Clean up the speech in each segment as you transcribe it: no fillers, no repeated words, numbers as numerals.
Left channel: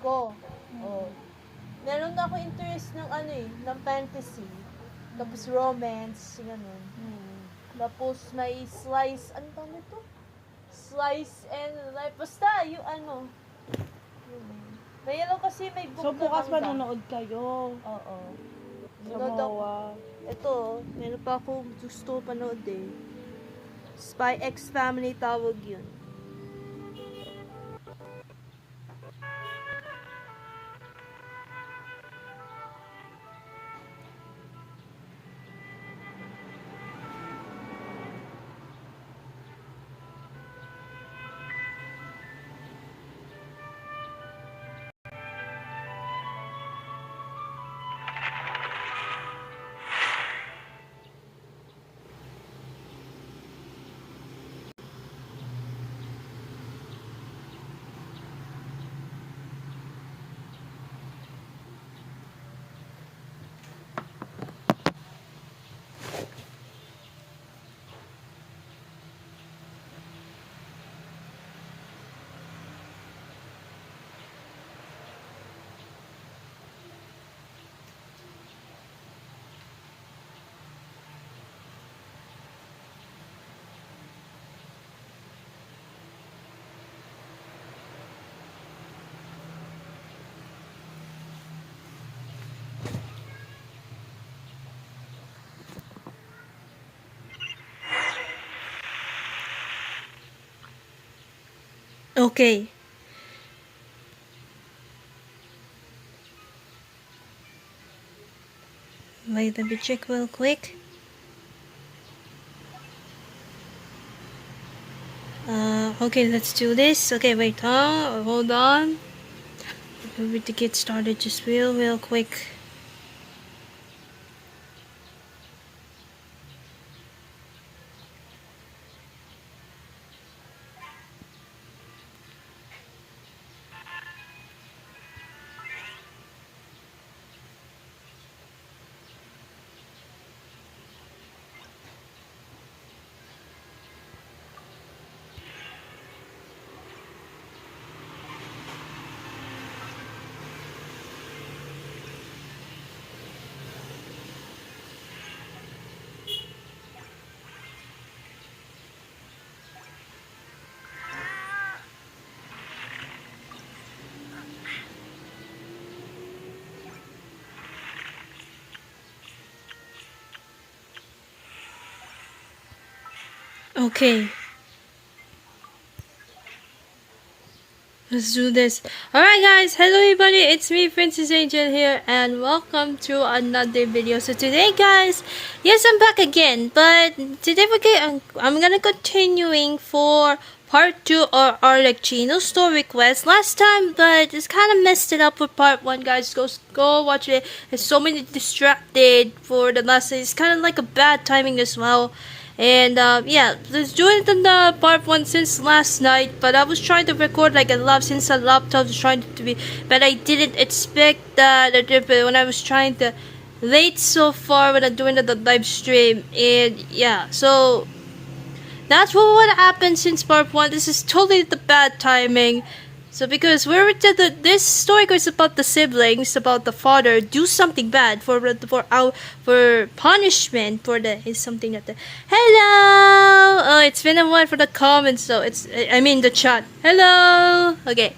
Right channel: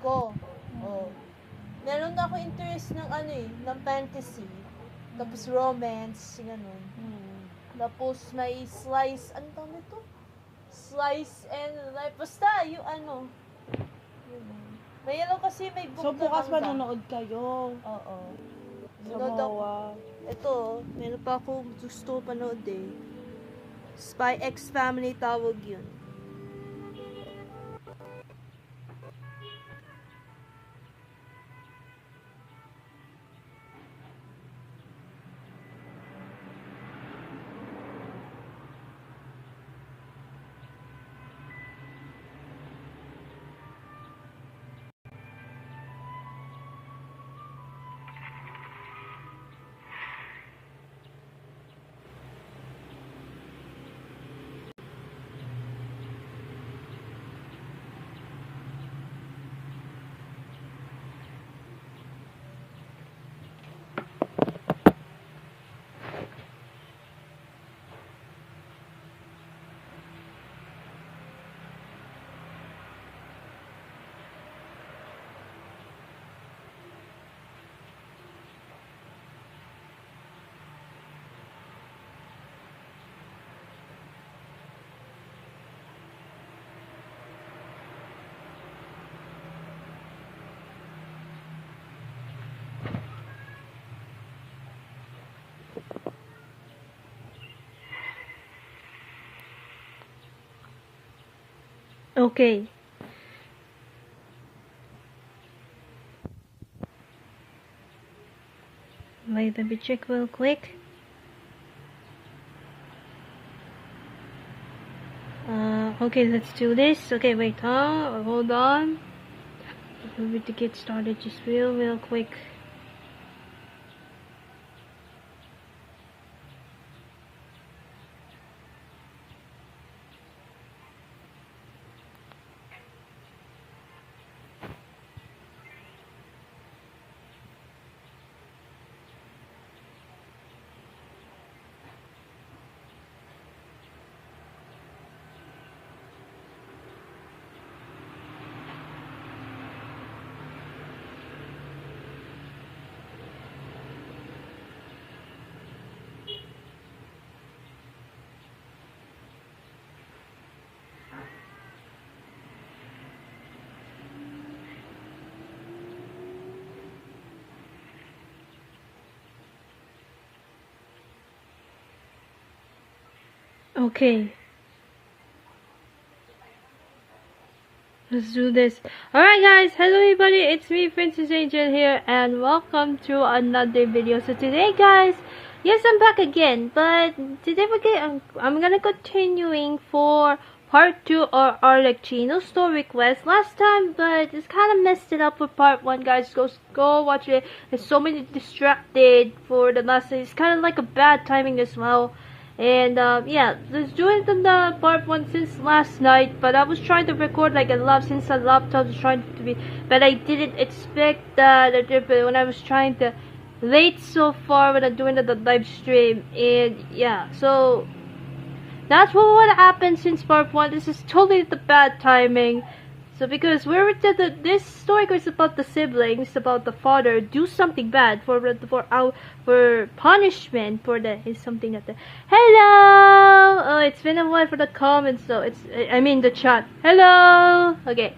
ko. Oh. Meron na ako interest ng ng fantasy. Tapos romance, ganun. Tapos may slice, ano tawag nito? Slice and life. Basta, yung Mayroon kasi may book So, bukas manga. manonood kayo. Oo. Sa MOA. Ito, meron pa ako gusto panood eh. Spy X Family tawag yun. Okay. Wait, let me check real quick. Okay, let's do this. Okay, wait, hold on. Let me to get started just real quick. Okay. Let's do this. Alright guys, hello everybody, it's me Princess Angel here and welcome to another video. So today guys, yes I'm back again, but today I'm gonna continuing for part 2 of Arleechino story quest last time, but it's kind of messed it up with part 1 guys. Go watch it. There's so many distracted for the last. It's kind of like a bad timing as well. And yeah, let's do it in the part 1 since last night, but I was trying to record like a lot since the laptop was trying to be, but I didn't expect that when I was trying to late so far when I'm doing the live stream. And yeah, so that's what happened since part 1. This is totally the bad timing. So because this story is about the siblings, about the father do something bad for punishment for is something like that. Hello. Oh, it's been a while for the comments, so I mean the chat. Hello. Okay.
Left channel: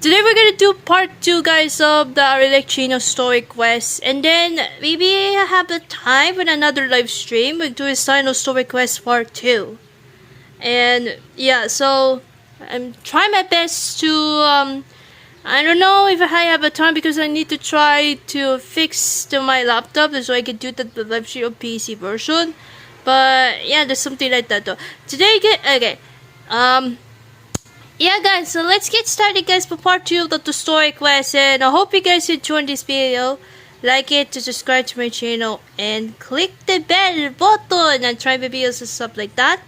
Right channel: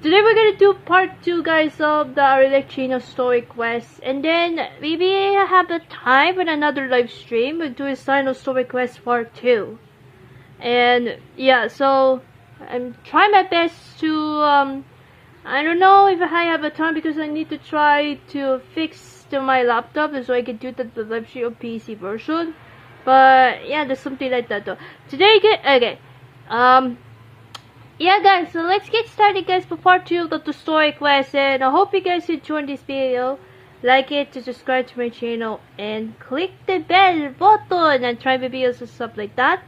Today we're gonna do part 2, guys, of the Arleechino story quest, and then maybe I have the time for another live stream. We'll do a Cyno story quest part 2, and yeah, so I'm trying my best to I don't know if I have a time because I need to try to fix my laptop so I can do the live stream PC version. But yeah, there's something like that though. Today okay. Yeah guys, so let's get started guys for part 2 of the story quest, and I hope you guys enjoyed this video. Like it, to subscribe to my channel, and click the bell button and try my videos and stuff like that.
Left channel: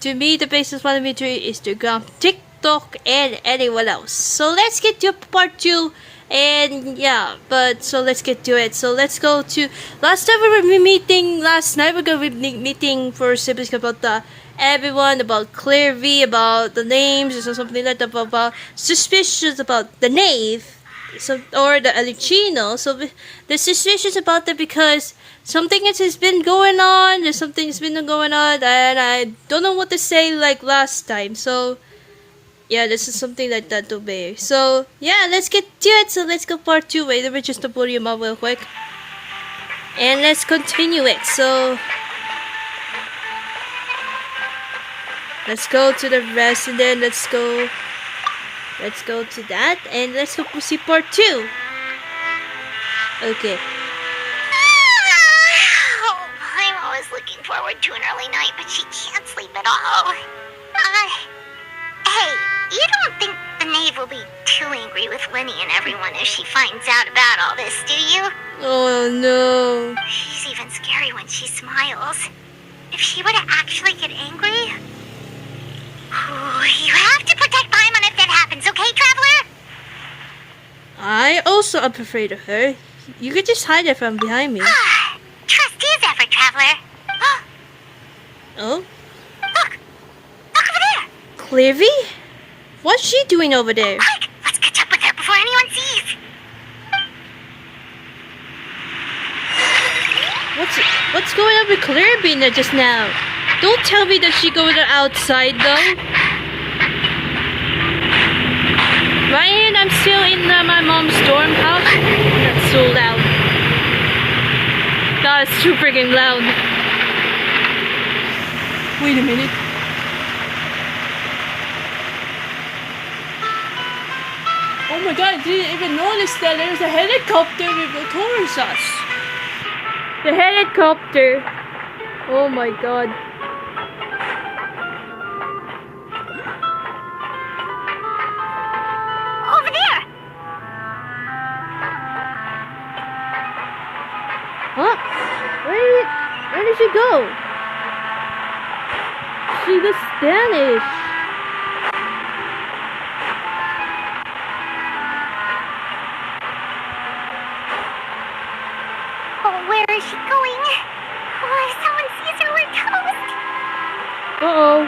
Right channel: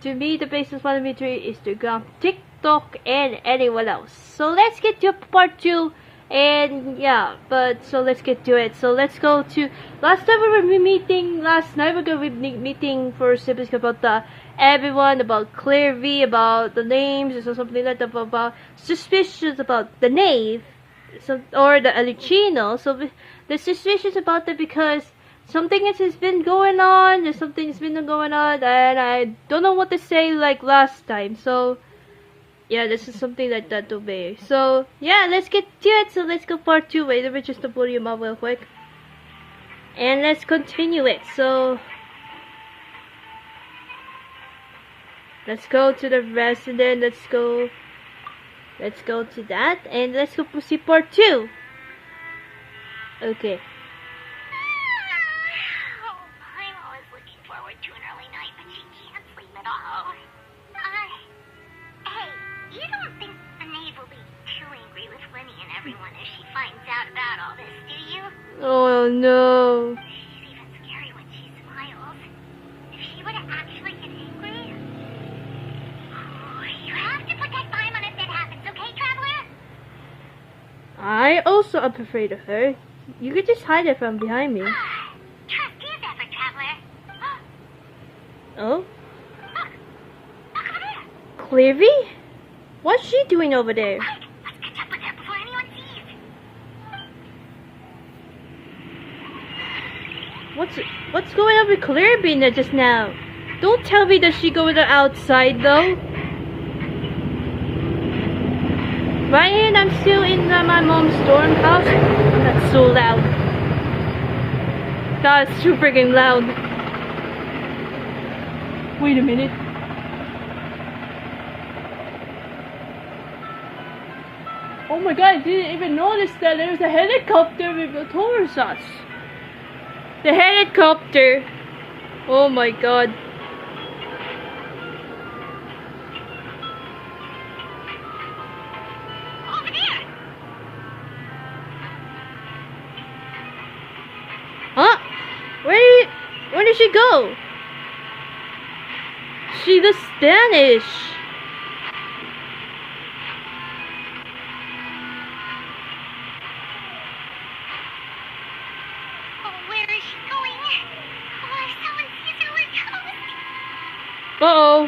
To me, the basis of my Twitter, Instagram, TikTok, and anyone else. So let's get to part 2. And yeah, so let's get to it. So let's go to last time we were meeting last night. We're gonna be meeting for siblings about the everyone about Clearvy, about the names, or something like that, about suspicious about the Knave, so or the Arleechino. So they're suspicious about that because something has been going on. There's something has been going on, and I don't know what to say like last time. So yeah, this is something like that to bear. So yeah, let's get to it. So let's go part 2. Wait, let me just pull him up real quick. And let's continue it. So let's go to the resident. Let's go to that. And let's go see part 2. Okay. Oh, I'm always looking forward to an early night, but she can't sleep at all. Hey, you don't think the Knave will be too angry with Winnie and everyone if she finds out about all this, do you? Oh no. She's even scary when she smiles. If she were to actually get angry... you have to protect Paimon if that happens, okay, Traveler? I also am afraid of her. You could just hide it from behind me. Trust is effort, Traveler. Oh? Look over there. Clearvy? What's she doing over there? Quick, let's catch up with her before anyone sees. What's going on with Clearvy just now? Don't tell me that she goes outside though. Ryan, I'm still in my mom's dorm house. That's so loud. That is too freaking loud. Wait a minute. Oh my god, I didn't even notice that there's a helicopter towards us. The helicopter. Oh my god. Over there. Huh? Where did she go? She looks Spanish. Oh, where is she going? Oh, if someone sees her, we're toast. Uh-oh.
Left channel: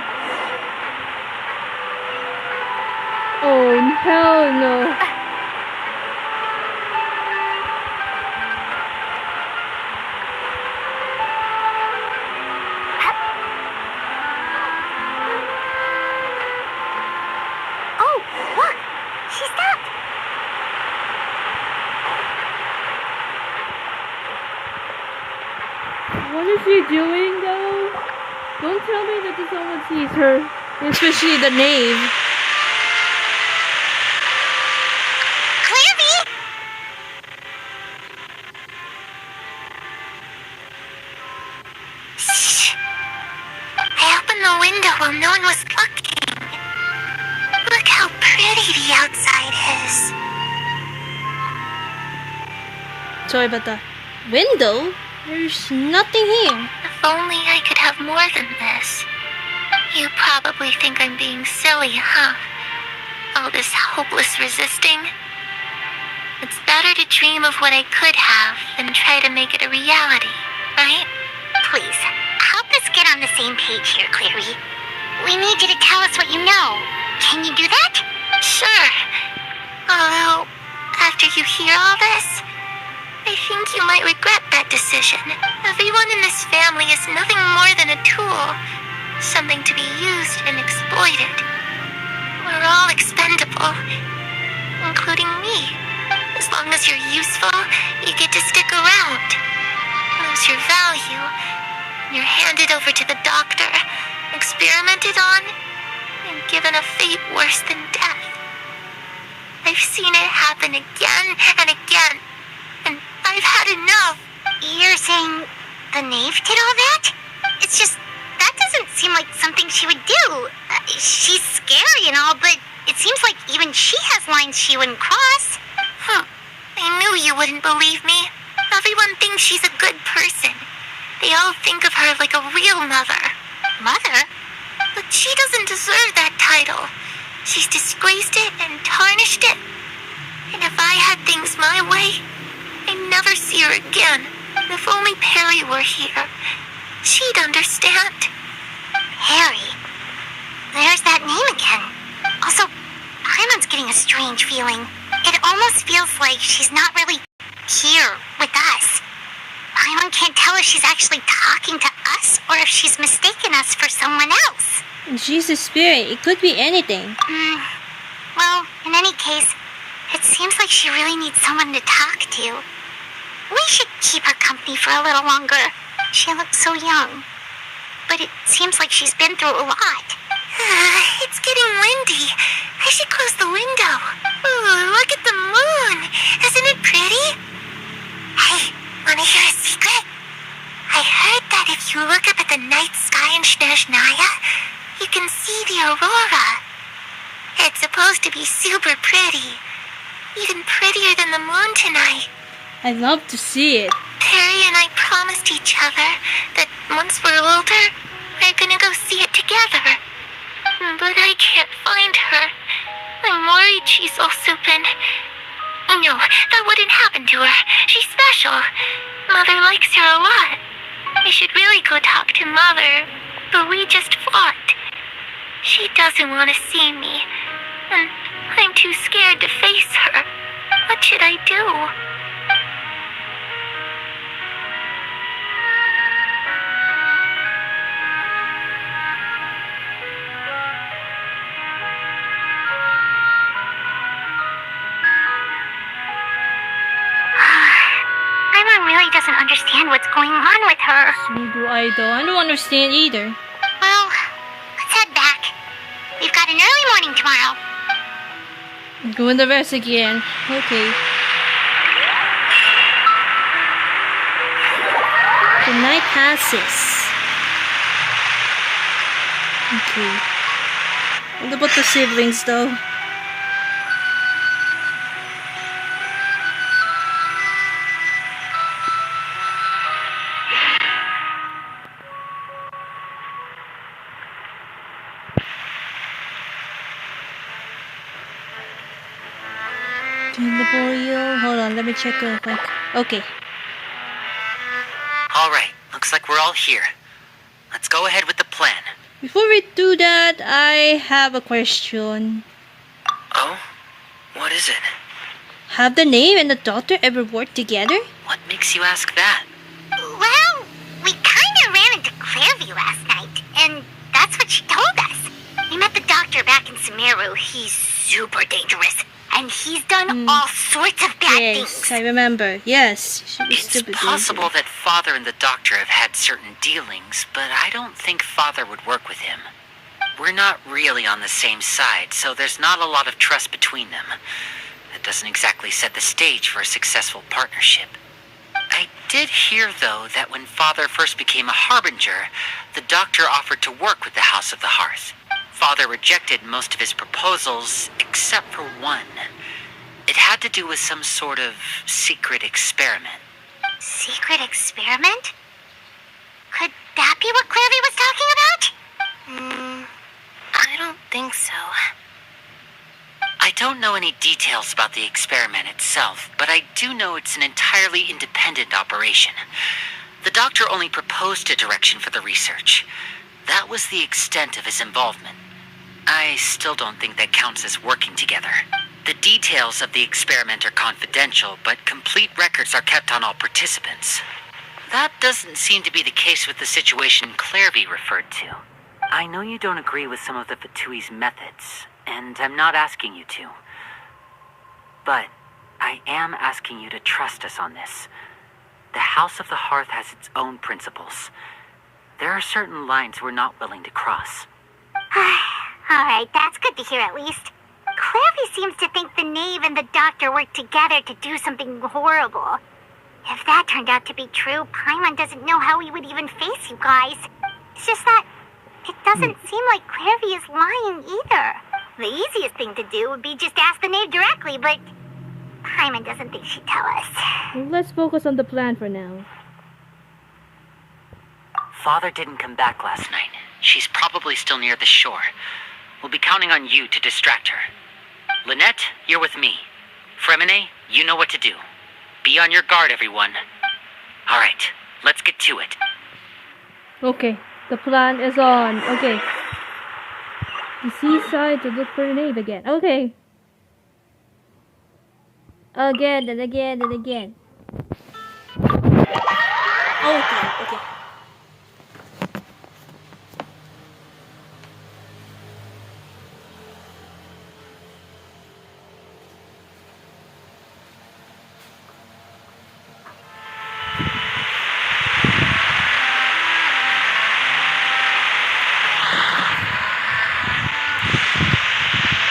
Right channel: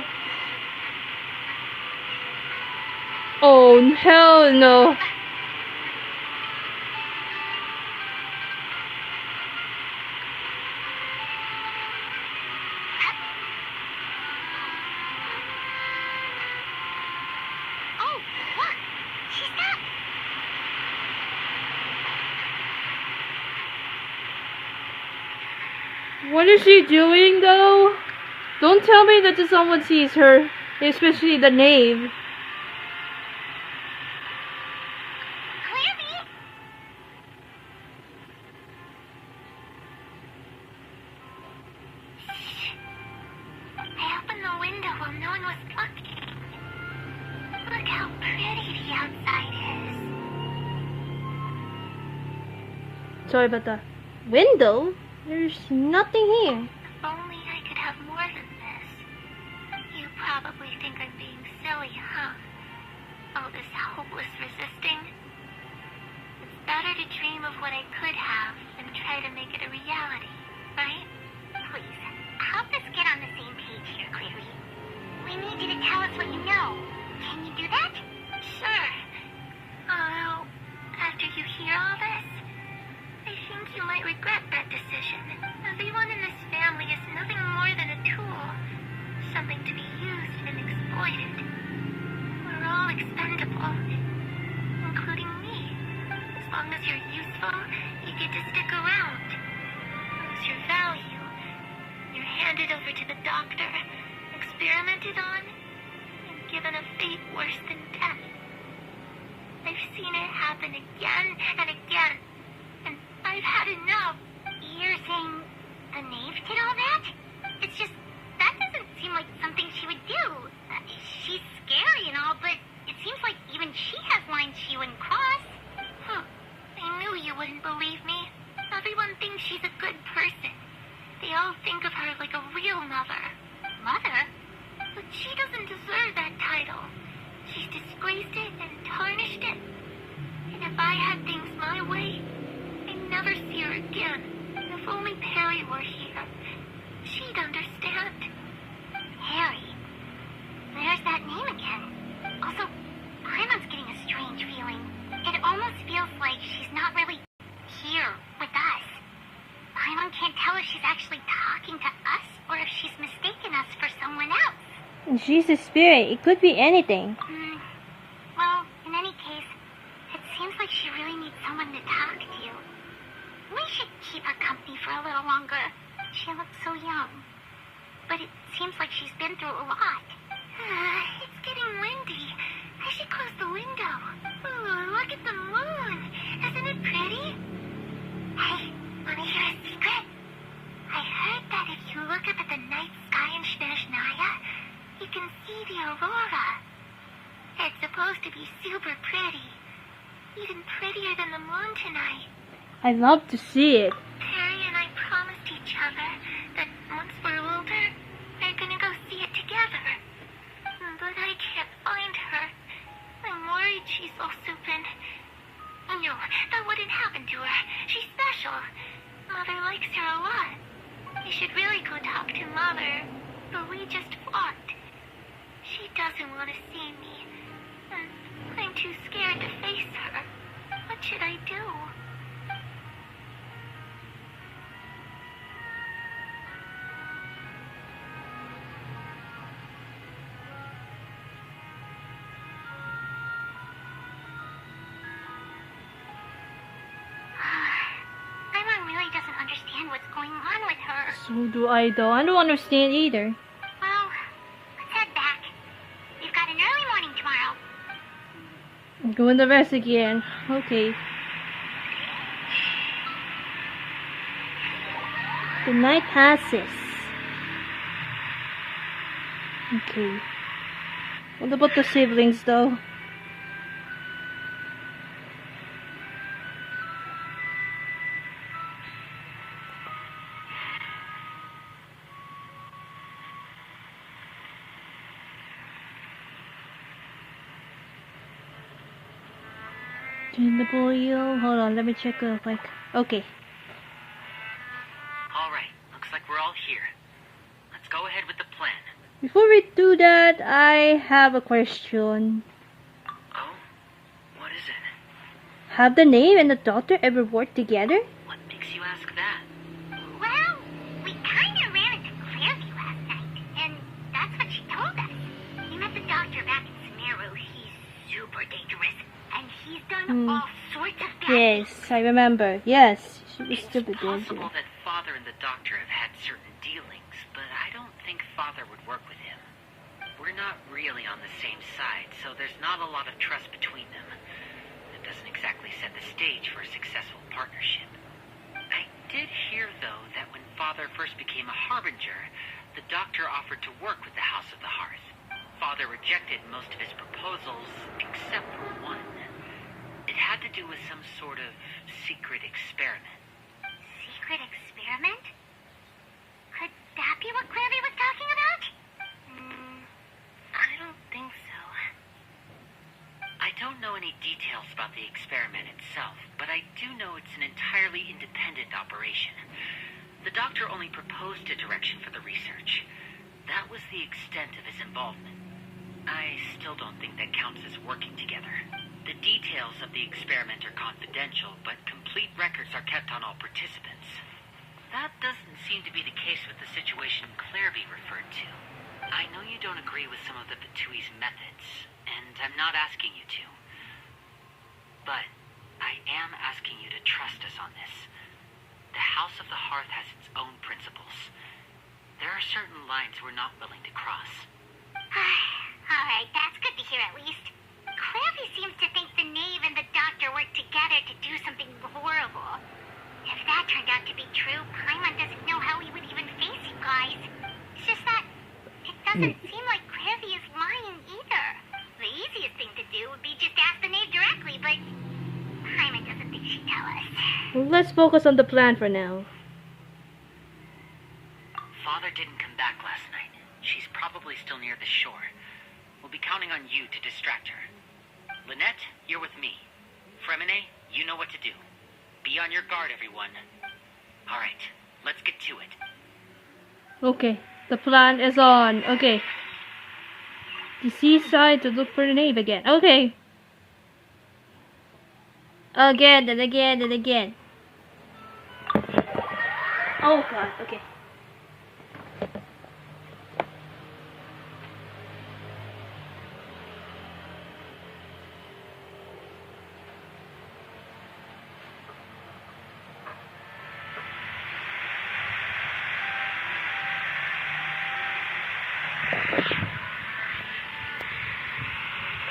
Oh, hell no. Oh, look! She stopped! What is she doing though? Don't tell me that someone sees her, especially the Knave. Clearvy! Shh! I opened the window while no one was looking. Look how pretty the outside is. Sorry about that. Window? There's nothing here. If only I could have more than this. You probably think I'm being silly, huh? All this hopeless resisting. It's better to dream of what I could have than try to make it a reality, right? Please, help us get on the same page here, Clearvy. We need you to tell us what you know. Can you do that? Sure. Although, after you hear all this, I think you might regret that decision. Everyone in this family is nothing more than a tool. Something to be used and exploited. We're all expendable. Including me. As long as you're useful, you get to stick around. Lose your value. You're handed over to the doctor, experimented on, and given a fate worse than death. I've seen it happen again and again. And I've had enough. You're saying the Knave did all that? It's just, that doesn't seem like something she would do. She's scary and all, but it seems like even she has lines she wouldn't cross. I knew you wouldn't believe me. Everyone thinks she's a good person. They all think of her like a real mother. Mother? But she doesn't deserve that title. She's disgraced it and tarnished it. And if I had things my way, I'd never see her again. If only Perry were here, she'd understand. Harry. There's that name again. Also, Paimon's getting a strange feeling. It almost feels like she's not really here with us. Paimon can't tell if she's actually talking to us or if she's mistaken us for someone else. She's a spirit. It could be anything. Well, in any case, it seems like she really needs someone to talk to. We should keep her company for a little longer. She looks so young. But it seems like she's been through a lot. It's getting windy. I should close the window. Ooh, look at the moon. Isn't it pretty? Hey, wanna hear a secret? I heard that if you look up at the night sky in Snezhnaya, you can see the aurora. It's supposed to be super pretty. Even prettier than the moon tonight. I'd love to see it. Perry and I promised each other that once we're older, we're gonna go see it together. But I can't find her. I'm worried she's also been... No, that wouldn't happen to her. She's special. Mother likes her a lot. I should really go talk to Mother, but we just fought. She doesn't want to see me, and I'm too scared to face her. What should I do? Paimon really doesn't understand what's going on with her. So do I though. I don't understand either. Well, let's head back. We've got an early morning tomorrow. Go in the rest again. Okay. The night passes. Okay. What about the siblings though? In the boreal. Hold on, let me check real quick. Okay. Alright, looks like we're all here. Let's go ahead with the plan. Before we do that, I have a question. Oh? What is it? Have the Knave and the Doctor ever worked together? What makes you ask that? Well, we kind of ran into Clairvy last night, and that's what she told us. We met the Doctor back in Sumeru. He's super dangerous, and he's done all sorts of bad Yes, things. I remember. Yes, she was It's stupid. possible that Father and the Doctor have had certain dealings, but I don't think Father would work with him. We're not really on the same side, so there's not a lot of trust between them. That doesn't exactly set the stage for a successful partnership. I did hear, though, that when Father first became a Harbinger, the Doctor offered to work with the House of the Hearth. Father rejected most of his proposals, except for one. It had to do with some sort of secret experiment. Secret experiment? Could that be what Clairvy was talking about? I don't think so. I don't know any details about the experiment itself, but I do know it's an entirely independent operation. The Doctor only proposed a direction for the research. That was the extent of his involvement. I still don't think that counts as working together. The details of the experiment are confidential, but complete records are kept on all participants. That doesn't seem to be the case with the situation Clairvy referred to. I know you don't agree with some of the Fatui's methods, and I'm not asking you to. But I am asking you to trust us on this. The House of the Hearth has its own principles. There are certain lines we're not willing to cross. Alright, that's good to hear at least. Clairvy seems to think the Knave and the Doctor worked together to do something horrible. If that turned out to be true, Paimon doesn't know how we would even face you guys. It's just that it doesn't seem like Clairvy is lying either. The easiest thing to do would be just ask the Knave directly, but Paimon doesn't think she'd tell us. Let's focus on the plan for now. Father didn't come back last night. She's probably still near the shore. We'll be counting on you to distract her. Lynette, you're with me. Fremine, you know what to do. Be on your guard, everyone. All right, let's get to it. Okay. The plan is on. Okay. The seaside to look for the Knave again. Okay. Again and again and again. Oh god, okay.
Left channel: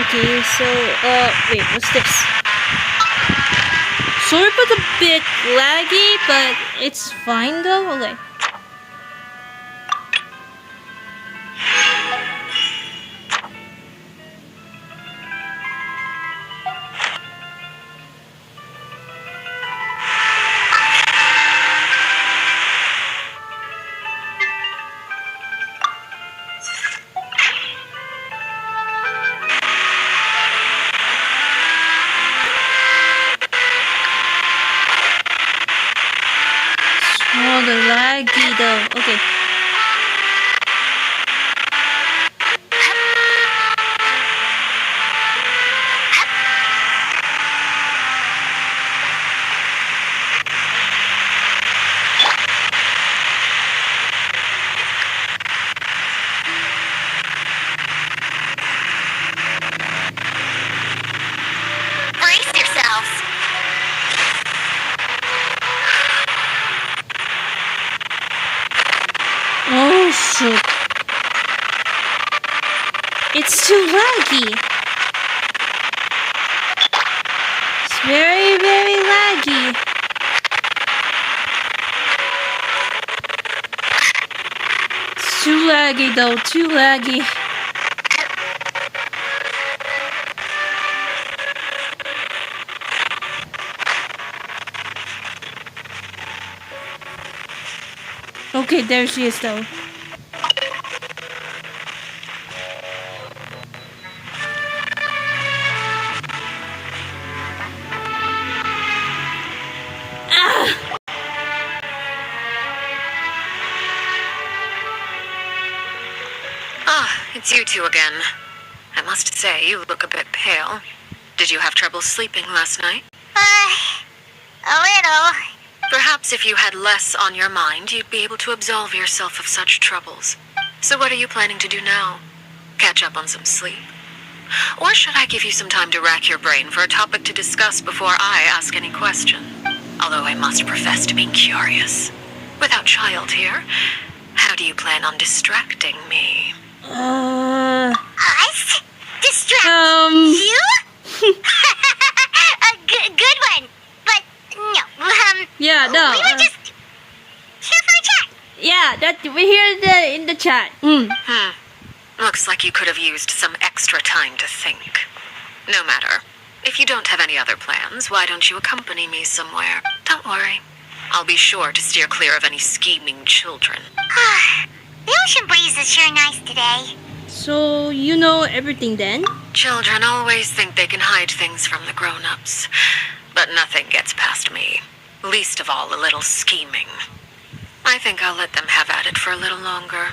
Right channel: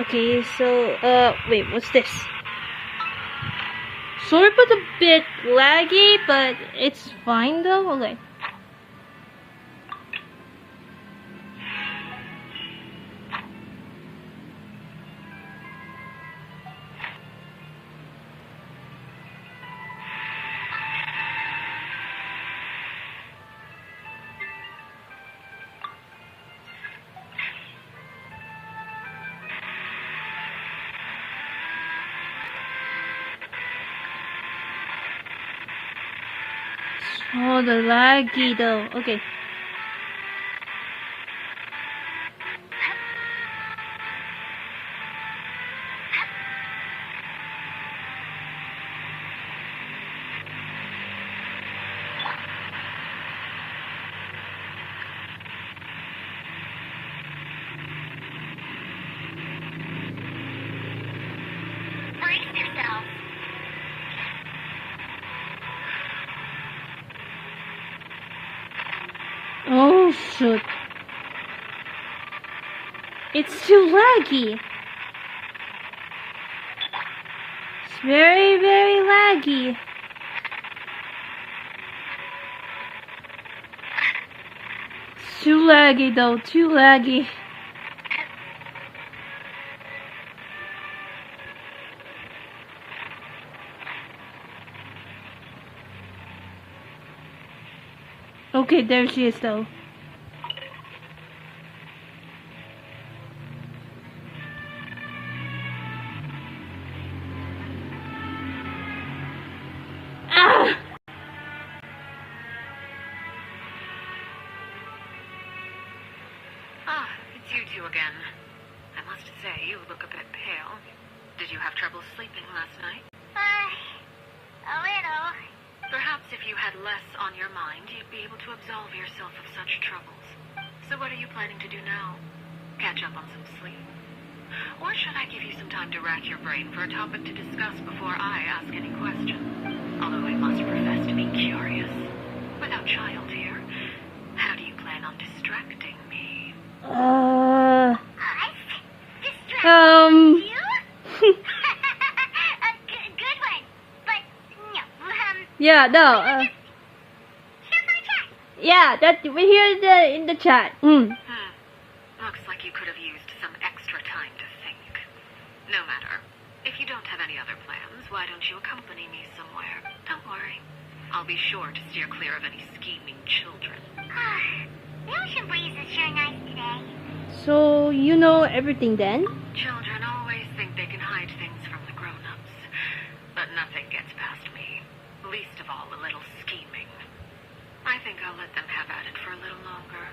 Okay, so, wait, what's this? Sort of a bit laggy, but it's fine though. Okay. Oh, the laggy though. Okay. Brace yourselves. Oh shoot. It's too laggy. It's very, very laggy. It's too laggy though, too laggy. Okay, there she is though. Ah! Ah, it's you two again. I must say, you look a bit pale. Did you have trouble sleeping last night? A little. Perhaps if you had less on your mind, you'd be able to absolve yourself of such troubles. So what are you planning to do now? Catch up on some sleep? Or should I give you some time to rack your brain for a topic to discuss before I ask any question? Although I must profess to being curious. Without child here, how do you plan on distracting me? Us? Distract Um. you? A good one. But, no, Yeah, no. we were just here for a chat. Yeah, that we're here in the chat. Looks like you could have used some extra time to think. No matter. If you don't have any other plans, why don't you accompany me somewhere? Don't worry. I'll be sure to steer clear of any scheming children. The ocean breeze is sure nice today. So you know everything then? Children always think they can hide things from the grown-ups. But nothing gets past me. Least of all a little scheming. I think I'll let them have at it for a little longer.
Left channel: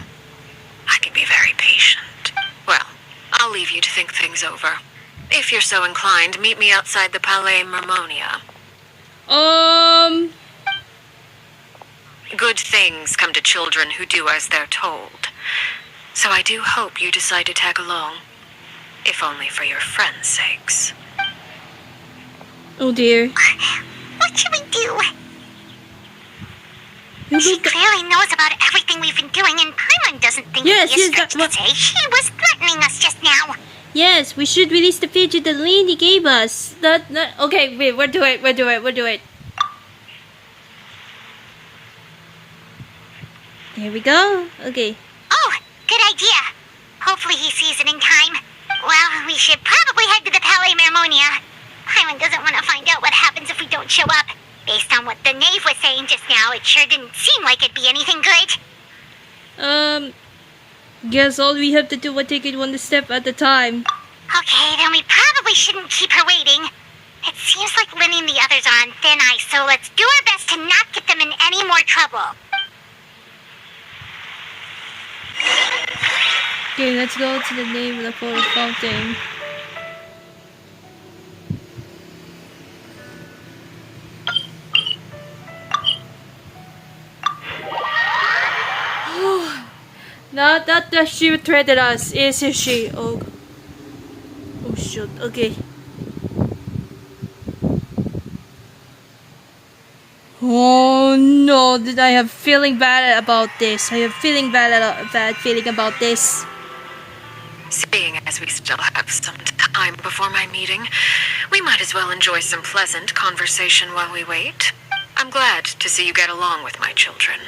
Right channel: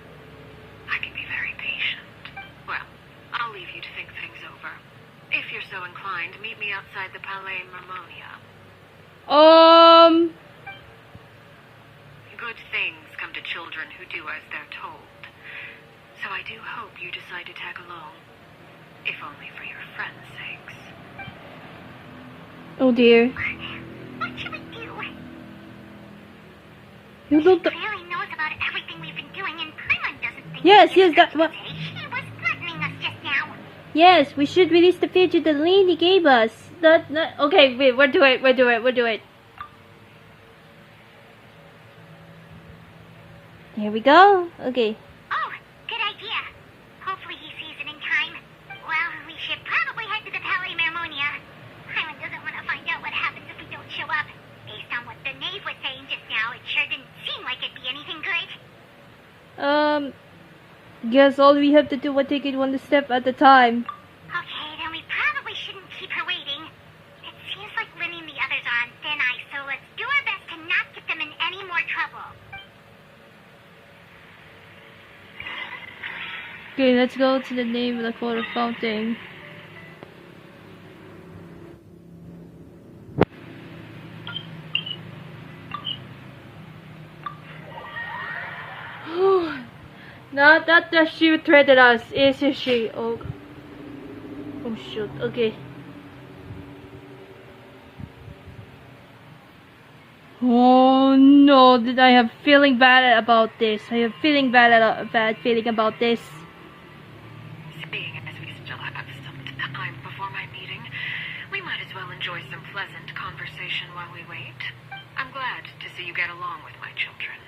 I can be very patient. Well, I'll leave you to think things over. If you're so inclined, meet me outside the Palais Mermonia. Good things come to children who do as they're told. So I do hope you decide to tag along. If only for your friends' sakes. Oh dear. What should we do? You She look. clearly knows about everything we've been doing, and Paimon doesn't think Yes, it'd be a yes, stretch that- to say she was threatening us just now. Yes, we should release the fidget the lady gave us. Okay, wait, we'll do it. There we go. Okay. Oh, good idea. Hopefully he sees it in time. Well, we should probably head to the Palais Mermonia. Paimon doesn't want to find out what happens if we don't show up. Based on what the Knave was saying just now, it sure didn't seem like it'd be anything good. Guess all we have to do is take it one step at a time. Okay, then we probably shouldn't keep her waiting. It seems like Linny and the others are on thin ice, so let's do our best to not get them in any more trouble. Okay, let's go to the name of the photo fountain. Not that she threatened us, is she? Oh, oh shoot. Okay. Oh no! Did I have feeling bad about this? I have feeling bad feeling about this. Seeing as we still have some time before my meeting, we might as well enjoy some pleasant conversation while we wait. I'm glad to see you get along with my children.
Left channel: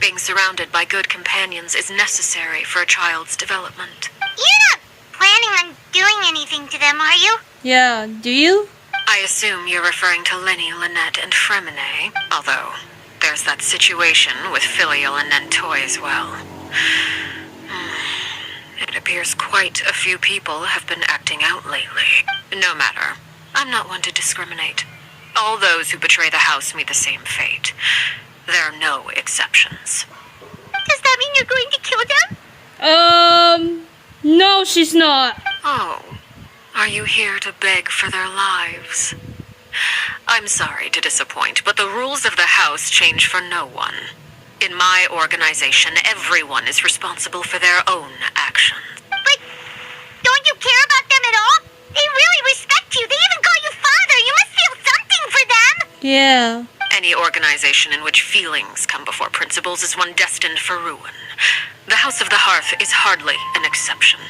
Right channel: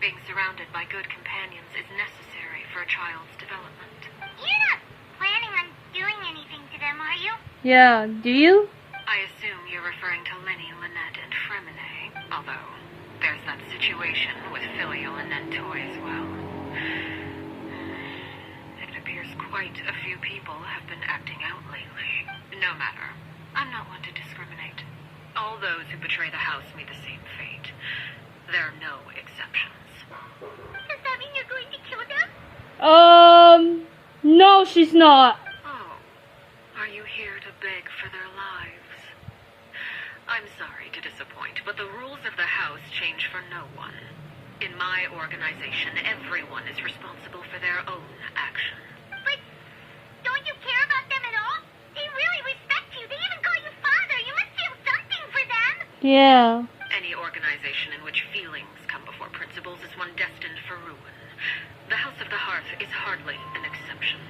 Being surrounded by good companions is necessary for a child's development. You're not planning on doing anything to them, are you? Yeah, do you? I assume you're referring to Lenny, Lynette, and Fremine, although there's that situation with Filial and Nentoy as well. It appears quite a few people have been acting out lately. No matter. I'm not one to discriminate. All those who betray the house meet the same fate. There are no exceptions. Does that mean you're going to kill them? No, she's not. Oh, are you here to beg for their lives? I'm sorry to disappoint, but the rules of the house change for no one. In my organization, everyone is responsible for their own actions. But don't you care about them at all? They really respect you. They even call you father. You must feel something for them. Yeah. Any organization in which feelings come before principles is one destined for ruin. The House of the Hearth is hardly an exception.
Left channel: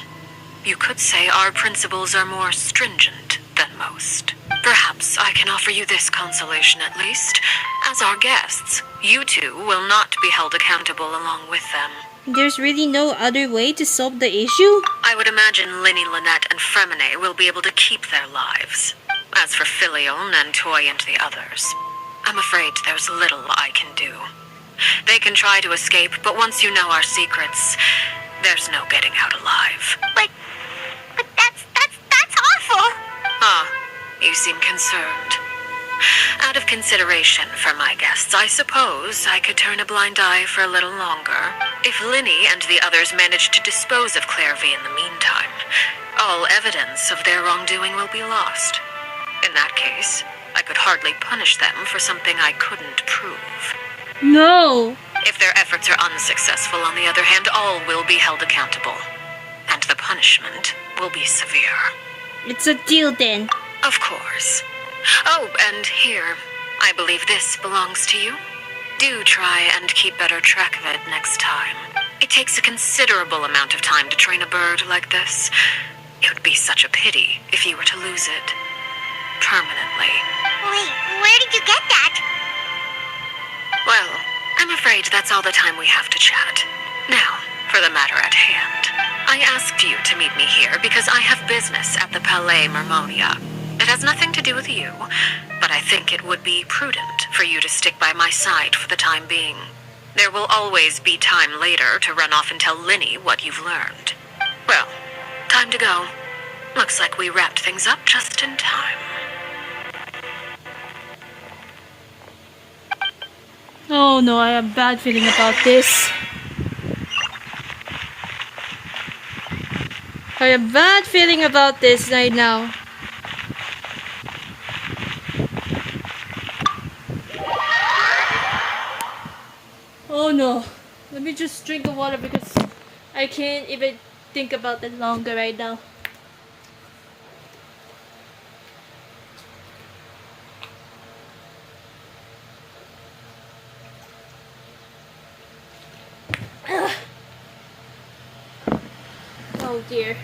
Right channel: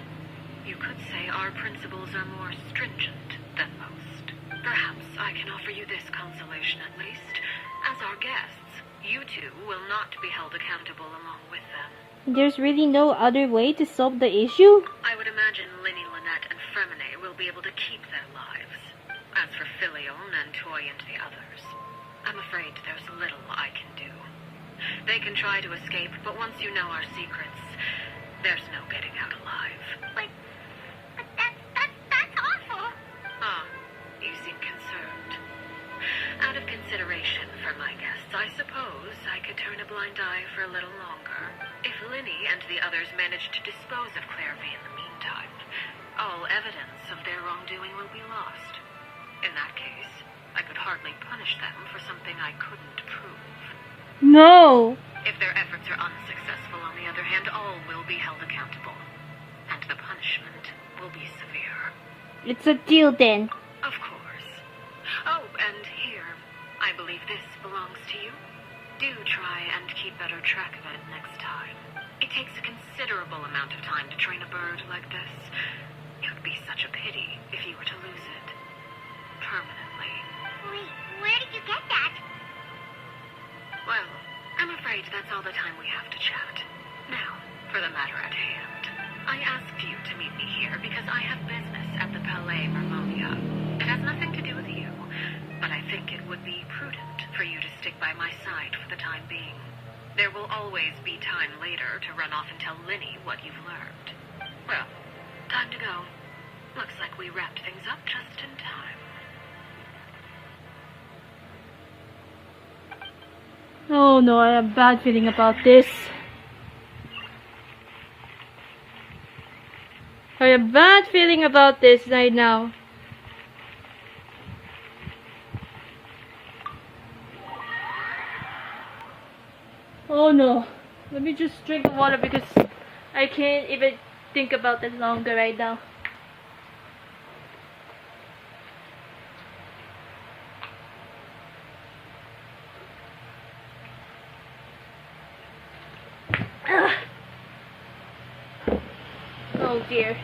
You could say our principles are more stringent than most. Perhaps I can offer you this consolation at least. As our guests, you two will not be held accountable along with them. There's really no other way to solve the issue? I would imagine Linny, Lynette, and Fremine will be able to keep their lives. As for Filial, Nentoy, and the others, I'm afraid there's little I can do. They can try to escape, but once you know our secrets, there's no getting out alive. But that's awful. Ah, you seem concerned. Out of consideration for my guests, I suppose I could turn a blind eye for a little longer. If Linny and the others manage to dispose of Clairvy in the meantime, all evidence of their wrongdoing will be lost. In that case, I could hardly punish them for something I couldn't prove. No. If their efforts are unsuccessful, on the other hand, all will be held accountable. And the punishment will be severe. It's a deal then. Of course. Oh, and here, I believe this belongs to you. Do try and keep better track of it next time. It takes a considerable amount of time to train a bird like this. It would be such a pity if you were to lose it. Permanently. Wait, where did you get that? Well, I'm afraid that's all the time we have to chat. Now, for the matter at hand. I asked you to meet me here because I have business at the Palais Mermonia. It has nothing to do with you, but I think it would be prudent for you to stick by my side for the time being. There will always be time later to run off and tell Linny what you've learned. Well, time to go. Looks like we wrapped things up just in time. Oh no, I have a bad feeling about this. I have a bad feeling about this right now. Oh no. Let me just drink the water because I can't even think about it longer right now. Oh dear.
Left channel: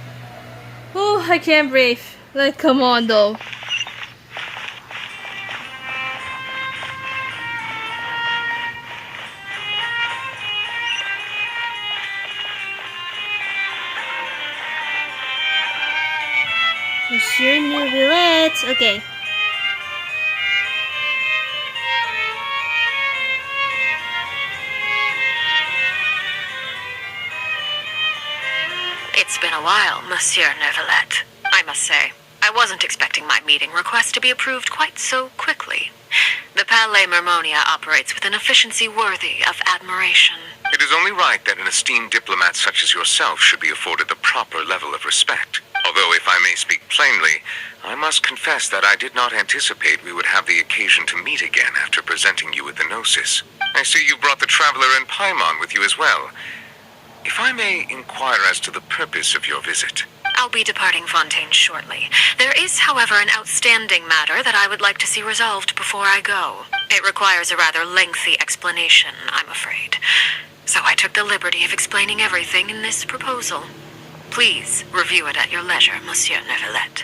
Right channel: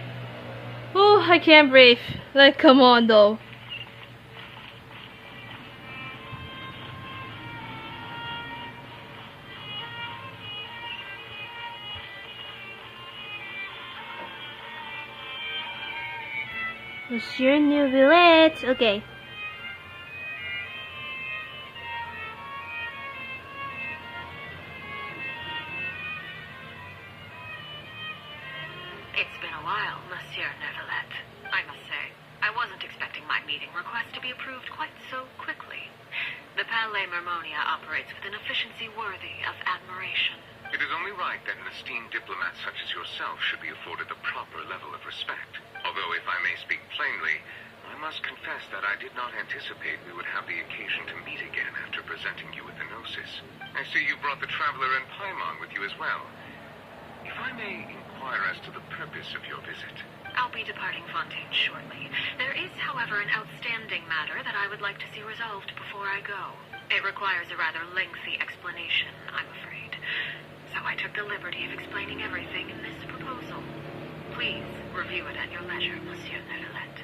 Oh, I can't breathe. Like, come on though. Monsieur Neuvillette. Okay. It's been a while, Monsieur Neuvillette. I must say, I wasn't expecting my meeting request to be approved quite so quickly. The Palais Mermonia operates with an efficiency worthy of admiration. It is is only right that an esteemed diplomat such as yourself should be afforded the proper level of respect. Although, if I may speak plainly, I must confess that I did not anticipate we would have the occasion to meet again after presenting you with the Gnosis. I see you brought the Traveler and Paimon with you as well. If I may inquire as to the purpose of your visit. I'll be departing Fontaine shortly. There is, however, an outstanding matter that I would like to see resolved before I go. It requires a rather lengthy explanation, I'm afraid. So I took the liberty of explaining everything in this proposal. Please review it at your leisure, Monsieur Neuvillette.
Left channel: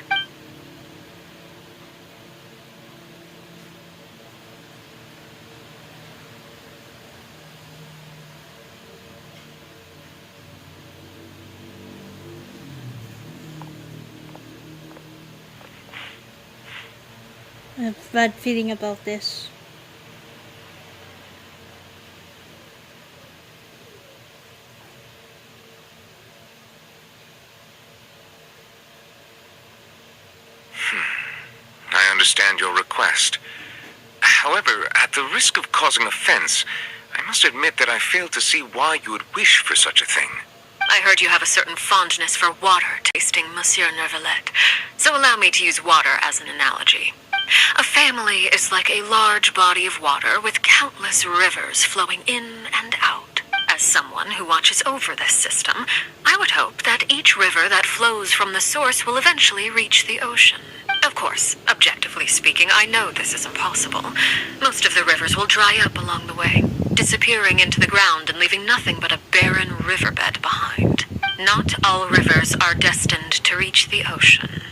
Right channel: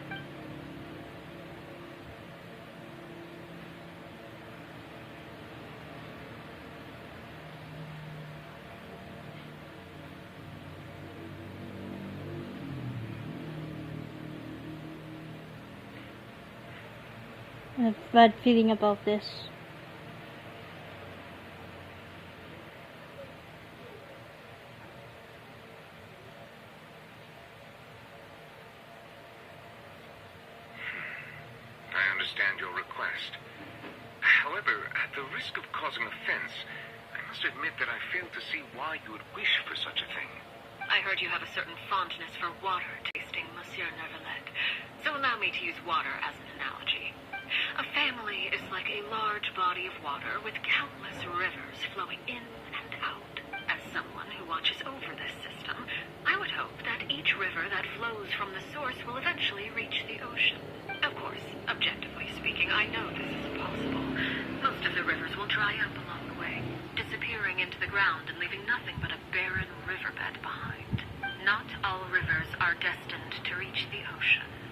I have a bad feeling about this. I understand your request. However, at the risk of causing offense, I must admit that I fail to see why you would wish for such a thing. I heard you have a certain fondness for water tasting, Monsieur Neuvillette. So allow me to use water as an analogy. A family is like a large body of water with countless rivers flowing in and out. As someone who watches over this system, I would hope that each river that flows from the source will eventually reach the ocean. Of course, objectively speaking, I know this is impossible. Most of the rivers will dry up along the way, disappearing into the ground and leaving nothing but a barren riverbed behind. Not all rivers are destined to reach the ocean,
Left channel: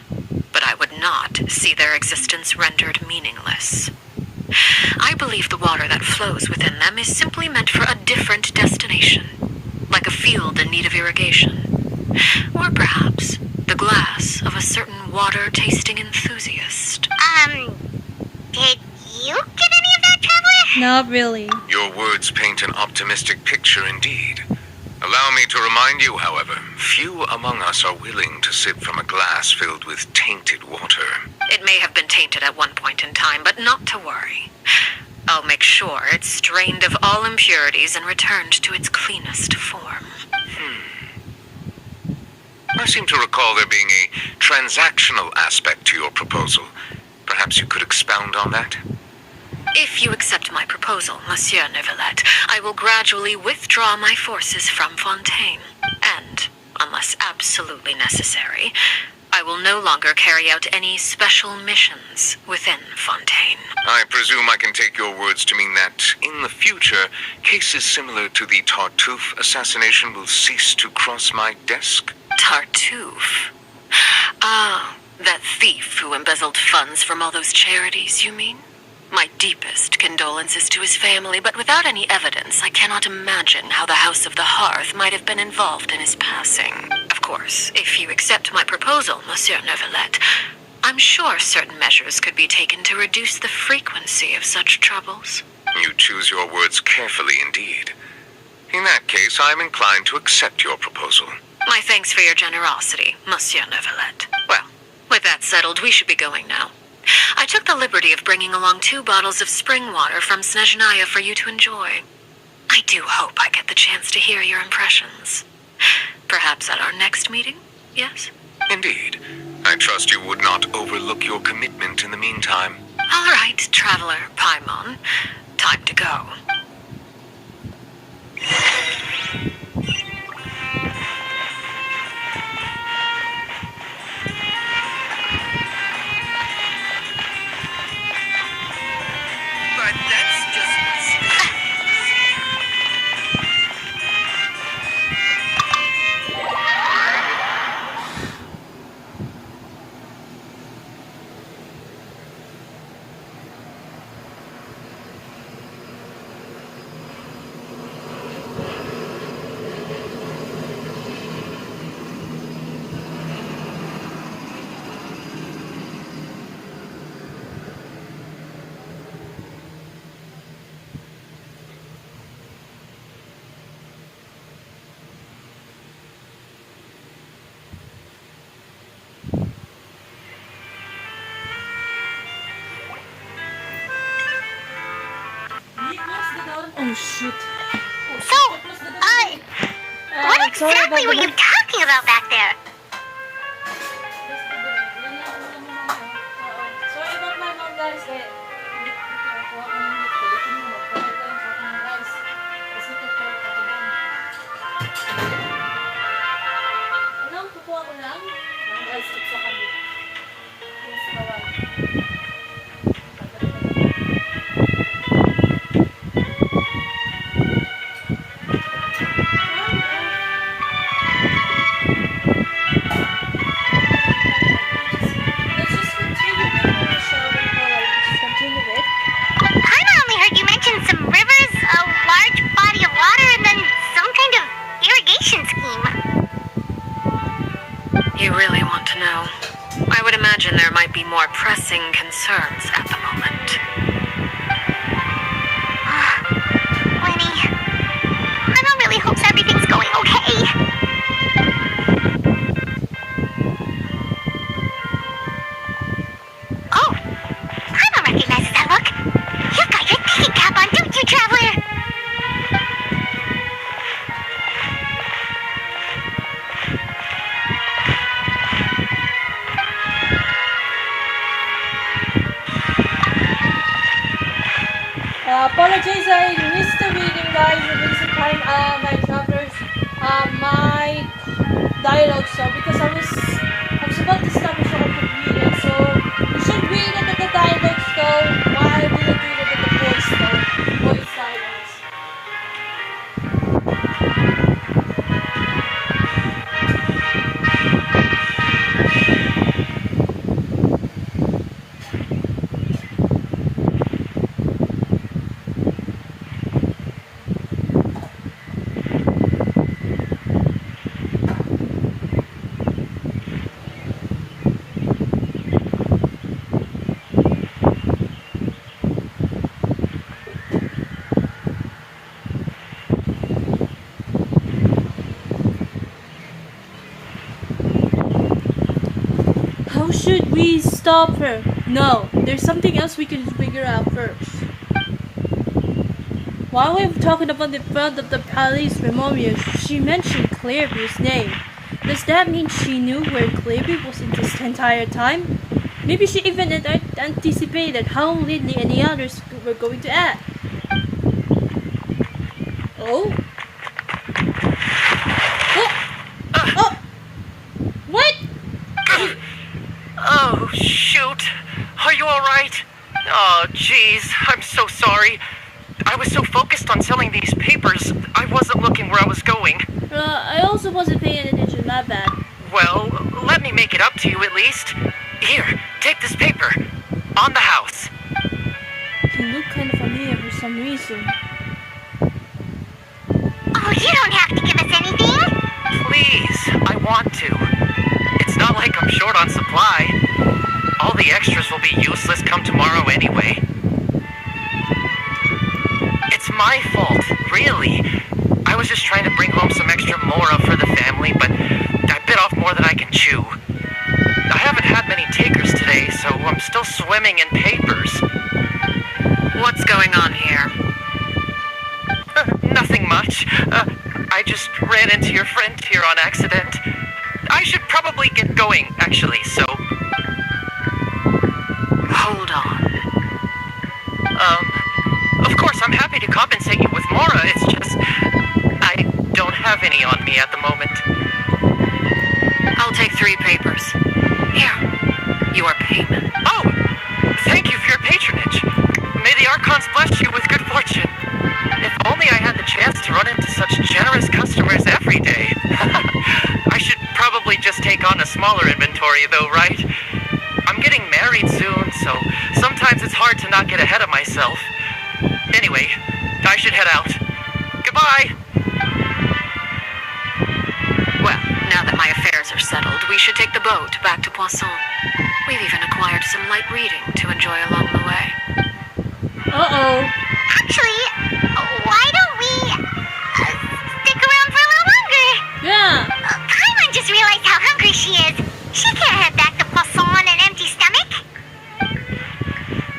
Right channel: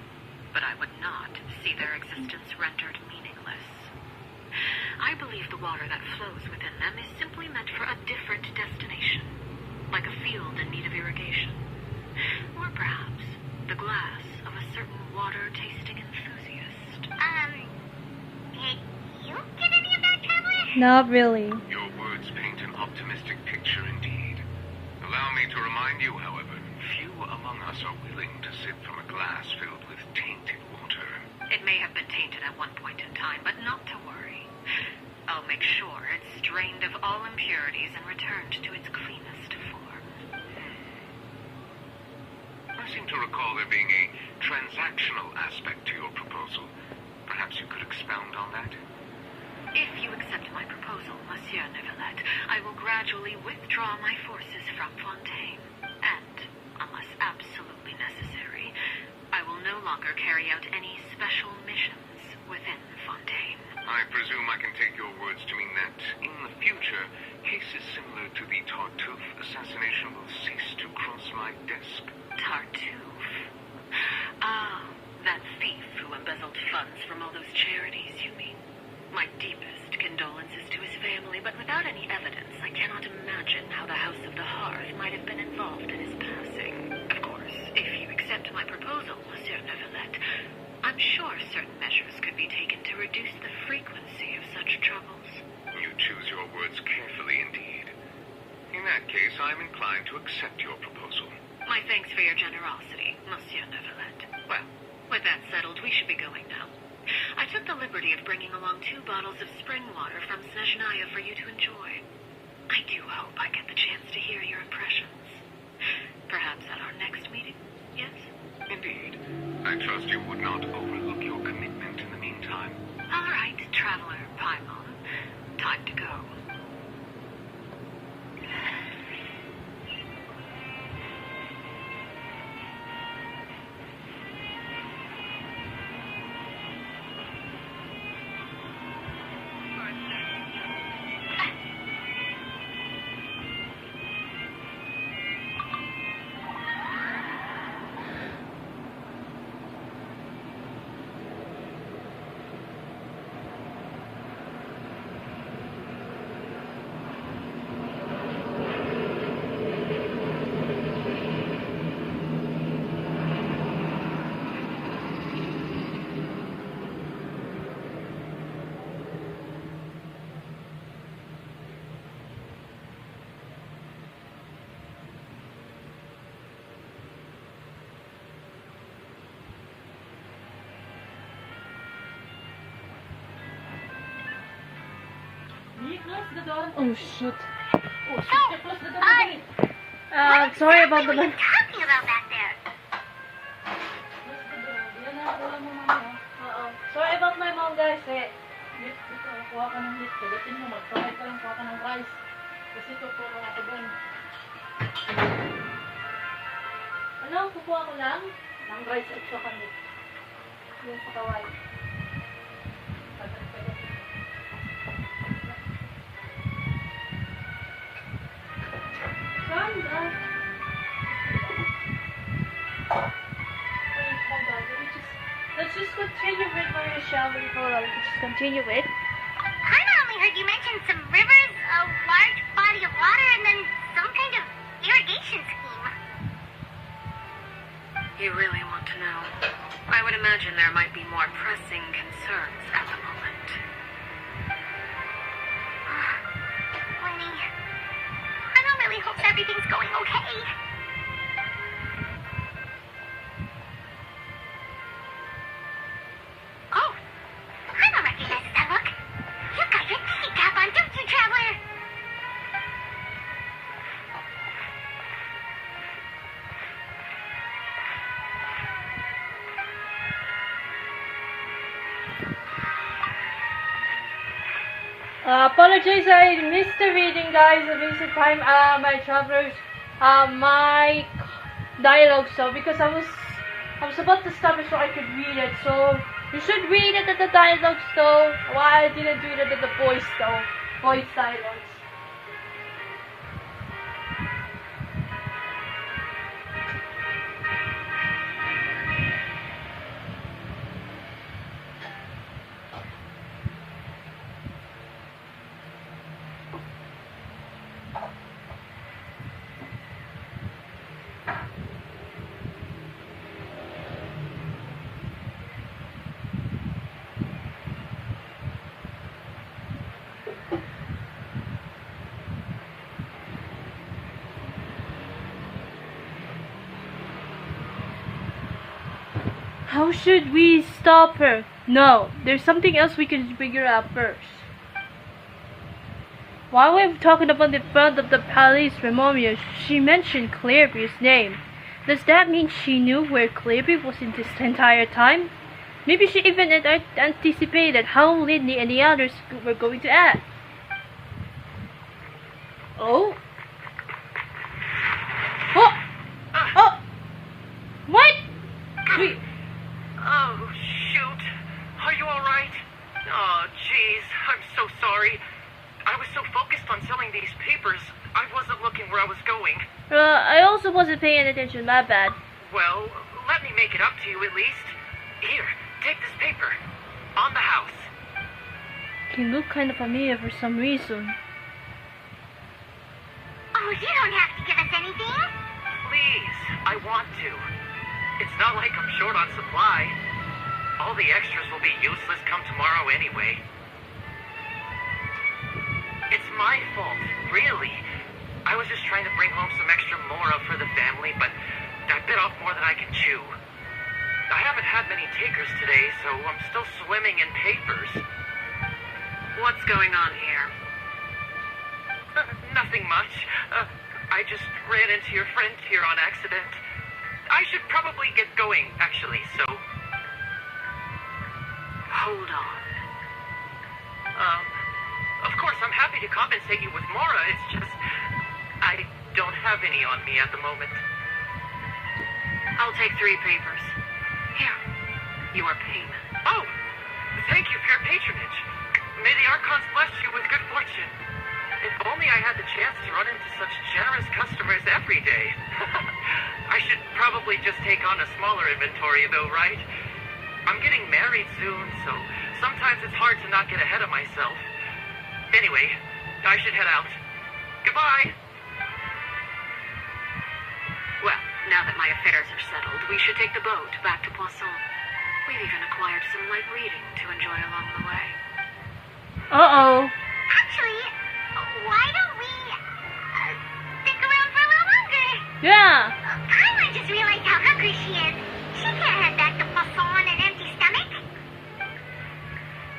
but I would not see their existence rendered meaningless. I believe the water that flows within them is simply meant for a different destination, like a field in need of irrigation. Or perhaps the glass of a certain water-tasting enthusiast. Did you get any of that, Traveler? Not really. Your words paint an optimistic picture indeed. Allow me to remind you, however, few among us are willing to sip from a glass filled with tainted water. It may have been tainted at one point in time, but not to worry. I'll make sure it's strained of all impurities and returned to its cleanest form. I seem to recall there being a transactional aspect to your proposal. Perhaps you could expound on that? If you accept my proposal, Monsieur Neuvillette, I will gradually withdraw my forces from Fontaine. And, unless absolutely necessary, I will no longer carry out any special missions within Fontaine. I presume I can take your words to mean that, in the future, cases similar to the Tartuffe assassination will cease to cross my desk? Tartuffe? Ah, that thief who embezzled funds from all those charities, you mean? My deepest condolences to his family, but without any evidence, I cannot imagine how the House of the Hearth might have been involved in his passing. Of course, if you accept my proposal, Monsieur Neuvillette, I'm sure certain measures could be taken to reduce the frequency of such troubles. You choose your words carefully indeed. In that case, I'm inclined to accept your proposal. My thanks for your generosity, Monsieur Neuvillette. Well, with that settled, we should be going now. I took the liberty of bringing along 2 bottles of spring water from Snezhnaya for you to enjoy. I do hope I get the chance to hear your impressions. Perhaps at our next meeting, yes? Indeed. I trust you would not overlook your commitment in the meantime. All right, Traveler Paimon. Time to go. But that's just... Oh shit. So, what sorry about exactly were you the... talking about back there? Sorry about my mom, guys. Kaya, kuha ka ng meat. Pagdating mo, magpapay ka lang kuha ka ng rice. Kasi ito po mga tubong. Ano? Kukuha ko lang? Ang rice at sa kami. Yung sa kawal. Let's just continue with what we're shouting for. Let's just continue with. Kinda only heard you mention some rivers, a large body of water, and then some kind of irrigation scheme. You really want to know? I would imagine there might be more pressing concerns at the moment. Winnie, I really hope everything's going okay. Oh, Paimon recognizes that look. You've got your thinking cap on, don't you, Traveler? Apologize, I missed the reading, guys. The basic time, my travelers, my dialogue, so because I was about to stop it so I could read it. So you should read it at the dialogues though. Why I didn't read it at the voice though? Voice dialogues. How should we stop her? No, there's something else we can figure out first. While we're talking about the front of the palace memorial, she mentioned Clary's name. Does that mean she knew where Clary was in this entire time? Maybe she even anticipated how Lindley and the others were going to act. Oh? Oh! Oh! What? Oh, shoot. Are you alright? Oh, jeez. I'm so sorry. I was so focused on selling these papers, I wasn't looking where I was going. I also wasn't paying attention, my bad. Well, let me make it up to you at least. Here, take this paper. On the house. He looked kind of familiar for some reason. Oh, you don't have to give us anything. Please, I want to. It's not like I'm short on supply. All the extras will be useless come tomorrow anyway. It's my fault, really. I was just trying to bring home some extra mora for the family, but I bit off more than I can chew. I haven't had many takers today, so I'm still swimming in papers. What's going on here? Nothing much. I just ran into your friend here on accident. I should probably get going, actually, so... Hold on. Of course, I'm happy to compensate you with mora, it's just... I don't have any on me at the moment. I'll take 3 papers. Here. Your payment. Oh! Thank you for your patronage. May the Archons bless you with good fortune. If only I had the chance to run into such generous customers every day. I should probably just take on a smaller inventory though, right? I'm getting married soon, so sometimes it's hard to not get ahead of myself. Anyway, I should head out. Goodbye! Well, now that my affairs are settled, we should take the boat back to Poisson. We've even acquired some light reading to enjoy along the way. Uh-oh. Actually, why don't we stick around for a little longer? Yeah. Paimon just realized how hungry she is. She can't head back to Poisson on an empty stomach.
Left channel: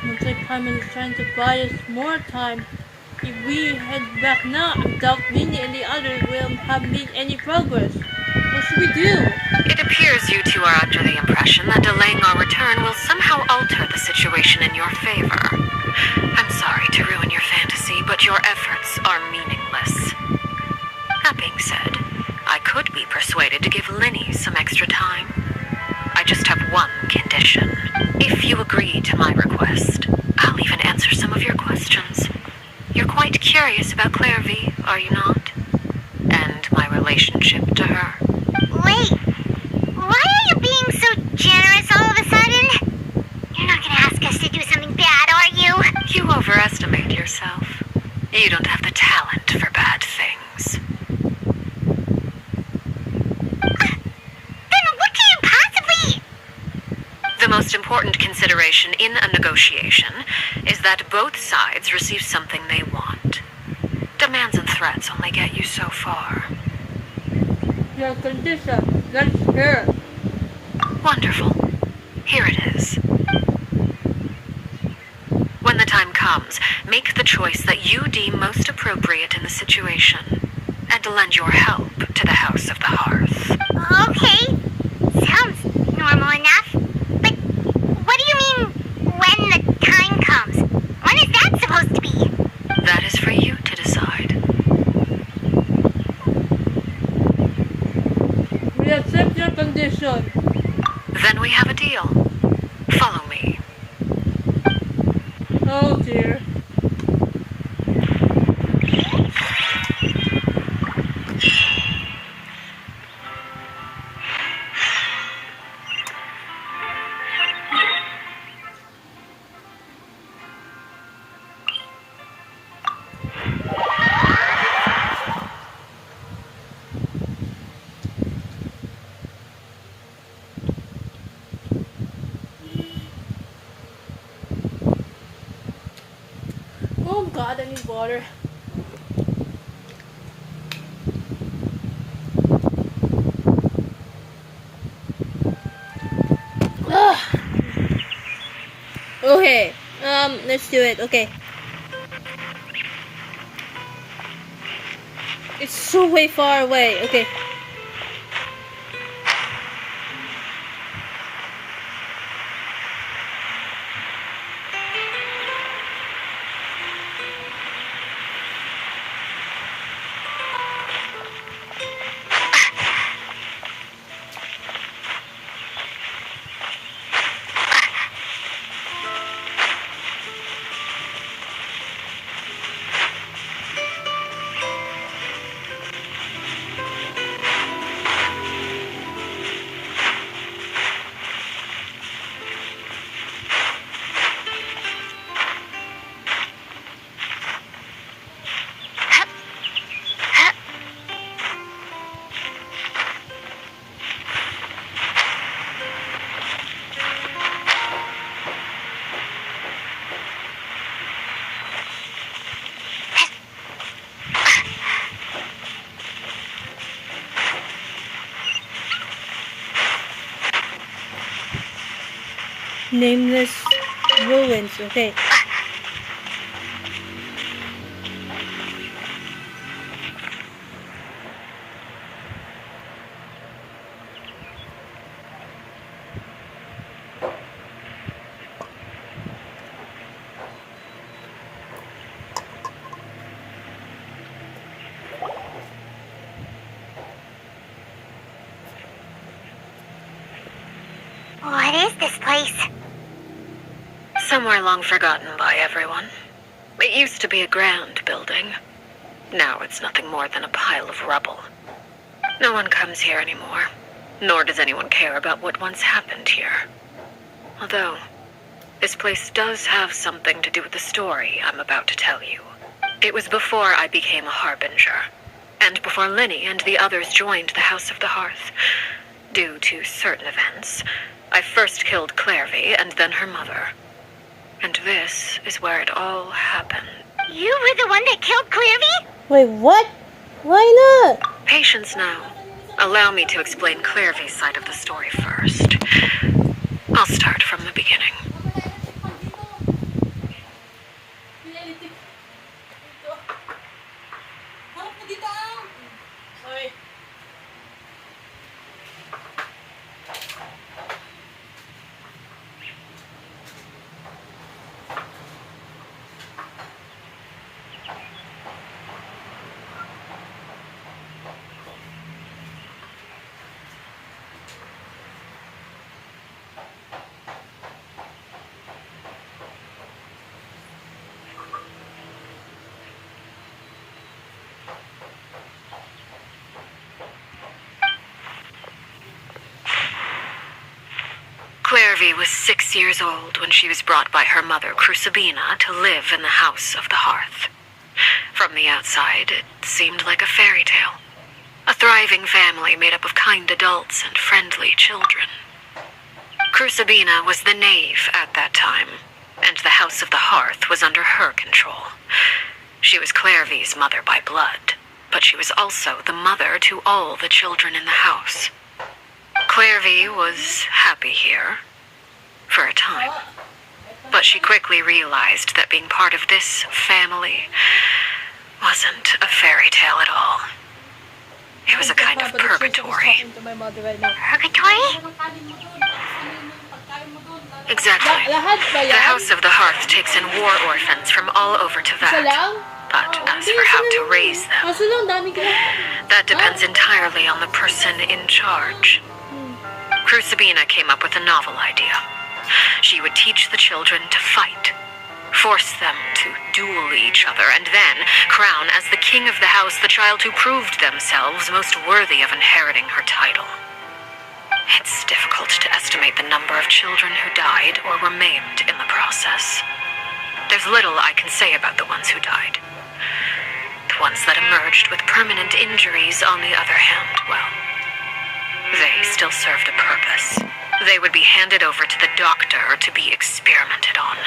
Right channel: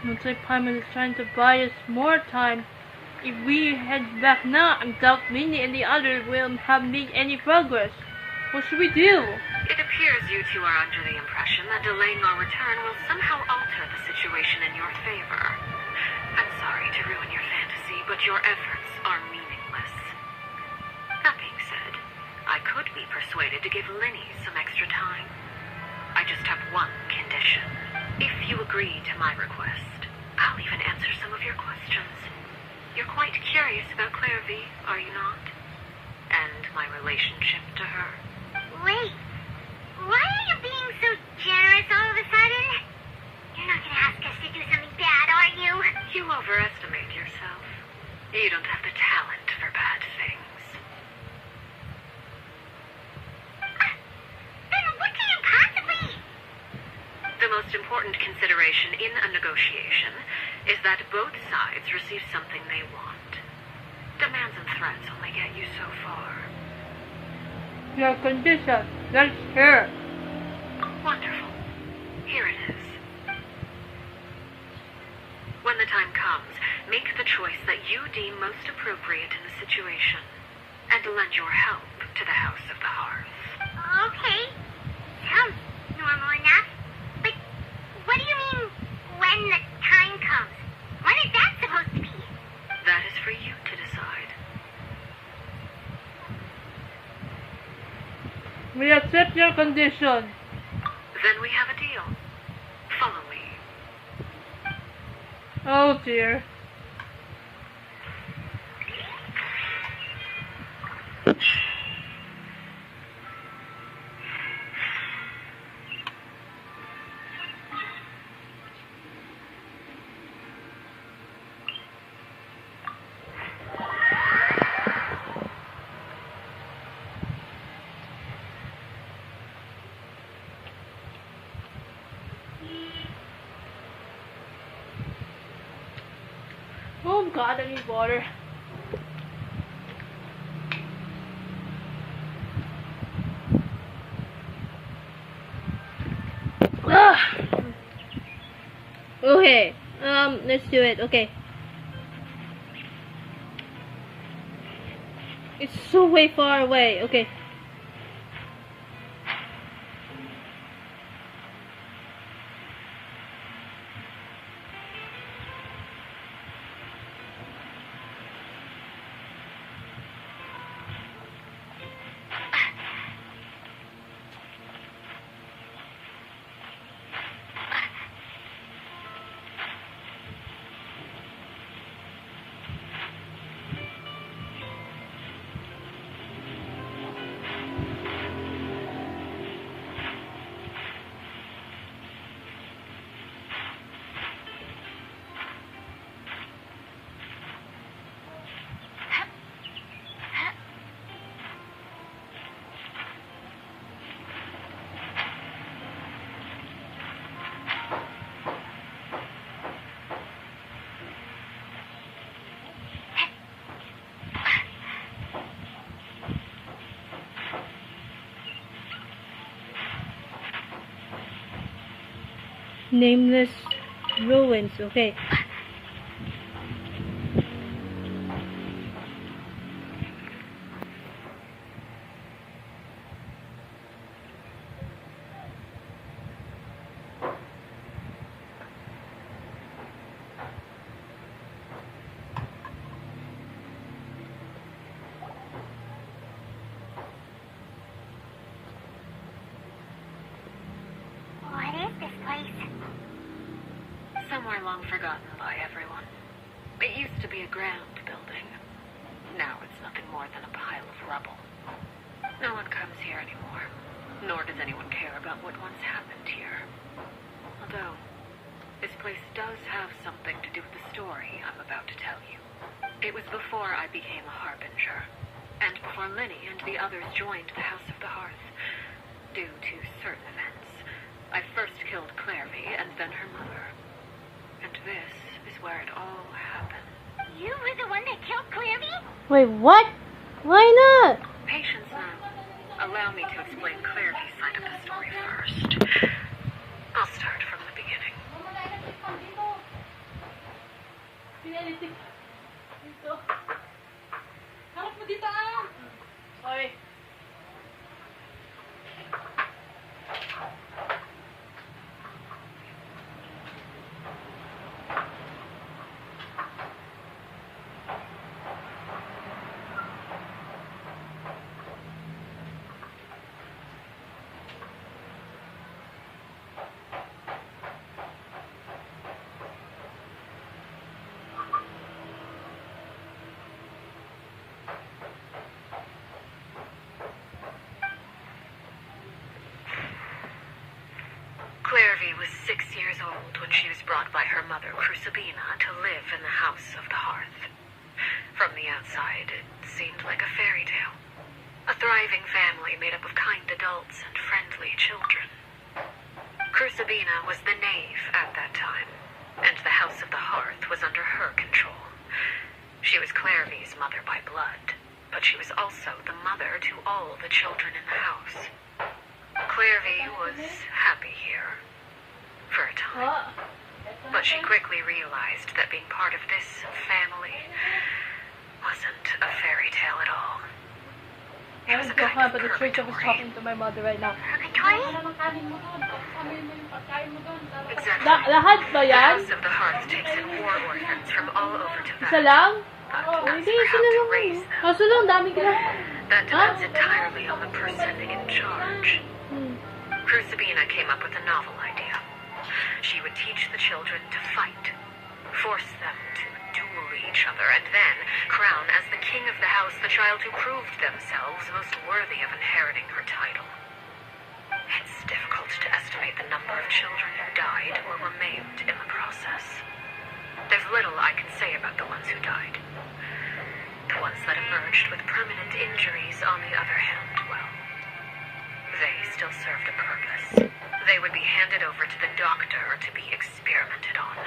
Looks like Paimon is trying to buy us more time. If we head back now, I doubt Minnie and the others will have made any progress. What should we do? It appears you two are under the impression that delaying our return will somehow alter the situation in your favor. I'm sorry to ruin your fantasy, but your efforts are meaningless. That being said, I could be persuaded to give Linny some extra time. I just have one condition. If you agree to my request, I'll even answer some of your questions. You're quite curious about Claire V, are you not? And my relationship to her. Wait, why are you being so generous all of a sudden? You're not gonna ask us to do something bad, are you? You overestimate yourself. You don't have the talent for bad things. Then what can you possibly... The most important consideration in a negotiation is that both sides receive something they want. Demands and threats only get you so far. Your condition. Let's hear. Wonderful. Here it is. When the time comes, make the choice that you deem most appropriate in the situation, and lend your help to the House of the Hearth. Okay, sounds normal enough. But what do you mean, when the time comes? When is that supposed to be? That is for you to decide. We accept your condition. Then we have a deal. Follow me. Oh dear. Oh god, I need water. Ah. Okay, let's do it. Okay. It's so way far away. Okay. Nameless ruins. Okay. What is this place? Somewhere long forgotten by everyone. It used to be a grand building. Now it's nothing more than a pile of rubble. No one comes here anymore, nor does anyone care about what once happened here. Although, this place does have something to do with the story I'm about to tell you. It was before I became a Harbinger, and before Linny and the others joined the House of the Hearth. Due to certain events, I first killed Claire V and then her mother. And this is where it all happened. You were the one that killed Clearvy? Wait, what? Why not? Patience now. Allow me to explain Claire V's side of the story first. I'll start from the beginning. Clairvy was 6 years old when she was brought by her mother, Crucibina, to live in the House of the Hearth. From the outside, it seemed like a fairy tale. A thriving family made up of kind adults and friendly children. Crucibina was the Knave at that time, and the House of the Hearth was under her control. She was Clairvy's mother by blood, but she was also the mother to all the children in the house. Clairvy was happy here, for a time. But she quickly realized that being part of this family wasn't a fairy tale at all. It was a kind of purgatory. To my mother right now. Purgatory? Exactly. Lahat ba The yan? House of the Hearth takes in war orphans from all over Isa Teyvat. lang? But as Hindi, for isa how to lang. raise them, Kaso lang, dami ka lang. that depends entirely on the person in charge. Crucibina came up with a novel idea. She would teach the children to fight, force them to duel each other, and then crown as the king of the house the child who proved themselves most worthy of inheriting her title. It's difficult to estimate the number of children who died or were maimed in the process. There's little I can say about the ones who died. The ones that emerged with permanent injuries, on the other hand, well, they still served a purpose. They would be handed over to the doctor to be experimented on,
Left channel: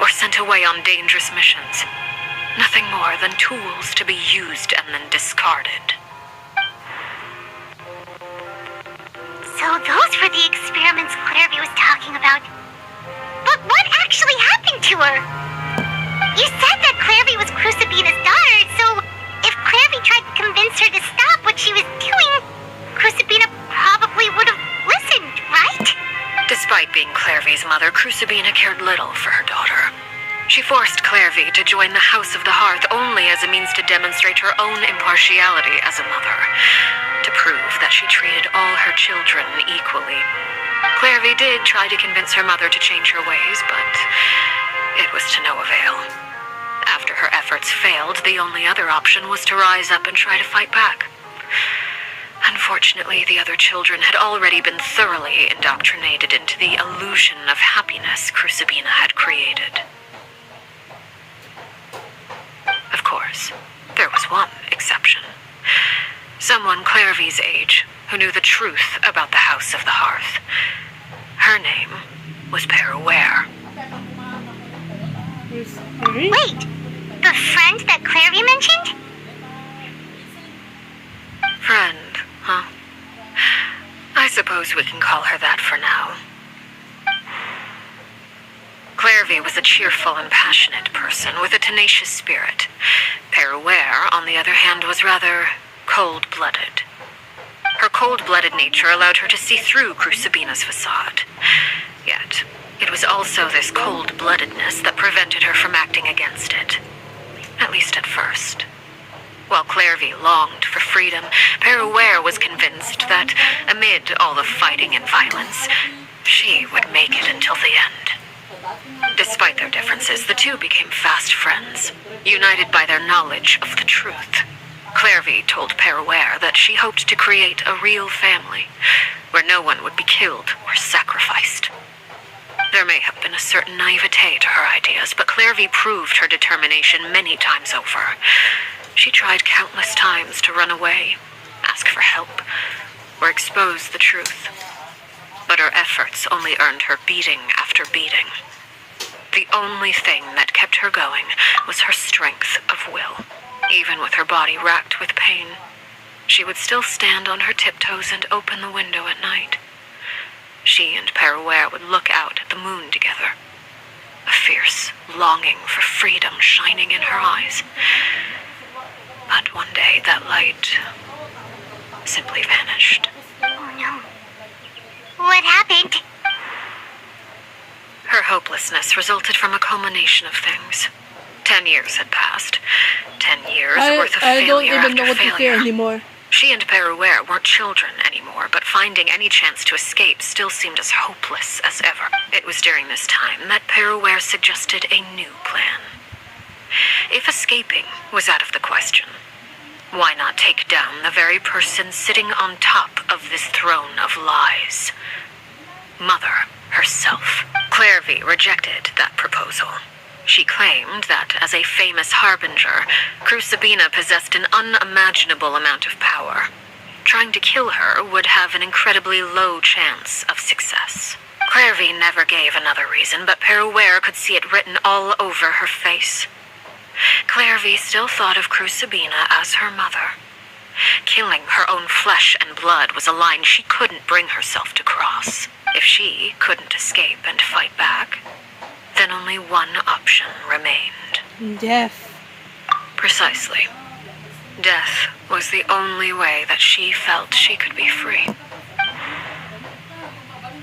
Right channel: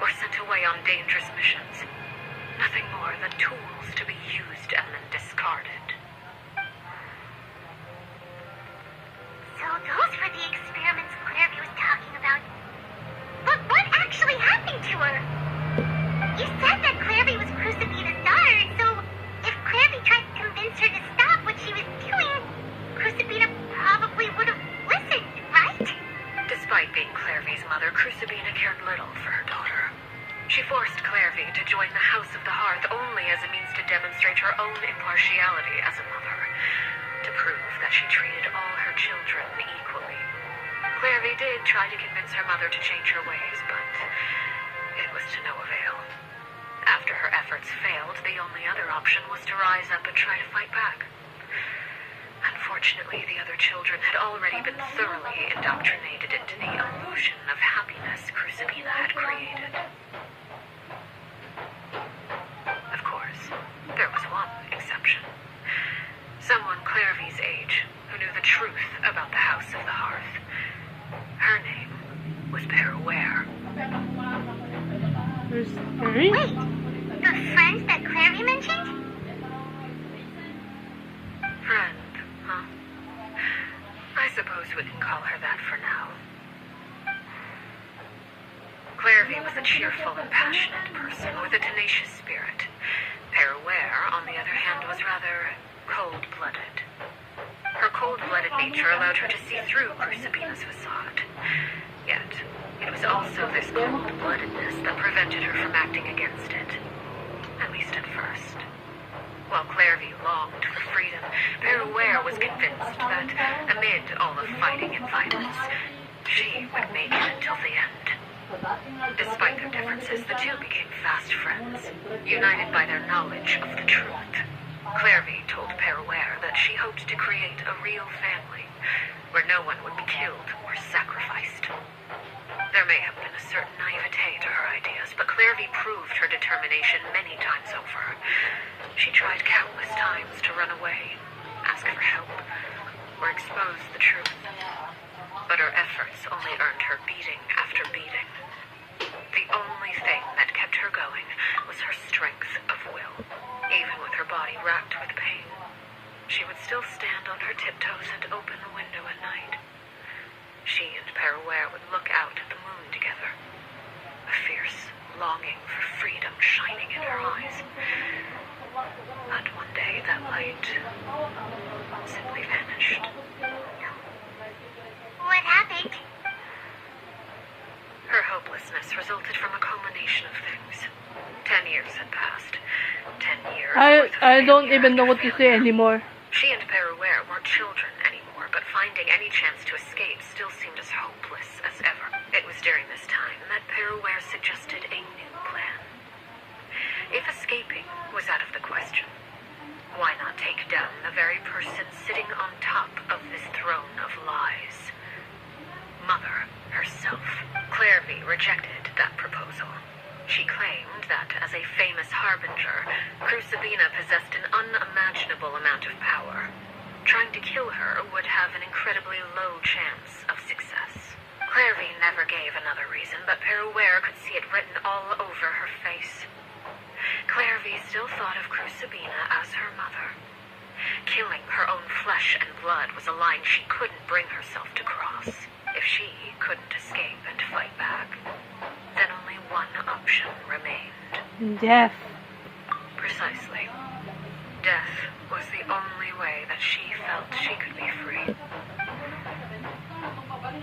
or sent away on dangerous missions. Nothing more than tools to be used and then discarded. So those were the experiments Clairvy was talking about. But what actually happened to her? You said that Clairvy was Crucibina's daughter, so if Clairvy tried to convince her to stop what she was doing, Crucibina probably would have listened, right? Despite being Clairvy's mother, Crucibina cared little for her daughter. She forced Clairvy to join the House of the Hearth only as a means to demonstrate her own impartiality as a mother, to prove that she treated all her children equally. Clairvy did try to convince her mother to change her ways, but it was to no avail. After her efforts failed, the only other option was to rise up and try to fight back. Unfortunately, the other children had already been thoroughly indoctrinated into the illusion of happiness Crucibina had created. Of course, there was one exception. Someone Clairvy's age who knew the truth about the House of the Hearth. Her name was Peruware. Wait, the friend that Clairvy mentioned? Friend, huh? I suppose we can call her that for now. Clairvy was a cheerful and passionate person with a tenacious spirit. Peruware, on the other hand, was rather cold-blooded. Her cold-blooded nature allowed her to see through Crucibina's facade. Yet, it was also this cold-bloodedness that prevented her from acting against it. At least at first. While Clairvy longed for freedom, Peruware was convinced that, amid all the fighting and violence, she would make it until the end. Despite their differences, the two became fast friends, united by their knowledge of the truth. Clairvy told Peruware that she hoped to create a real family, where no one would be killed or sacrificed. There may have been a certain naivete to her ideas, but Clairvy proved her determination many times over. She tried countless times to run away, ask for help, or expose the truth. But her efforts only earned her beating after beating. The only thing that kept her going was her strength of will. Even with her body racked with pain, she would still stand on her tiptoes and open the window at night. She and Peruware would look out at the moon together, a fierce longing for freedom shining in her eyes. But one day that light simply vanished. Oh no. What happened? Her hopelessness resulted from a culmination of things. 10 years had passed. 10 years worth of I don't failure even know after what to say failure. anymore. She and Peruware weren't children anymore, but finding any chance to escape still seemed as hopeless as ever. It was during this time that Peruware suggested a new plan. If escaping was out of the question, why not take down the very person sitting on top of this throne of lies? Mother herself. Clairvy rejected that proposal. She claimed that, as a famous harbinger, Crucibina possessed an unimaginable amount of power. Trying to kill her would have an incredibly low chance of success. Clairvy never gave another reason, but Peruere could see it written all over her face. Clairvy still thought of Crucibina as her mother. Killing her own flesh and blood was a line she couldn't bring herself to cross. If she couldn't escape and fight back, then only one option remained. Death. Precisely. Death was the only way that she felt she could be free.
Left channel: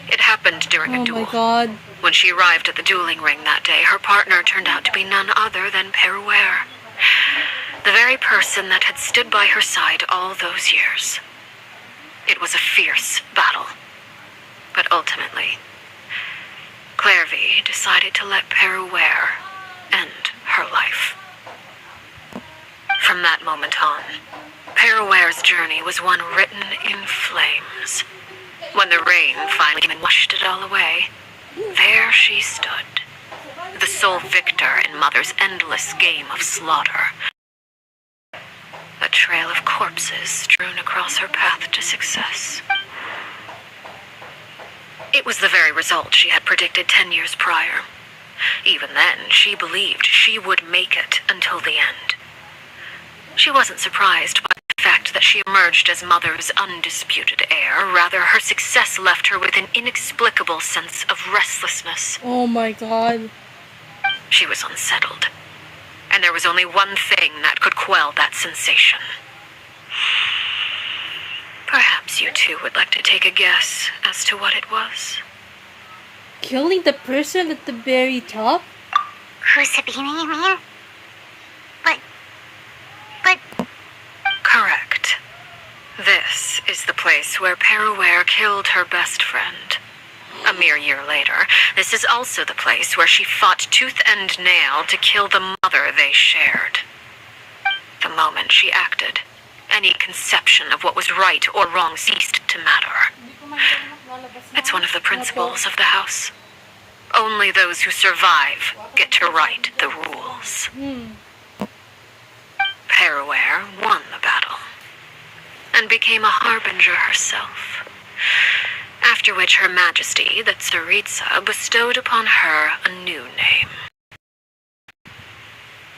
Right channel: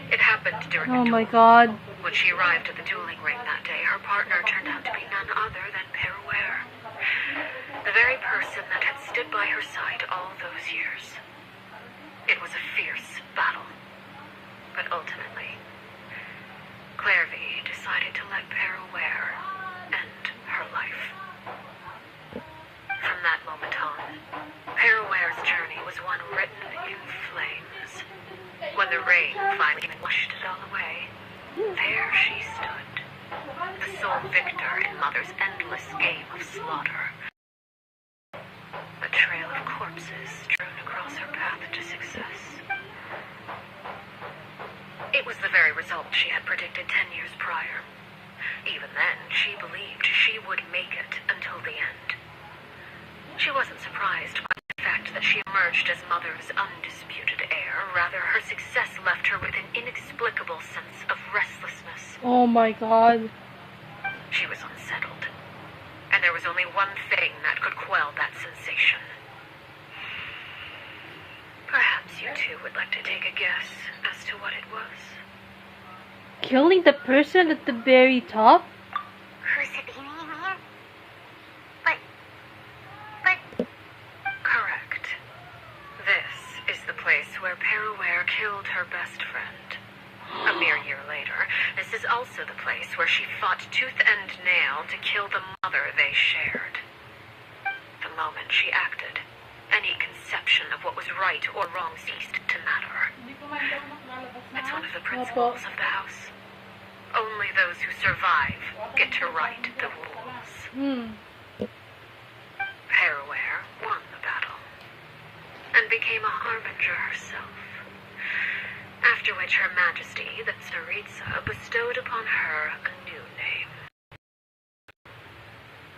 It happened during a Oh duel. my god. When she arrived at the dueling ring that day, her partner turned out to be none other than Peruere. The very person that had stood by her side all those years. It was a fierce battle. But ultimately, Clairvy decided to let Peruere end her life. From that moment on, Peruere's journey was one written in flames. When the rain finally came and washed it all away, there she stood, the sole victor in Mother's endless game of slaughter. A trail of corpses strewn across her path to success. It was the very result she had predicted 10 years prior. Even then, she believed she would make it until the end. She wasn't surprised by the fact that she emerged as Mother's undisputed heir. Rather, her success left her with an inexplicable sense of restlessness. Oh my god. She was unsettled. And there was only one thing that could quell that sensation. Perhaps you two would like to take a guess as to what it was. Killing the person at the very top? Crucibina, you mean? But... Correct. This is the place where Peruere killed her best friend. A mere year later, this is also the place where she fought tooth and nail to kill the mother they shared. The moment she acted, any conception of what was right or wrong ceased to matter. It's one of the principles of the house. Only those who survive get to write the rules. Peruere won the battle, and became a harbinger herself. After which Her Majesty, the Tsaritsa, bestowed upon her a new name.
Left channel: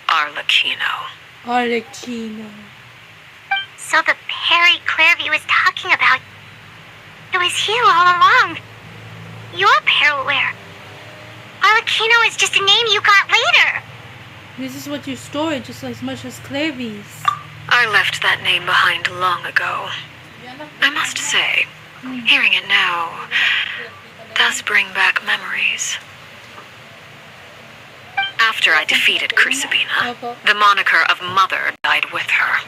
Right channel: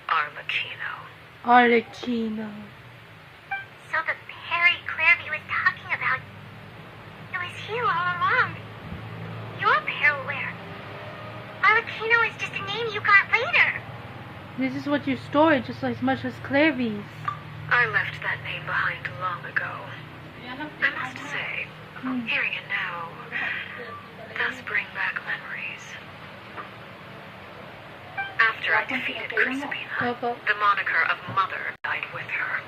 Arleechino. Arleechino. So the Perry Clairvy was talking about, it was you all along. You're Peruere. Arleechino is just a name you got later. This is what you stored just as much as Clairvy's. I left that name behind long ago. I must say, hearing it now does bring back memories. After I defeated Crucibina, the moniker of Mother died with her.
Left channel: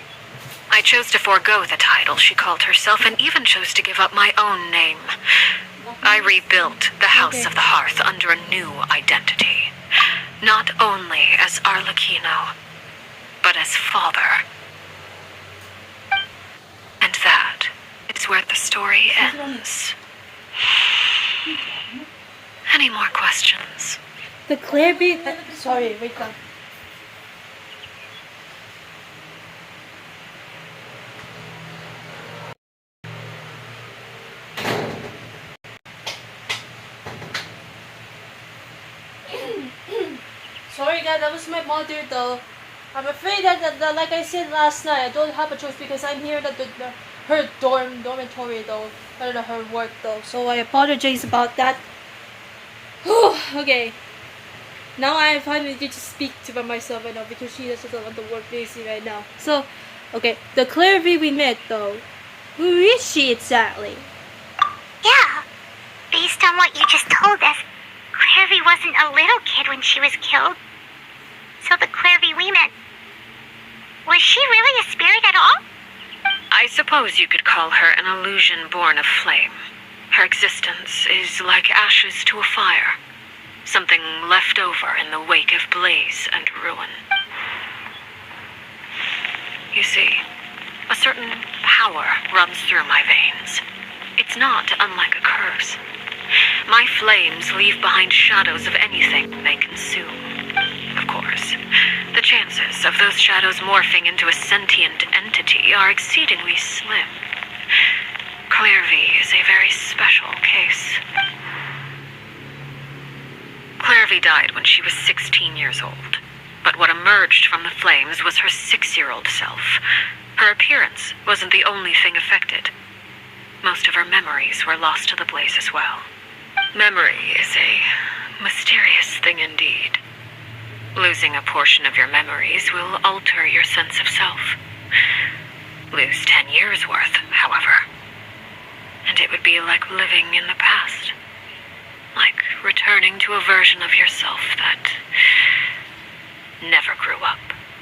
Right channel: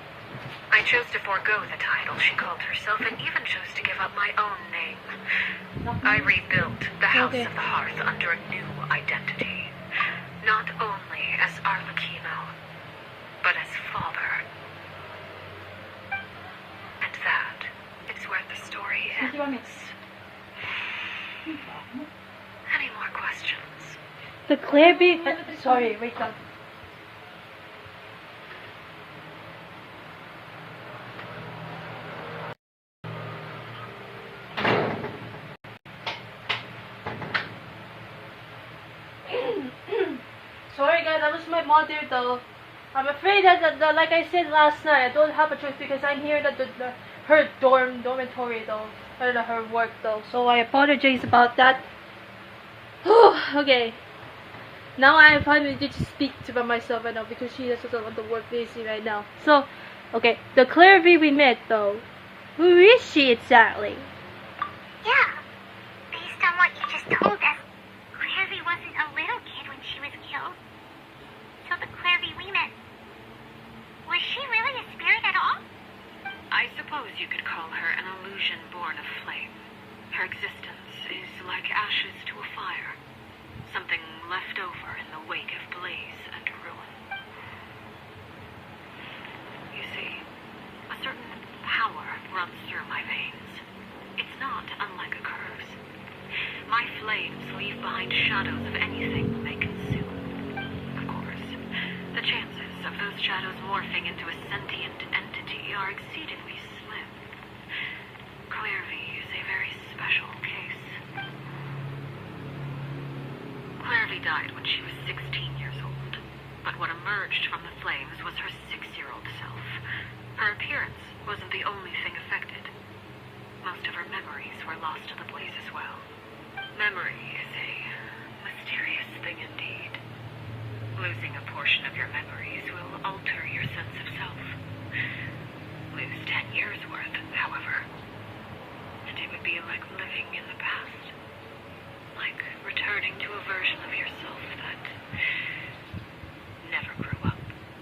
I chose to forego the title she called herself and even chose to give up my own name. I rebuilt the House of the Hearth under a new identity. Not only as Arleechino, but as father. And that is where the story ends. Any more questions? The Clairvy... sorry, wait up. Sorry guys, that was my mother though. I'm afraid that, like I said last night, I don't have a choice because I'm here at her dormitory though. I don't know, her work though. So I apologize about that. Okay. Now I finally get to speak to myself right now because she doesn't want to work busy right now. So, okay, the Clairvy we met though. Who is she exactly? Yeah. Based on what you just told us, Clairvy wasn't a little kid when she was killed. So the Clairvy we met, was she really a spirit at all? I suppose you could call her an illusion born of flame. Her existence is like ashes to a fire. Something left over in the wake of blaze and ruin. You see, a certain power runs through my veins. It's not unlike a curse. my flames leave behind shadows of anything they consume. Of course, the chances of those shadows morphing into a sentient entity are exceedingly slim. Clairvy is a very special case. Clairvy died when she was 16 years old, but what emerged from the flames was her 6-year-old self. Her appearance wasn't the only thing affected. Most of her memories were lost to the blaze as well. Memory is a mysterious thing indeed. Losing a portion of your memories will alter your sense of self. Lose 10 years' worth, however, and it would be like living in the past. Like returning to a version of yourself that never grew up.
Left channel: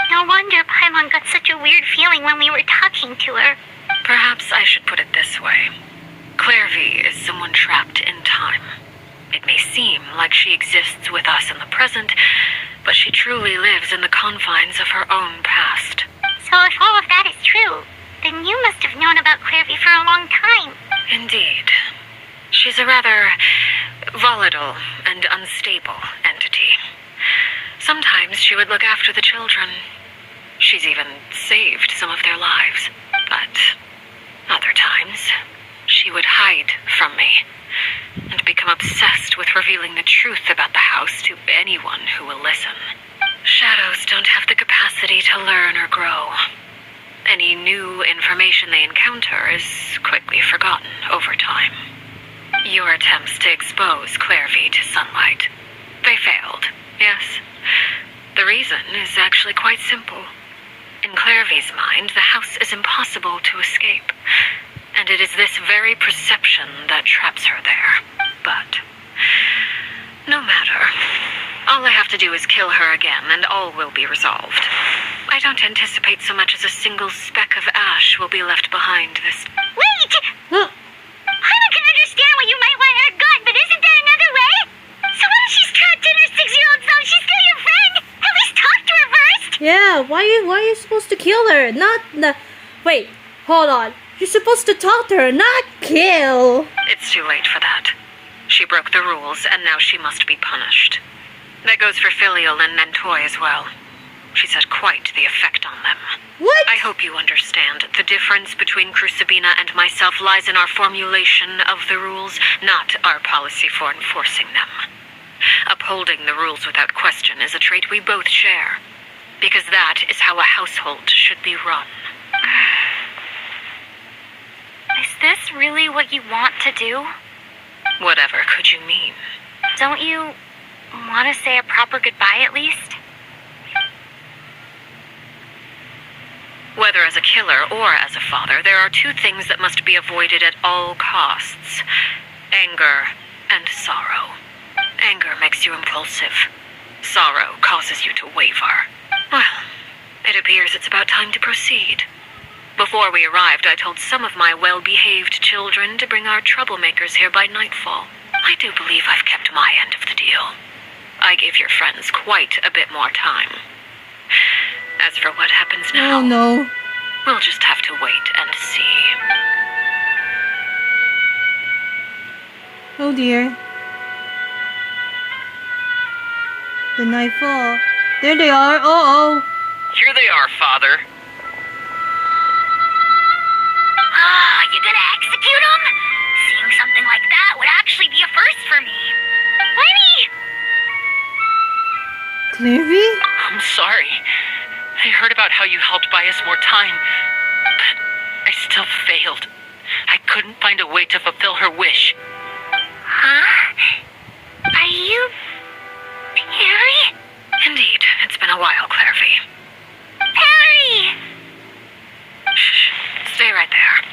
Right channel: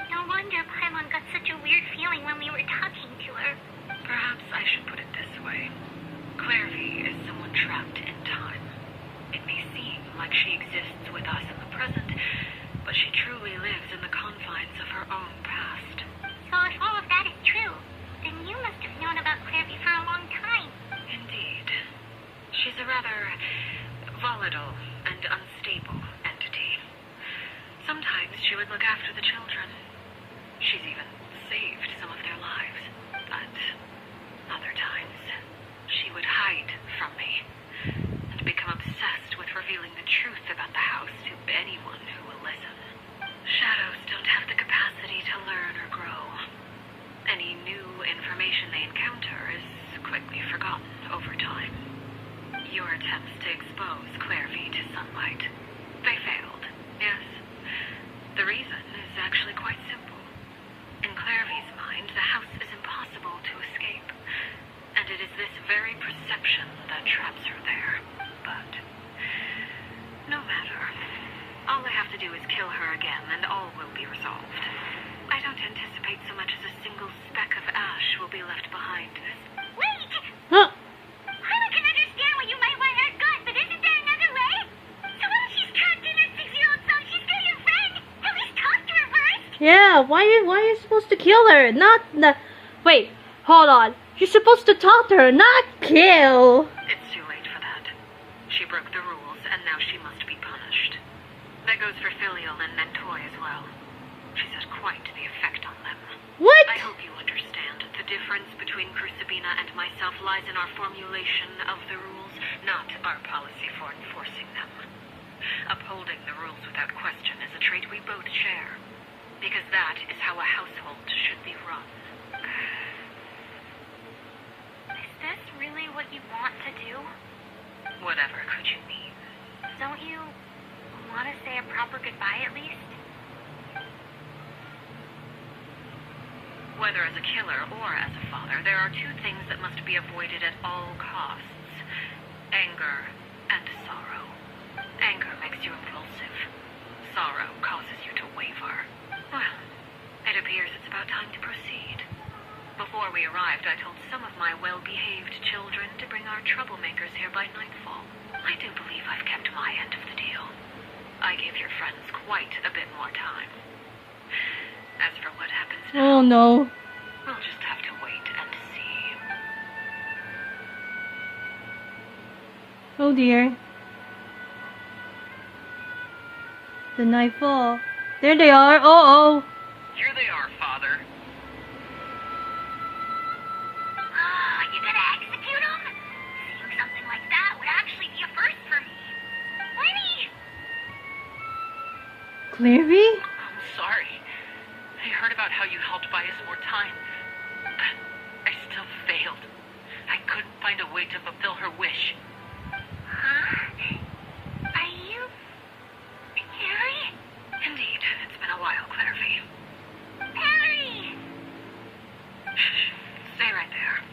No wonder Paimon got such a weird feeling when we were talking to her. Perhaps I should put it this way. Clairvy is someone trapped in time. It may seem like she exists with us in the present, but she truly lives in the confines of her own past. So if all of that is true, then you must have known about Clairvy for a long time. Indeed. She's a rather volatile and unstable entity. Sometimes she would look after the children. She's even saved some of their lives. But other times, she would hide from me and become obsessed with revealing the truth about the house to anyone who will listen. Shadows don't have the capacity to learn or grow. Any new information they encounter is quickly forgotten over time. Your attempts to expose Clairvy to sunlight, they failed, yes. The reason is actually quite simple. In Clairvy's mind, the house is impossible to escape, and it is this very perception that traps her there. But no matter. All I have to do is kill her again, and all will be resolved. I don't anticipate so much as a single speck of ash will be left behind this. Wait! Huh. Paimon can understand why you might want her gone, but isn't there another way? So what if she's trapped in her 6-year-old self? She's still your friend! At least talk to her first! Yeah, why are you supposed to kill her? Not the... Wait, hold on. You're supposed to talk to her, not kill. It's too late for that. She broke the rules, and now she must be punished. That goes for Filial and Nentoy as well. She's had quite the effect on them. What? I hope you understand. The difference between Crucibina and myself lies in our formulation of the rules, not our policy for enforcing them. Upholding the rules without question is a trait we both share, because that is how a household should be run. Is this really what you want to do? Whatever could you mean? Don't you want to say a proper goodbye at least? Whether as a killer or as a father, there are two things that must be avoided at all costs: anger and sorrow. Anger makes you impulsive. Sorrow causes you to waver. Well, it appears it's about time to proceed. Before we arrived, I told some of my well-behaved children to bring our troublemakers here by nightfall. I do believe I've kept my end of the deal. I gave your friends quite a bit more time. As for what happens now, Oh no. we'll just have to wait and see. Oh dear. The nightfall. There they are. Uh-oh. Here they are, Father. Ah, you gonna execute him? Seeing something like that would actually be a first for me. Lenny! Clairvy? I'm sorry. I heard about how you helped buy us more time, but I still failed. I couldn't find a way to fulfill her wish. Huh? Are you... Perry? Indeed, it's been a while, Clairvy. Perry! Shh, stay right there.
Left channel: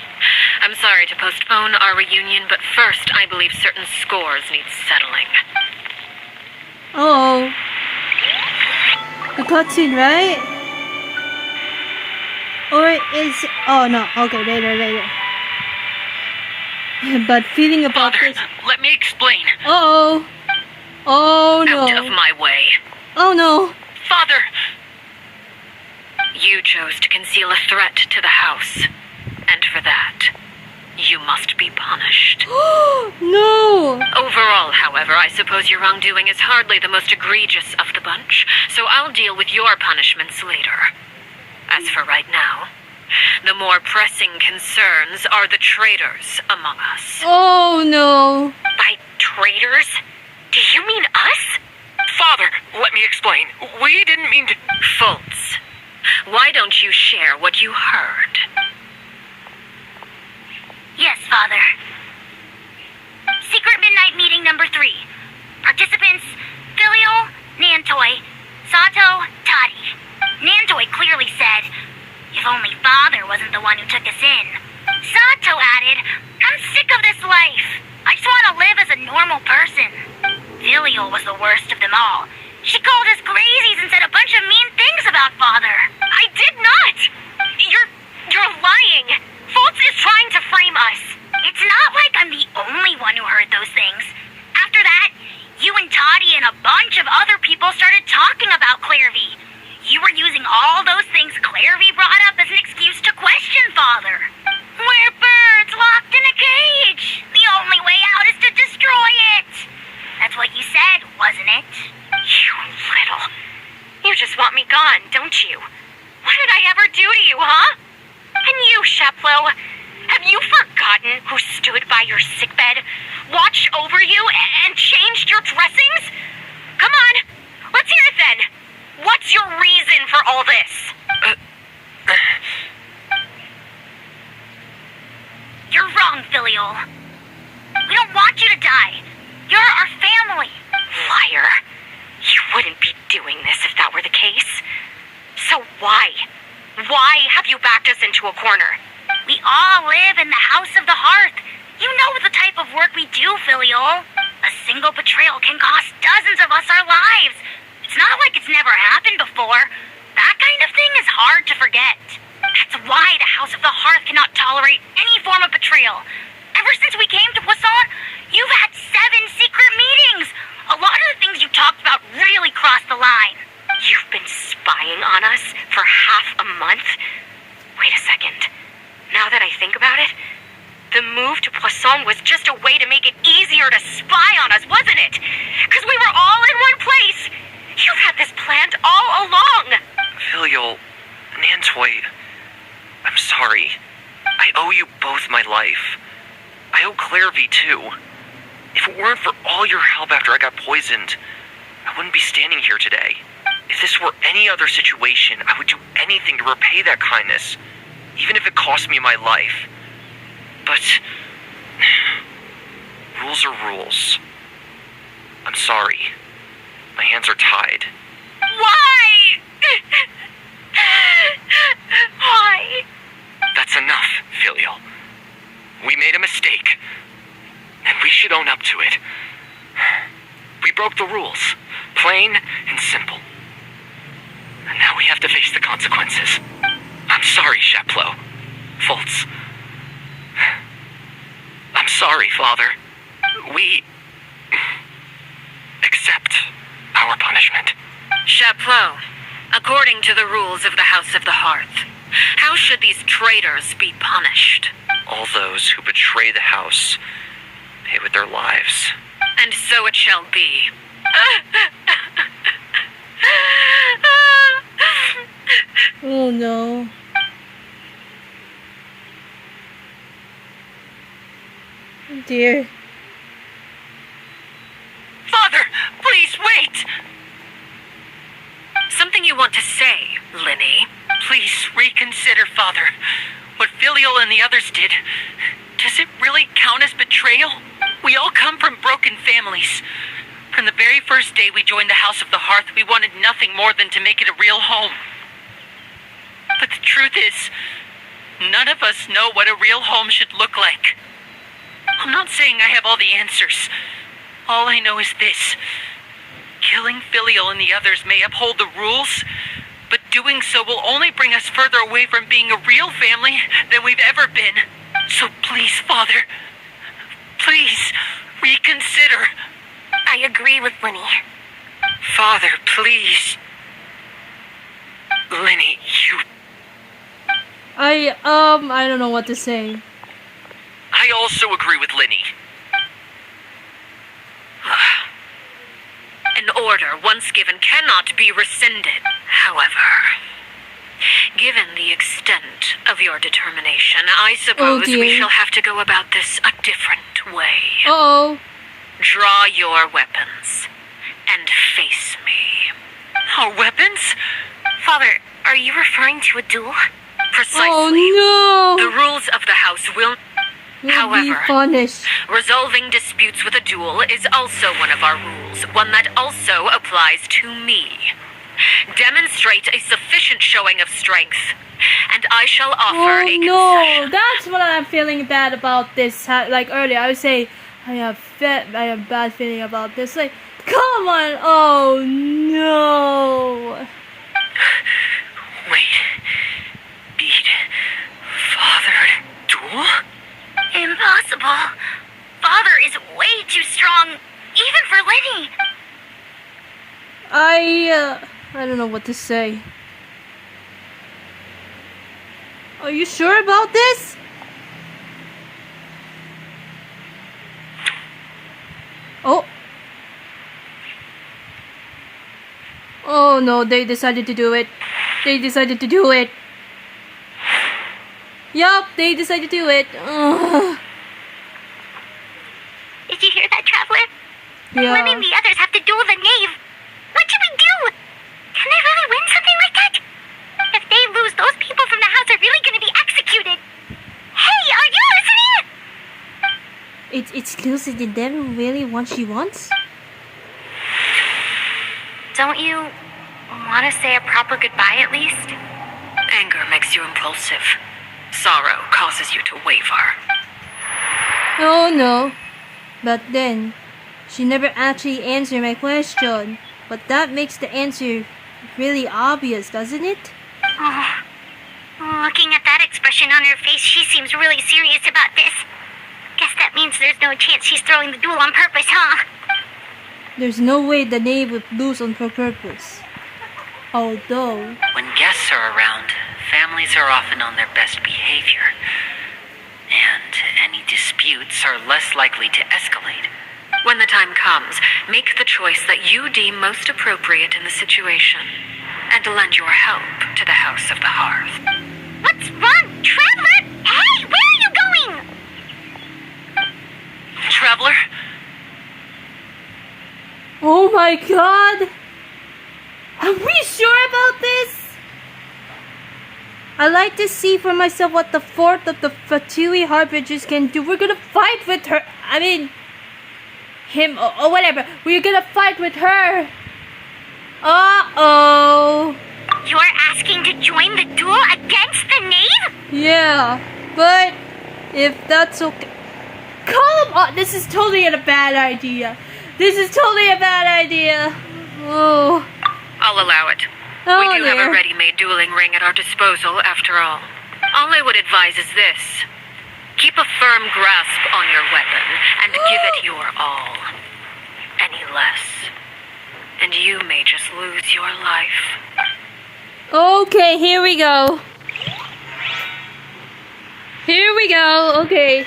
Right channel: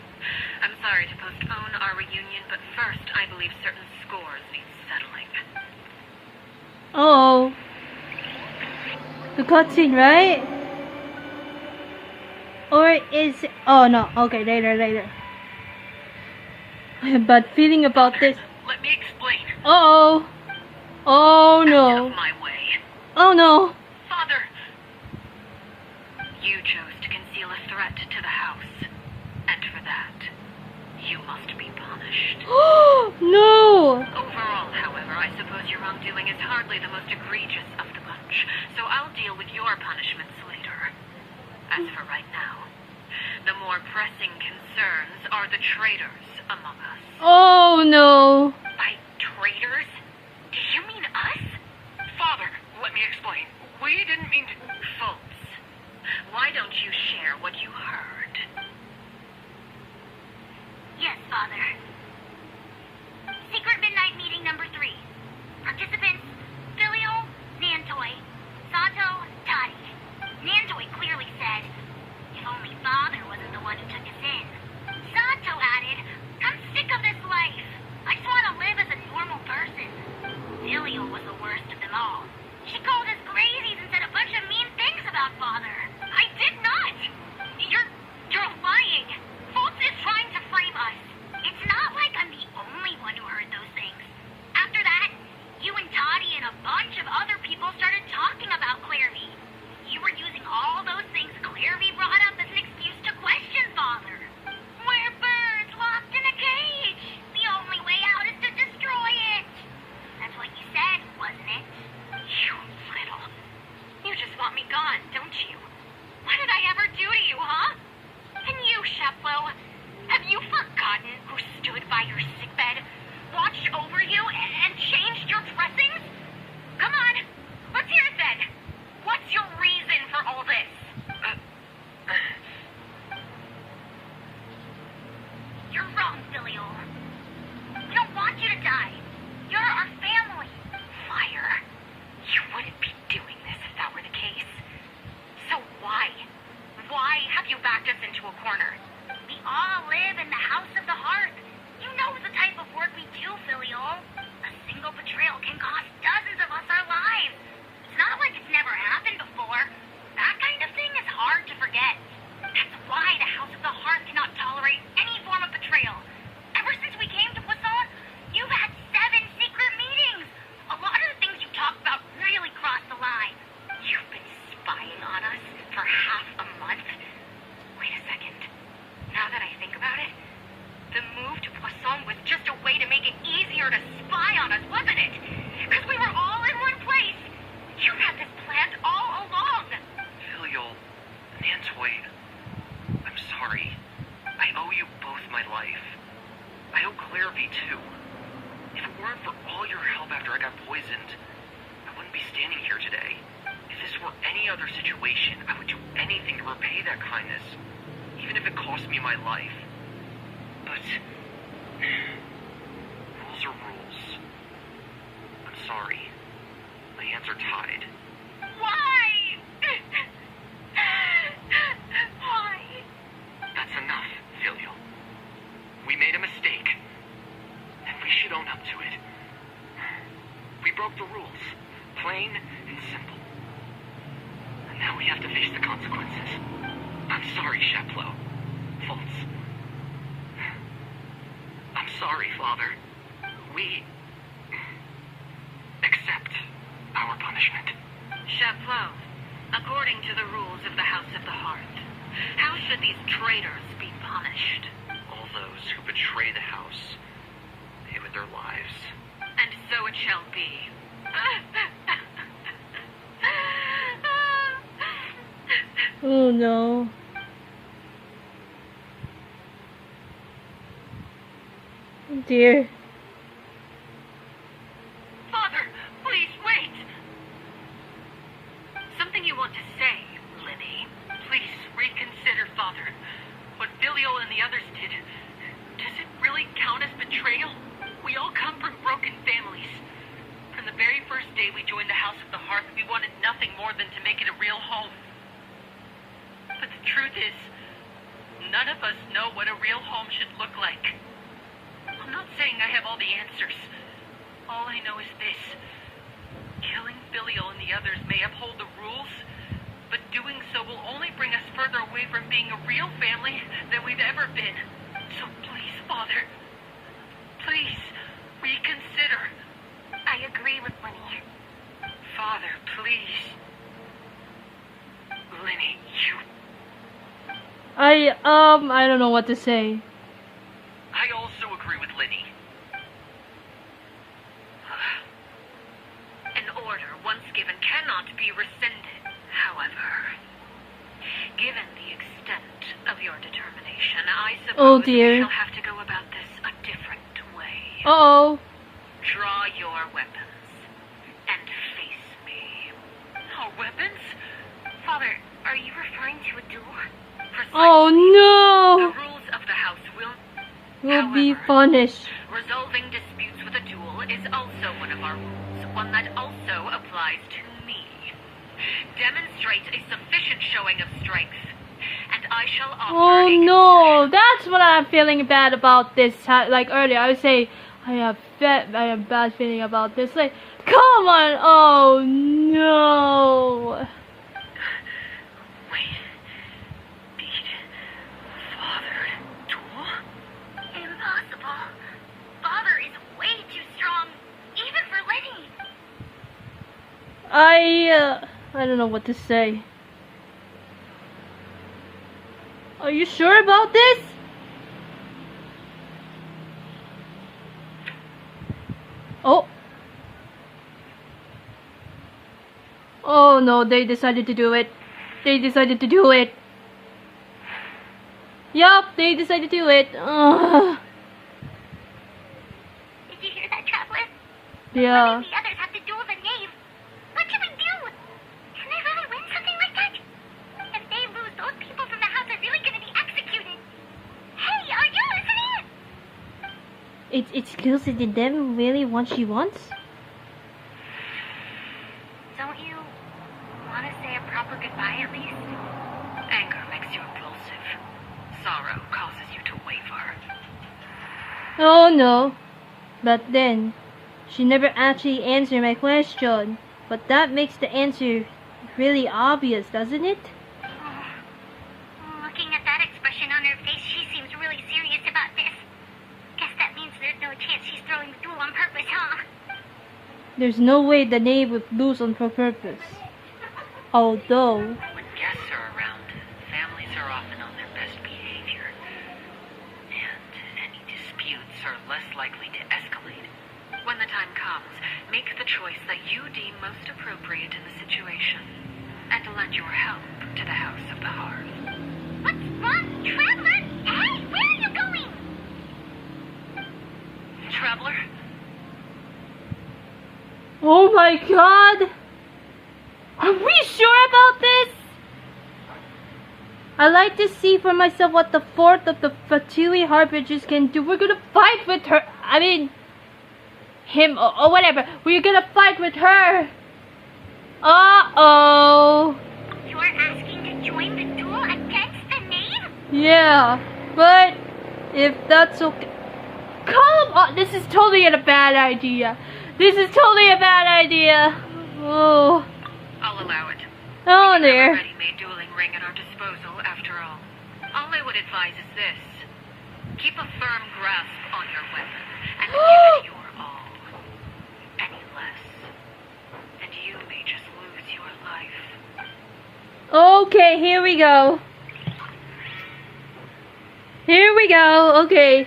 I'm sorry to postpone our reunion, but first I believe certain scores need settling. Uh-oh. The cutscene, right? Or is... Oh no, okay, later. But feeling about Father, this... let me explain. Uh-oh. Oh Out no. of my way. Oh no. Father! You chose to conceal a threat to the house, and for that, you must be punished. No! Overall, however, I suppose your wrongdoing is hardly the most egregious of the bunch, so I'll deal with your punishments later. As for right now, the more pressing concerns are the traitors among us. Oh no! By traitors? Do you mean us? Father, let me explain. We didn't mean to... Fultz, why don't you share what you heard? Yes, Father. Secret midnight meeting number 3. Participants, Filial, Nantoi, Sato, Toddy. Nantoi clearly said, if only Father wasn't the one who took us in. Sato added, I'm sick of this life. I just want to live as a normal person. Filial was the worst of them all. She called us crazies and said a bunch of mean things about Father. I did not! You're lying! Fultz is trying to frame us. It's not like I'm the only one who heard those things. After that, you and Toddy and a bunch of other people started talking about Clairvy. You were using all those things Clairvy brought up as an excuse to question Father. We're birds locked in a cage. The only way out is to destroy it. That's what you said, wasn't it? You little... You just want me gone, don't you? What did I ever do to you, huh? And you, Sheplo, have you forgotten who stood by your sickbed, watched over you, and changed your dressings? Come on, let's hear it then. What's your reason for all this? You're wrong, Filial. We don't want you to die. You're our family. Liar. You wouldn't be doing this if that were the case. So why? Why have you backed us into a corner? We all live in the House of the Hearth. You know the type of work we do, Filial. A single betrayal can cost dozens of us our lives. It's not like it's never happened before. That kind of thing is hard to forget. That's why the House of the Hearth cannot tolerate any form of betrayal. Ever since we came to Poisson, you've had 7 secret meetings. A lot of the things you talked about really crossed the line. You've been spying on us for half a month? Wait a second. Now that I think about it, the move to Poisson was just a way to make it easier to spy on us, wasn't it? Because we were all in one place. You've had this planned all along. Filial, Nantoi, I'm sorry. I owe you both my life. I owe Clairvy too. If it weren't for all your help after I got poisoned, I wouldn't be standing here today. If this were any other situation, I would do anything to repay that kindness, even if it cost me my life. But rules are rules. I'm sorry. My hands are tied. Why? Why? That's enough, Filial. We made a mistake, and we should own up to it. We broke the rules, plain and simple. And now we have to face the consequences. I'm sorry, Sheplo. Fultz. I'm sorry, Father. We accept our punishment. Sheplo, according to the rules of the House of the Hearth, how should these traitors be punished? All those who betray the house pay with their lives. And so it shall be. Oh no. Dear. Father, please wait! Something you want to say, Linny? Please reconsider, Father. What Filial and the others did, does it really count as betrayal? We all come from broken families. From the very first day we joined the House of the Hearth, we wanted nothing more than to make it a real home. But the truth is, none of us know what a real home should look like. I'm not saying I have all the answers. All I know is this. Killing Filial and the others may uphold the rules, but doing so will only bring us further away from being a real family than we've ever been. So please, Father, please reconsider. I agree with Linny. Father, please. Linny, you... I don't know what to say. I be rescinded. However, given the extent of your determination, I suppose we dear. shall have to go about this a different way. Uh-oh. Draw your weapons and face me. Our weapons? Father, are you referring to a duel? Precisely. Oh The no! rules of the house will... We'll be However, punished. resolving disputes with a duel is also one of our rules, one that also applies to me. Demonstrate a sufficient showing of strength, and I shall offer Oh a no! concession. That's what I'm feeling bad about this. Like earlier, I would say I have bad feeling about this. Like, come on! Oh no! Wait. Beat. Father. Duel? Impossible. Father is way too strong, even for Lenny. I don't know what to say. Are you sure about this? Oh. Oh no, they decided to do it. They decided to do it. Yup, they decided to do it. Ugh. Did you hear that, Traveler? Yeah. Lenny and the others have to duel the Knave. What should we do? Can they really win something like that? If they lose, those people from the house are really going to be executed. Hey, are you listening? It's Lucy. Did Devin really want she wants? Don't you want to say a proper goodbye at least? Anger makes you impulsive. Sorrow causes you to waver. Oh no. But then, she never actually answered my question. But that makes the answer really obvious, doesn't it? Oh, looking at that expression on her face, she seems really serious about this. Guess that means there's no chance she's throwing the duel on purpose, huh? There's no way the Knave would lose on purpose. Although... When guests are around, families are often on their best behavior. And any disputes are less likely to escalate. When the time comes, make the choice that you deem most appropriate in the situation, and lend your help to the House of the Hearth. What's wrong, Traveler? Hey, where are you going? Traveler? Oh my god! Are we sure about this? I'd like to see for myself what the fourth of the Fatui Harbingers can do. We're gonna fight with her. I mean, him or whatever. We're gonna fight with her. Uh-oh. You're asking to join the duel against the Knave? Yeah, but if that's okay. Come on, this is totally a bad idea. This is totally a bad idea. Oh. I'll allow it. Oh We do dear. have a ready-made dueling ring at our disposal, after all. All I would advise is this. Keep a firm grasp on your weapon, and give it your all. Any less, and you may just lose your life. Okay, here we go. Here we go. Okay.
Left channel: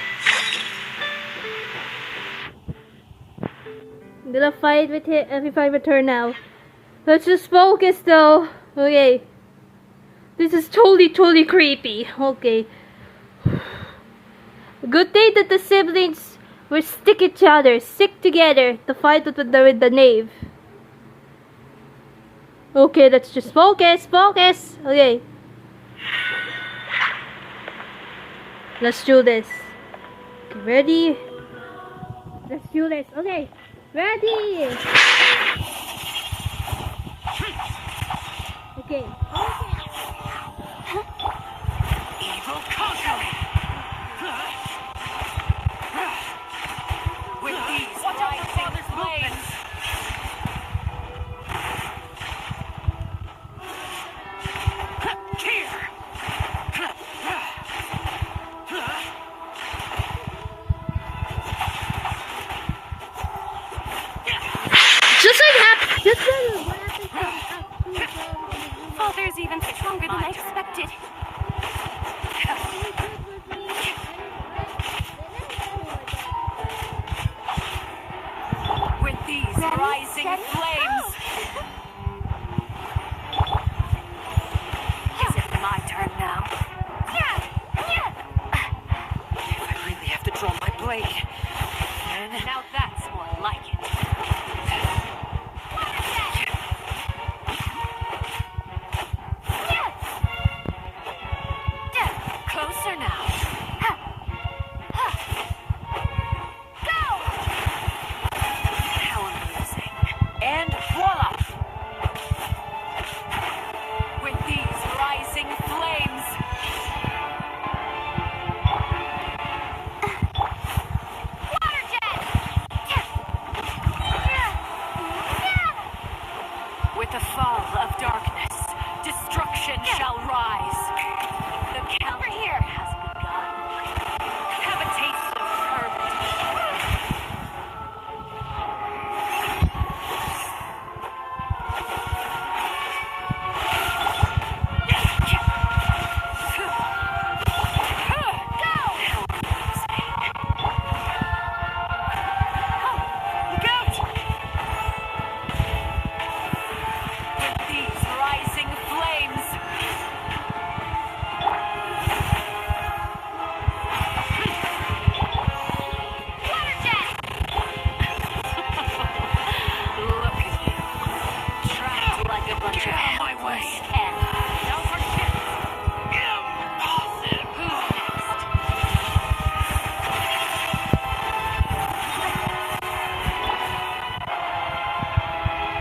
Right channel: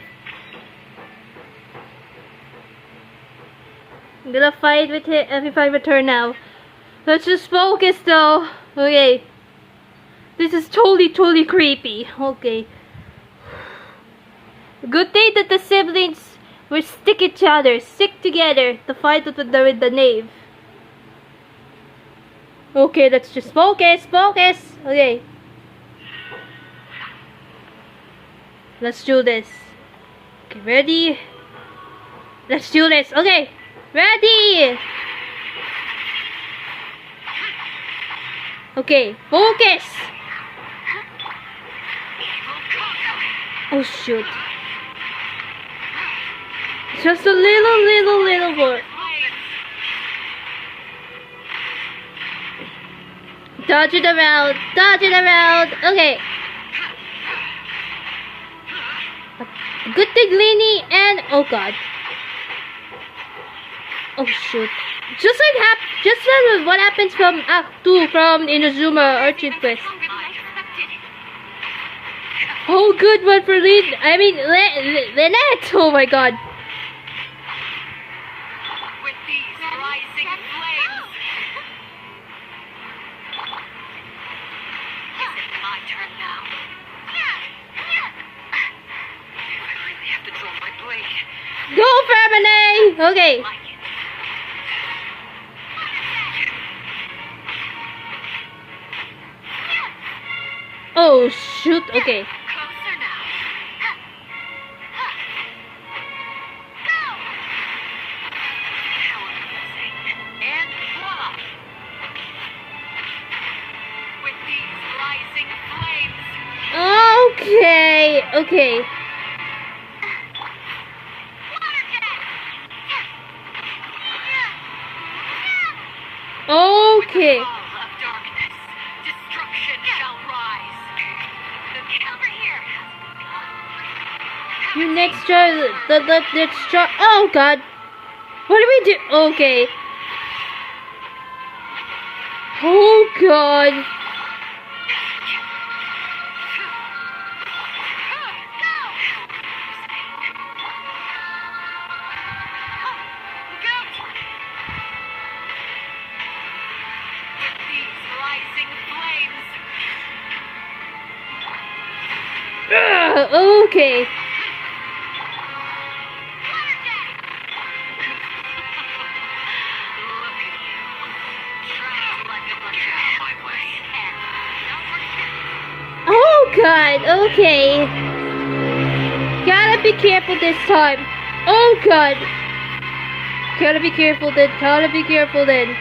I'm gonna fight with it. Let me fight with her now. Let's just focus though. Okay. This is totally creepy. Okay. Good thing that the siblings will stick together to fight with the Knave. Okay, let's just focus. Okay. Let's do this. Okay, ready? Let's do this. Okay, ready? Okay, focus. Oh shoot. Just a little more. Dodge it around. Okay. Good thing Lenny and oh god. Oh shoot. Just like what happens from Act 2 from Inazuma Urchin Quest. Oh, good one for Lynette. Oh my god. With these rising flames. Okay. Like it. Oh shoot. Okay. Closer now. How amazing. And voila! With these rising flames. Okay. Okay. With the Okay. fall of darkness, destruction shall rise. The count here has begun. You next try the next try. Oh god. What do we do? Okay. Oh god. With these rising flames. Okay. Look at you. Trapped like a bunch of helpless Oh god. Okay. Gotta be careful this time. Oh god. Gotta be careful then. Gotta be careful then.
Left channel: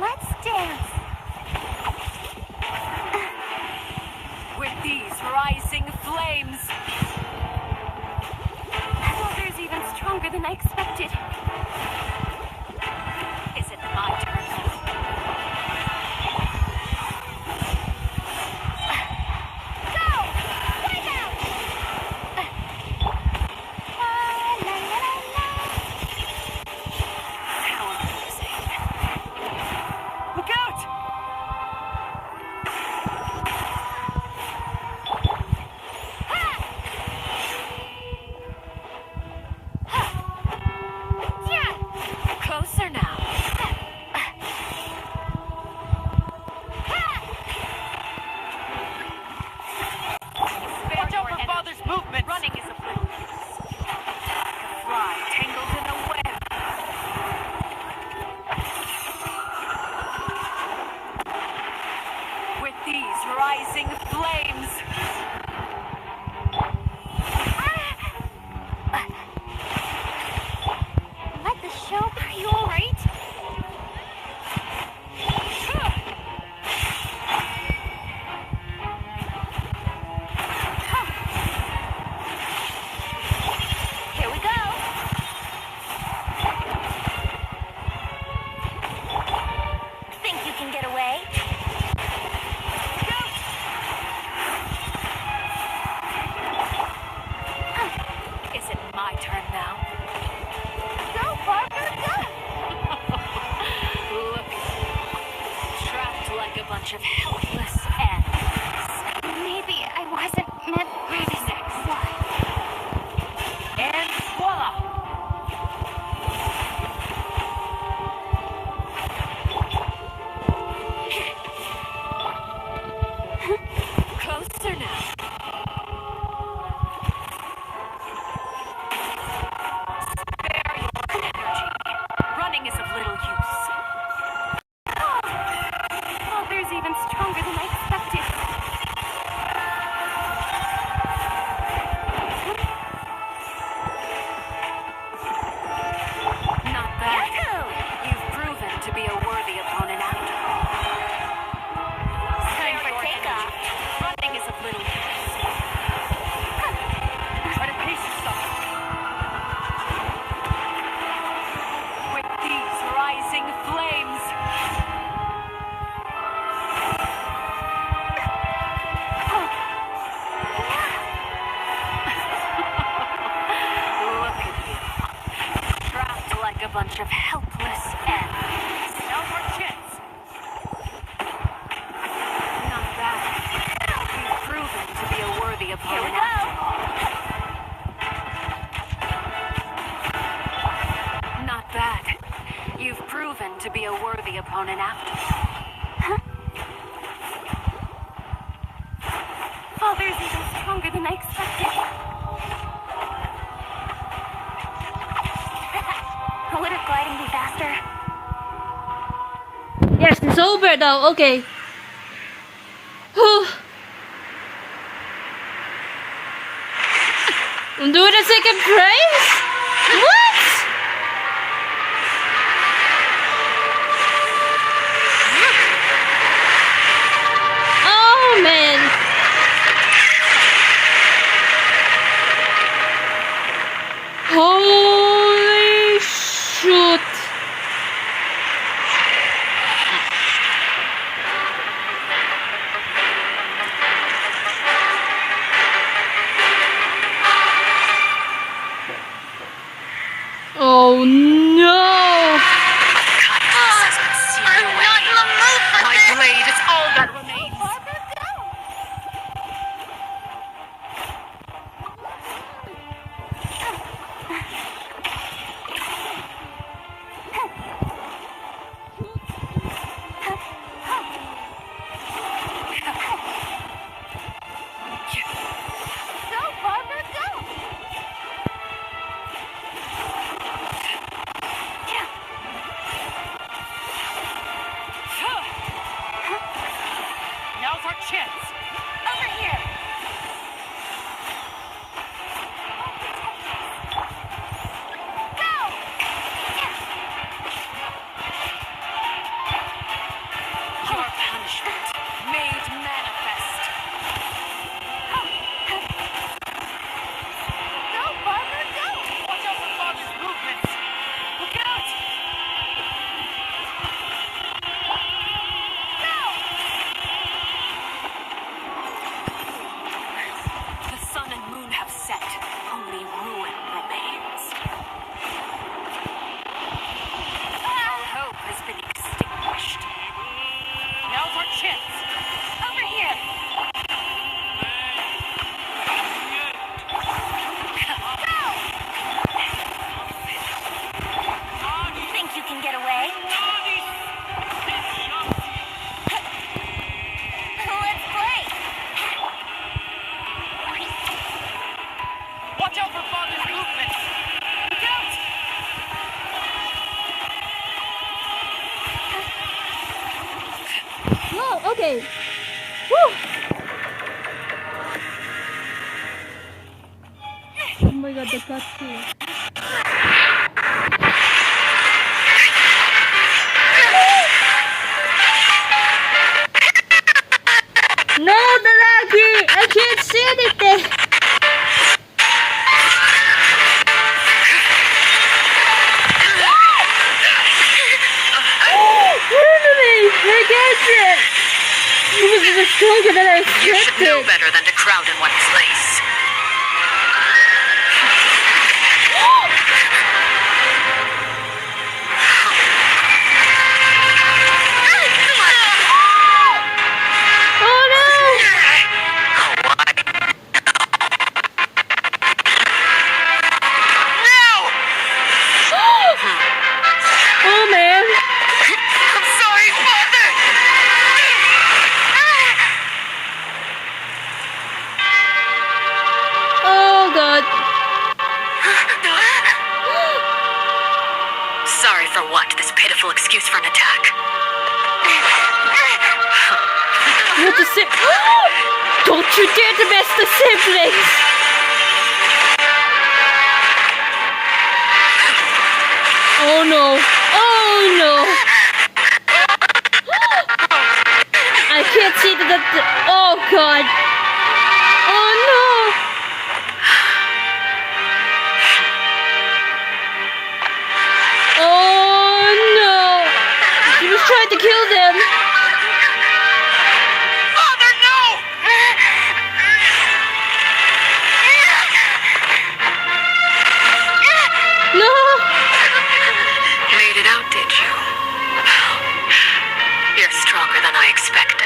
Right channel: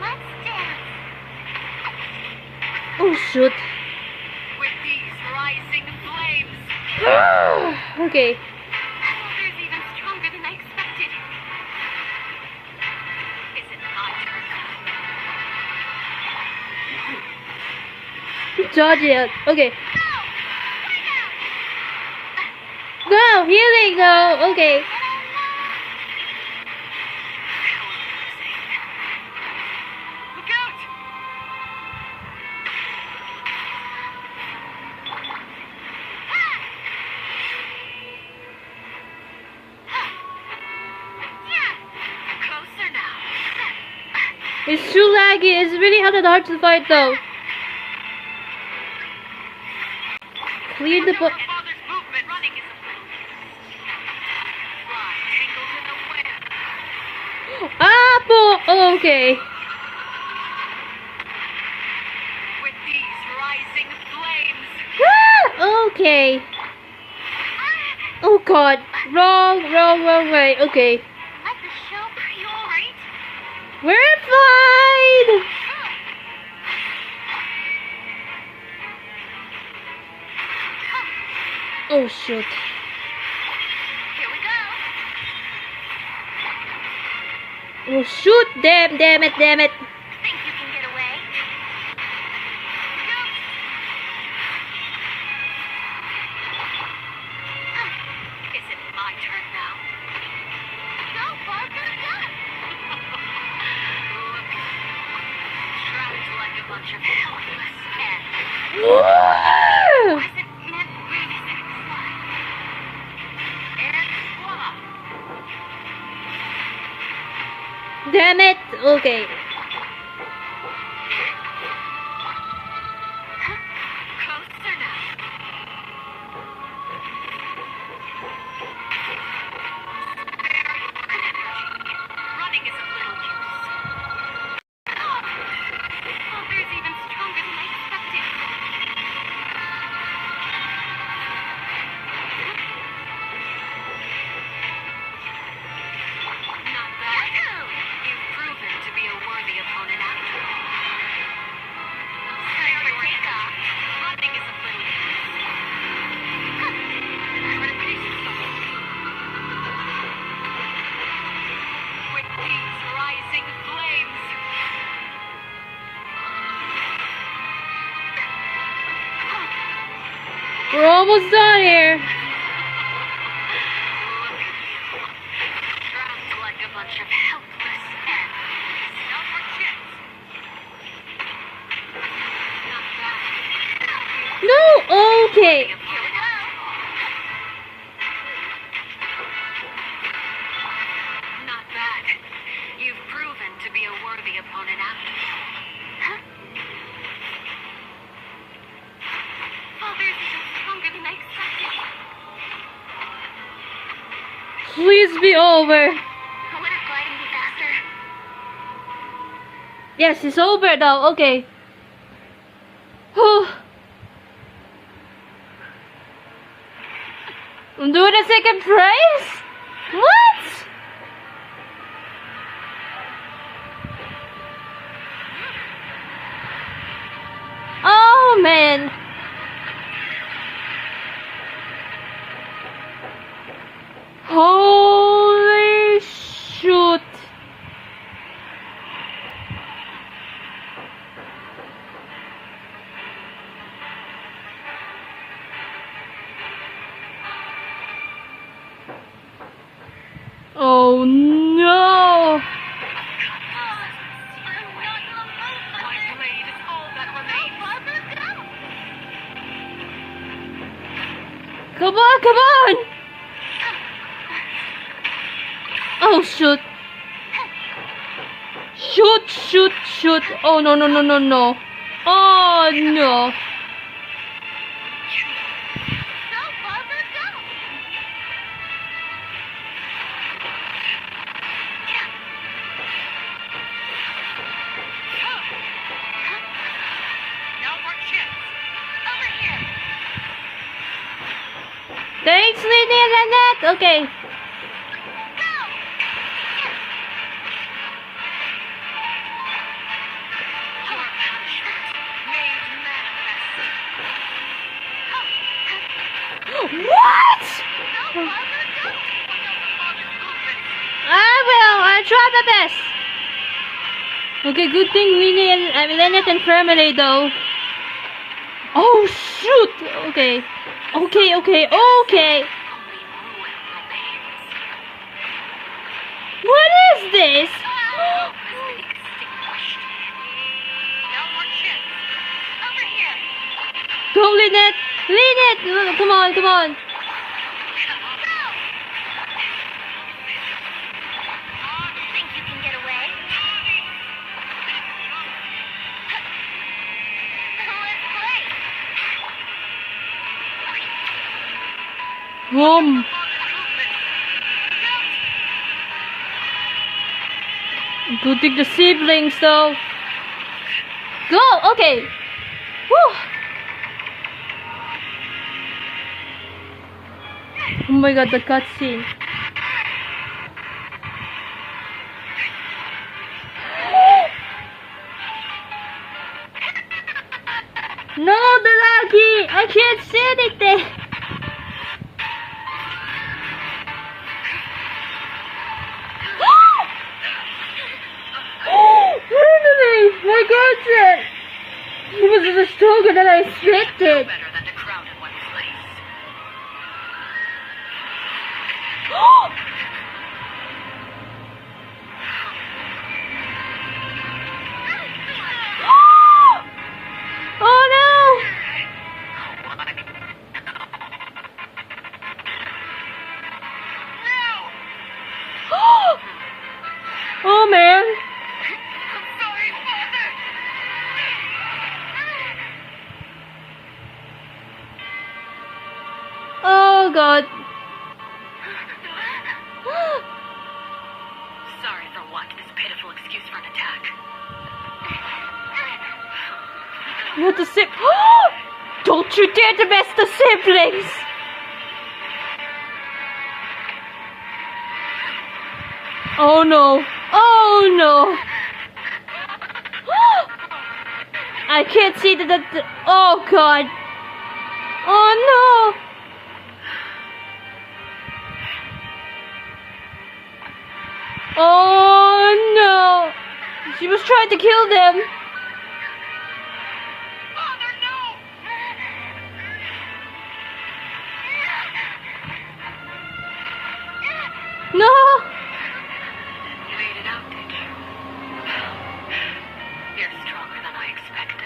Let's dance. Oh shoot. With these rising flames. Okay. Water's even stronger than I expected. Is it my turn now? Dodge it. Okay. Go! Go. Here they go. Okay. How amazing. Look out! Closer now. It's too laggy. It's really hard to fight though. Lead the Watch over Father's movement. Running is a fly tangled in a web. Apple. Okay. With these rising flames. Okay. Oh god. Wrong way. Okay. Like the show? Are you alright? We're fine. Oh shit. Here we go. Oh shoot. Damn it. Think you can get away? Is it my turn now? Go, Parker, go! Look at you. Trapped like a bunch of helpless ants. Wasn't meant for sex. And voila! Damn it. Okay. Closer now. Spare your energy. Running is of little use. Father's even stronger than I expected. Not bad. You've proven to be a worthy opponent after all. Spare your takeoff. energy. Running is of little use. Try to pace yourself. With these rising flames. We're almost done here. Look at you. Trapped like a bunch of helpless ants. Now your chance. Not bad. No. Okay. The opponent Not bad. You've proven to be a worthy opponent after all. Father's even stronger than I expected. Please be over. Yes, it's over now. Okay. Whew. I'm doing a second prize? What? Oh man. Holy shoot. Oh no! My blade is all that remains. Come on, come on! Oh shoot! Shoot, shoot, shoot! Oh no, no, no, no, no! Oh no! Now's our chance. Over here. Thanks, Lily and Annette! Okay. Your punishment made manifest. What? Go, Father, go! Watch out for Father's movements. I'll try my best. Okay, good thing Winnie and Lynette and Family though. Oh shoot! Okay. Okay, okay, okay. What is this? Hope has been extinguished. Now's our chance. Over here. Go, Lynette! Lynette! Come on, come on. Think you can get away? Let's play. Boom. Father's movements. Look out! Good thing the siblings though. Go! Okay. Whew. Oh my god, the cutscene. No, the laggy! I can't see anything! Really? I got it! It was stronger than I You should know expected! better than to crowd in one place. Oh no! Oh man! I'm sorry, Father! Oh god! Sorry for what? This pitiful excuse for an attack. You're the Don't you dare to mess the siblings! Oh no! Oh no! I can't see the oh god! Oh no! Oh no! She was trying to kill them! Father, no! No! Made it out, did you? You're stronger than I expected.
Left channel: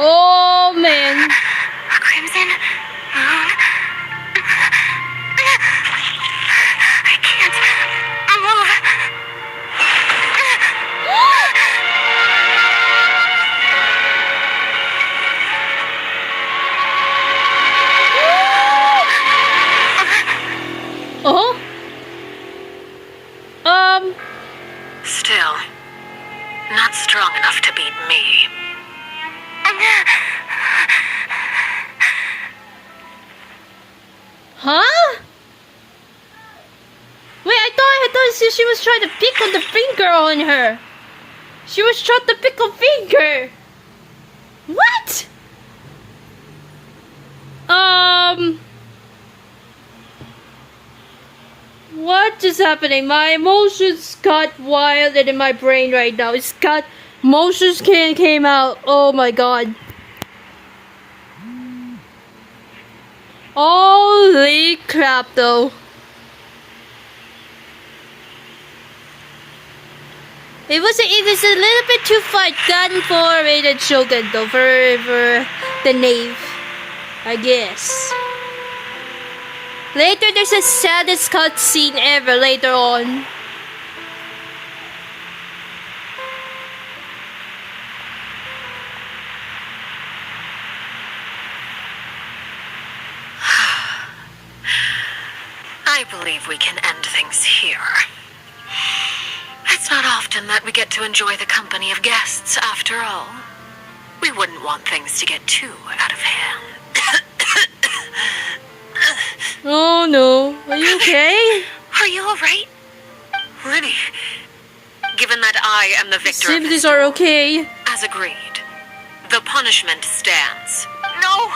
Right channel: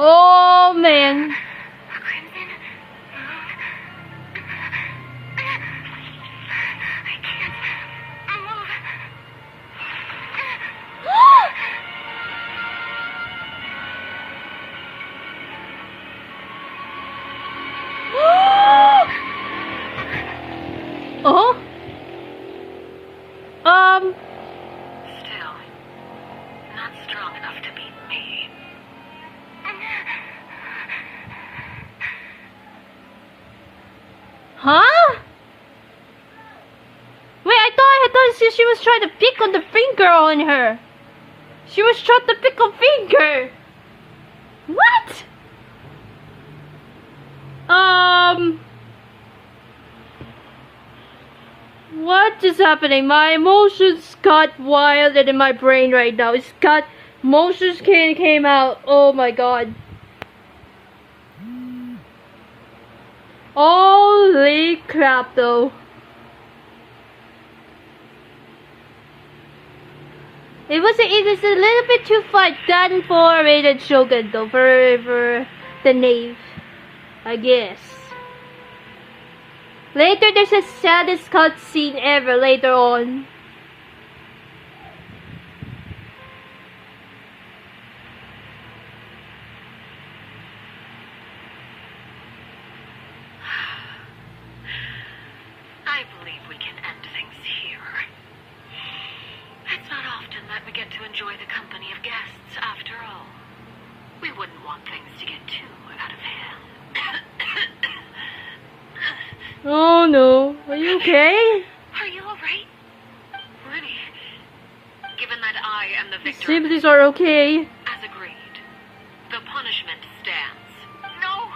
Oh man! Crimson Moon. Oh? Still, not strong enough to beat me. Huh? Wait, I thought she was trying to pick on the finger on her. She was trying to pick a finger. What? What is happening? My emotions got wild and in my brain right now. It's got emotions came out. Oh my god. Holy crap though. It was a little bit too far done for Rated Shogun though, for the Knave, I guess. Later there's a saddest cutscene ever later on. I believe we can end things here. It's not often that we get to enjoy the company of guests, after all. We wouldn't want things to get too out of hand. Oh no, are you okay? Are you alright? Liddy, given that I am the victor of Sympathies this, are okay. as agreed, the punishment stands. No!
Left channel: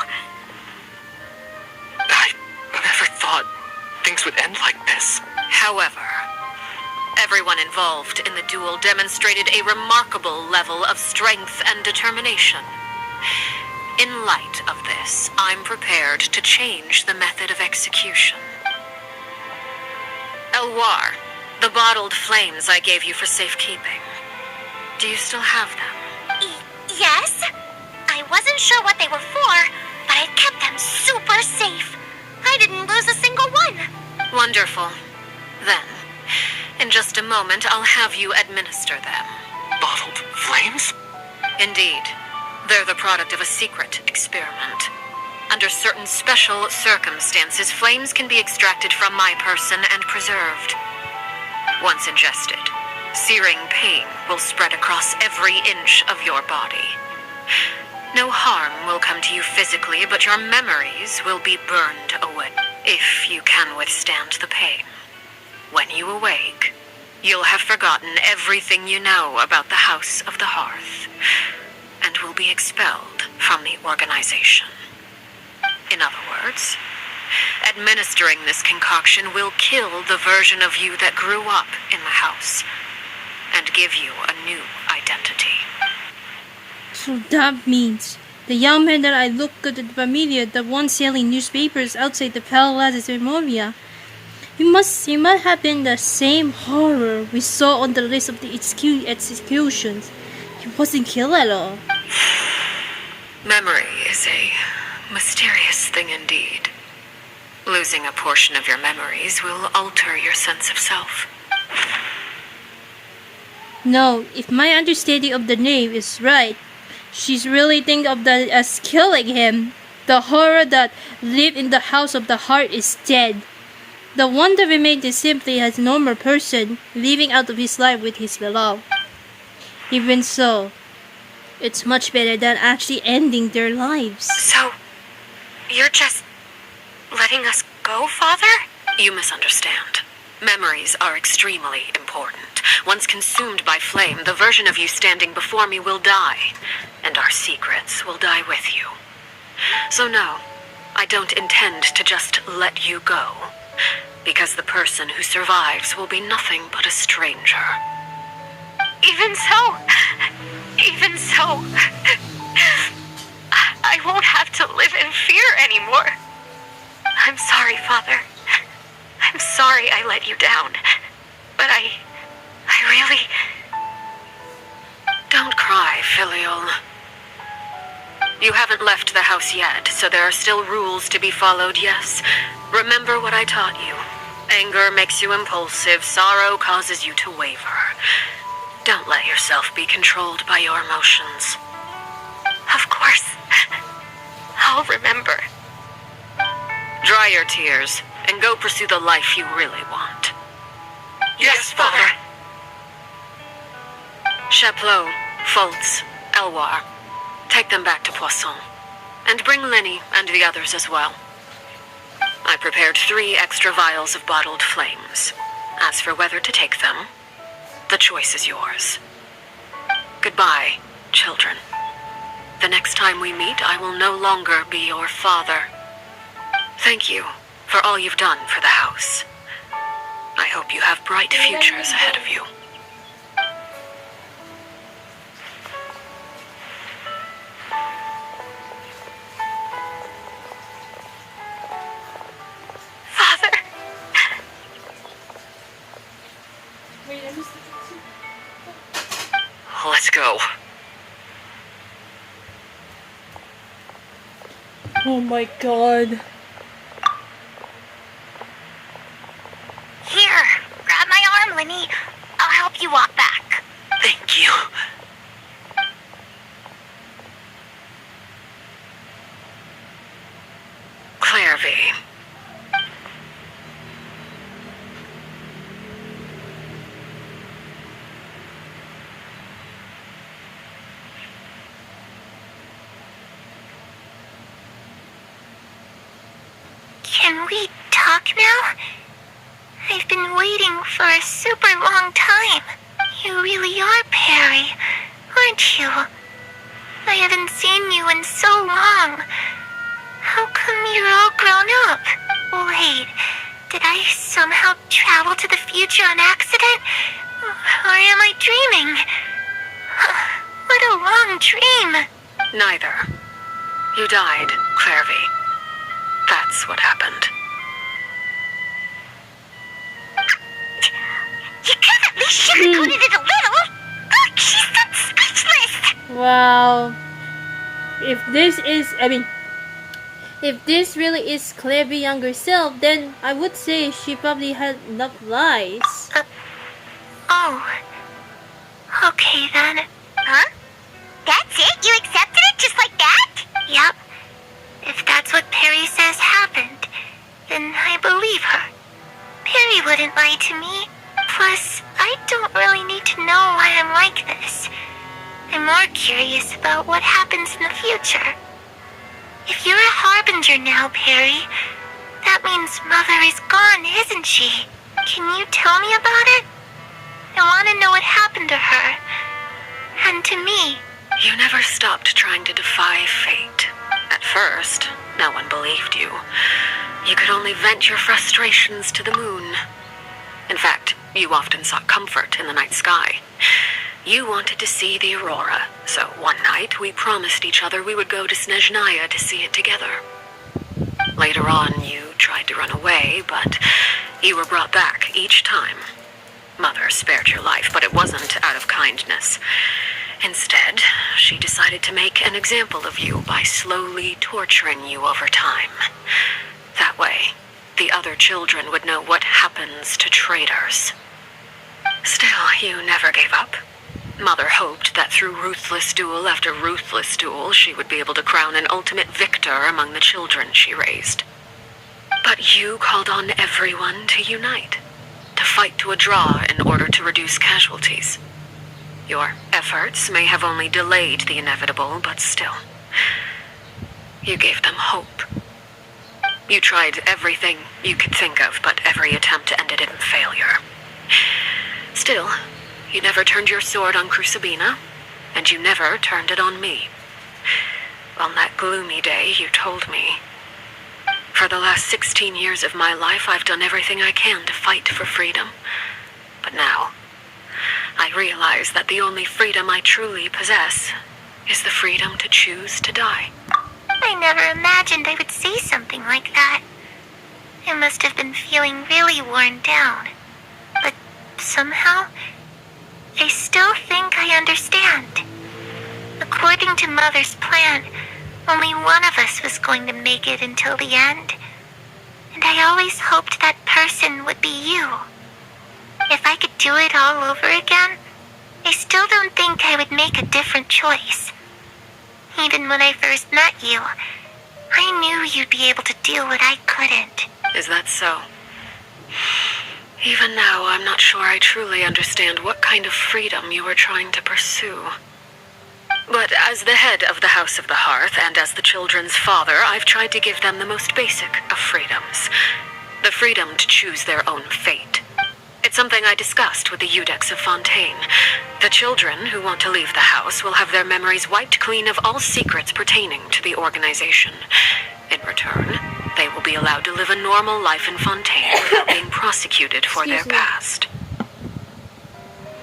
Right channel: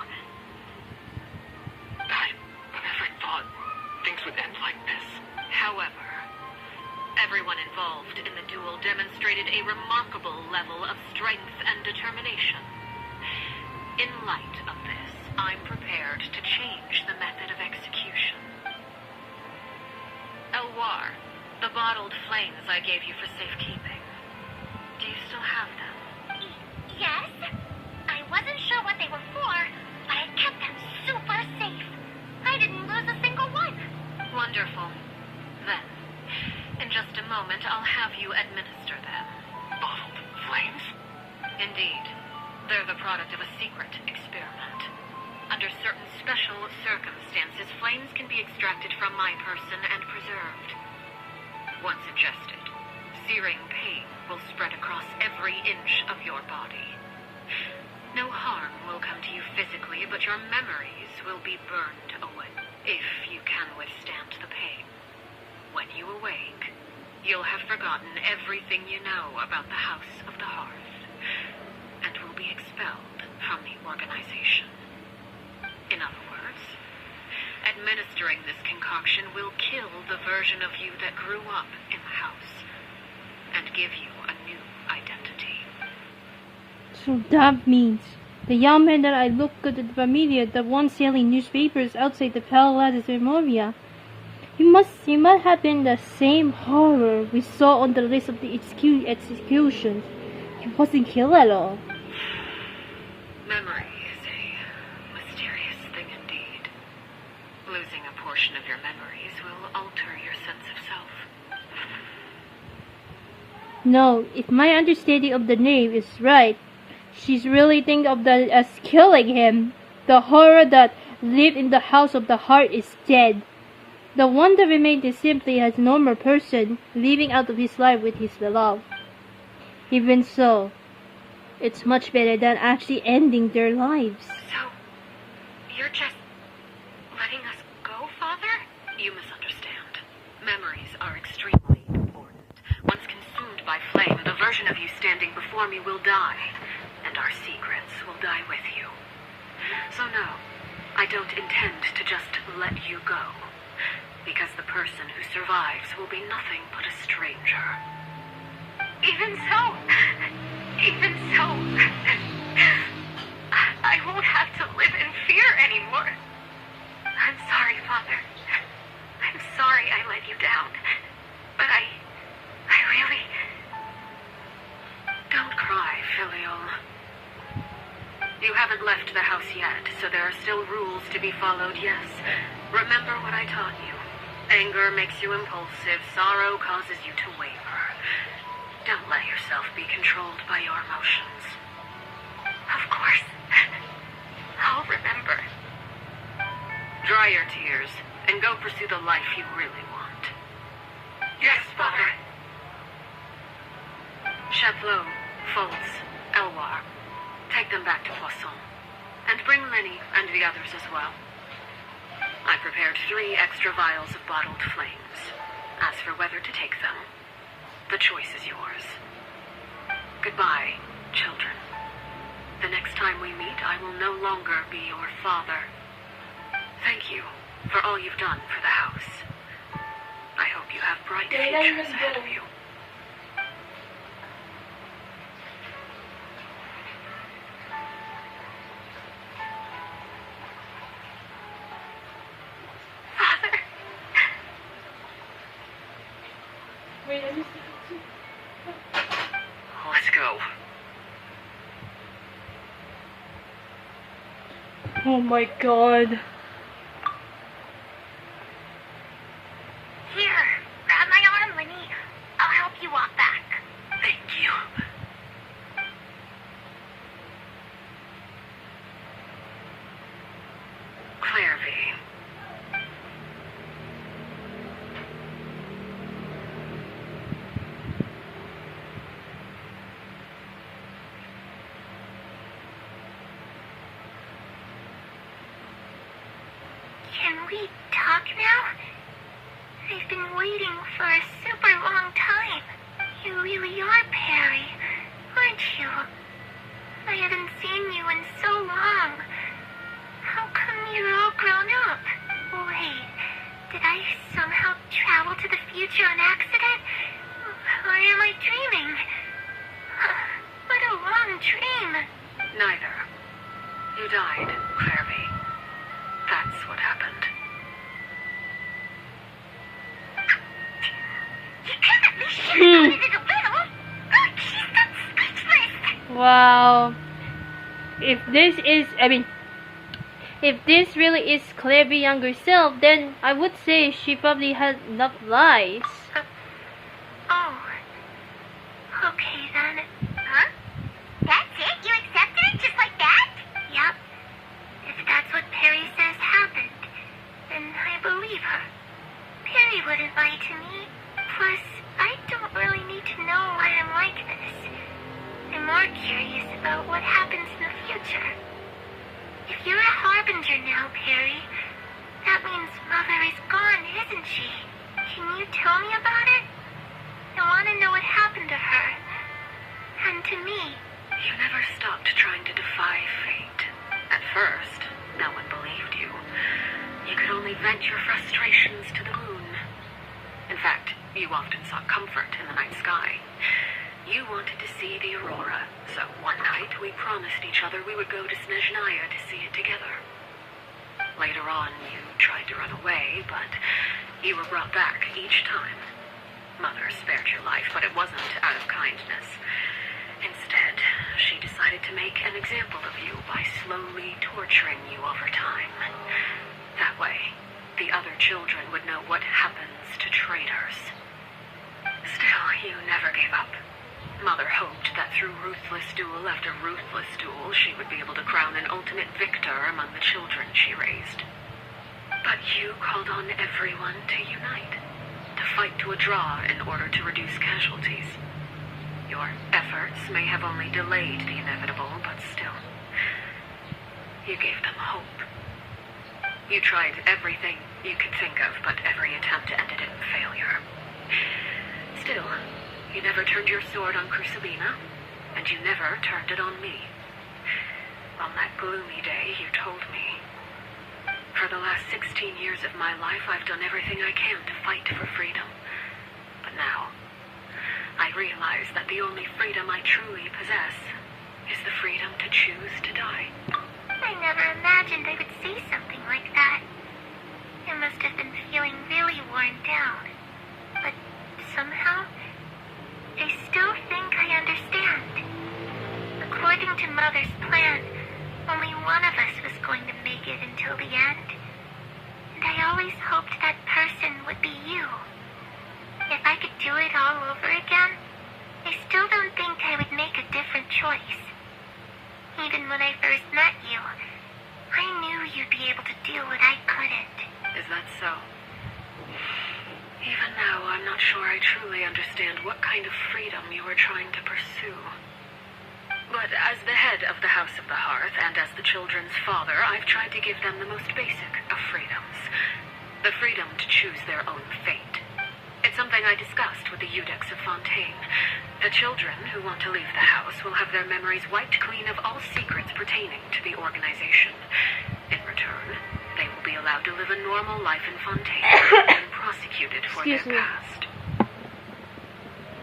I never thought things would end like this. However, everyone involved in the duel demonstrated a remarkable level of strength and determination. In light of this, I'm prepared to change the method of execution. Elwar, the bottled flames I gave you for safekeeping. Do you still have them? Yes? I wasn't sure what they were for, but I kept them super safe. I didn't lose a single one. Wonderful. Then, in just a moment, I'll have you administer them. Bottled flames? Indeed. They're the product of a secret experiment. Under certain special circumstances, flames can be extracted from my person and preserved. Once ingested, searing pain will spread across every inch of your body. No harm will come to you physically, but your memories will be burned away, if you can withstand the pain. When you awake, you'll have forgotten everything you know about the House of the Hearth, and will be expelled from the organization. In other words, administering this concoction will kill the version of you that grew up in the house, and give you a new identity. So that means the young man that I looked at the familia, the one selling newspapers outside the Palace of Moria, he must have been the same horror we saw on the list of the executions. He wasn't killed at all. Memory is a mysterious thing indeed. Losing a portion of your memories will alter your sense of self. No, if my understanding of the Knave is right, she's really thinking of that as killing him. The horror that lived in the House of the Heart is dead. The one that remained is simply as a normal person, living out of his life with his beloved. Even so, it's much better than actually ending their lives. So, you're just letting us go, Father? You misunderstand. Memories are extremely important. Once consumed by flame, the version of you standing before me will die, and our secrets will die with you. So no, I don't intend to just let you go, because the person who survives will be nothing but a stranger. Even so, I won't have to live in fear anymore. I'm sorry, Father. I'm sorry I let you down. But I really... Don't cry, Filial. You haven't left the house yet, so there are still rules to be followed, yes. Remember what I taught you. Anger makes you impulsive, sorrow causes you to waver. Don't let yourself be controlled by your emotions. Of course. I'll remember. Dry your tears. and go pursue the life you really want. Yes, Father. Chaplot, Fultz, Elwar, take them back to Poisson. And bring Lenny and the others as well. I prepared 3 extra vials of bottled flames. As for whether to take them, the choice is yours. Goodbye, children. The next time we meet, I will no longer be your father. Thank you for all you've done for the house. I hope you have bright futures ahead of you. Father. Wait, I just... Let's go. Oh my god. Here, grab my arm, Lenny. I'll help you walk back. Thank you. Claire V. Can we talk now? I've been waiting for a super long time. You really are Perry, aren't you? I haven't seen you in so long. How come you're all grown up? Wait, did I somehow travel to the future on accident? Or am I dreaming? What a long dream. Neither. You died, Claire V. That's what happened. You could at least sugarcoated it a little. She's not speechless. Wow. If this really is Claire's younger self, then I would say she probably had enough lies. Oh. Okay then. Huh? That's it? You accepted it just like that? Yep. If that's what Perry says happened, then I believe her. Perry wouldn't lie to me. Plus, I don't really need to know why I'm like this. I'm more curious about what happens in the future. If you're a harbinger now, Perry, that means Mother is gone, isn't she? Can you tell me about it? I want to know what happened to her. And to me. You never stopped trying to defy fate. At first, no one believed you. You could only vent your frustrations to the moon. In fact, you often sought comfort in the night sky. You wanted to see the aurora, so one night we promised each other we would go to Snezhnaya to see it together. Later on, you tried to run away, but you were brought back each time. Mother spared your life, but it wasn't out of kindness. Instead, she decided to make an example of you by slowly torturing you over time. That way, the other children would know what happens to traitors. Still, you never gave up. Mother hoped that through ruthless duel after ruthless duel, she would be able to crown an ultimate victor among the children she raised. But you called on everyone to unite, to fight to a draw in order to reduce casualties. Your efforts may have only delayed the inevitable, but still, you gave them hope. You tried everything you could think of, but every attempt ended in failure. Still, you never turned your sword on Crucibina, and you never turned it on me. On that gloomy day, you told me, "For the last 16 years of my life, I've done everything I can to fight for freedom. But now, I realize that the only freedom I truly possess is the freedom to choose to die." I never imagined I would say something like that. I must have been feeling really worn down. But somehow, I still think I understand. According to Mother's plan, only one of us was going to make it until the end. And I always hoped that person would be you. If I could do it all over again, I still don't think I would make a different choice. Even when I first met you, I knew you'd be able to do what I couldn't. Is that so? Even now, I'm not sure I truly understand what kind of freedom you are trying to pursue. But as the head of the House of the Hearth and as the children's father, I've tried to give them the most basic of freedoms. The freedom to choose their own fate. It's something I discussed with the Eudex of Fontaine. The children who want to leave the house will have their memories wiped clean of all secrets pertaining to the organization. In return, they will be allowed to live a normal life in Fontaine without being prosecuted for their past.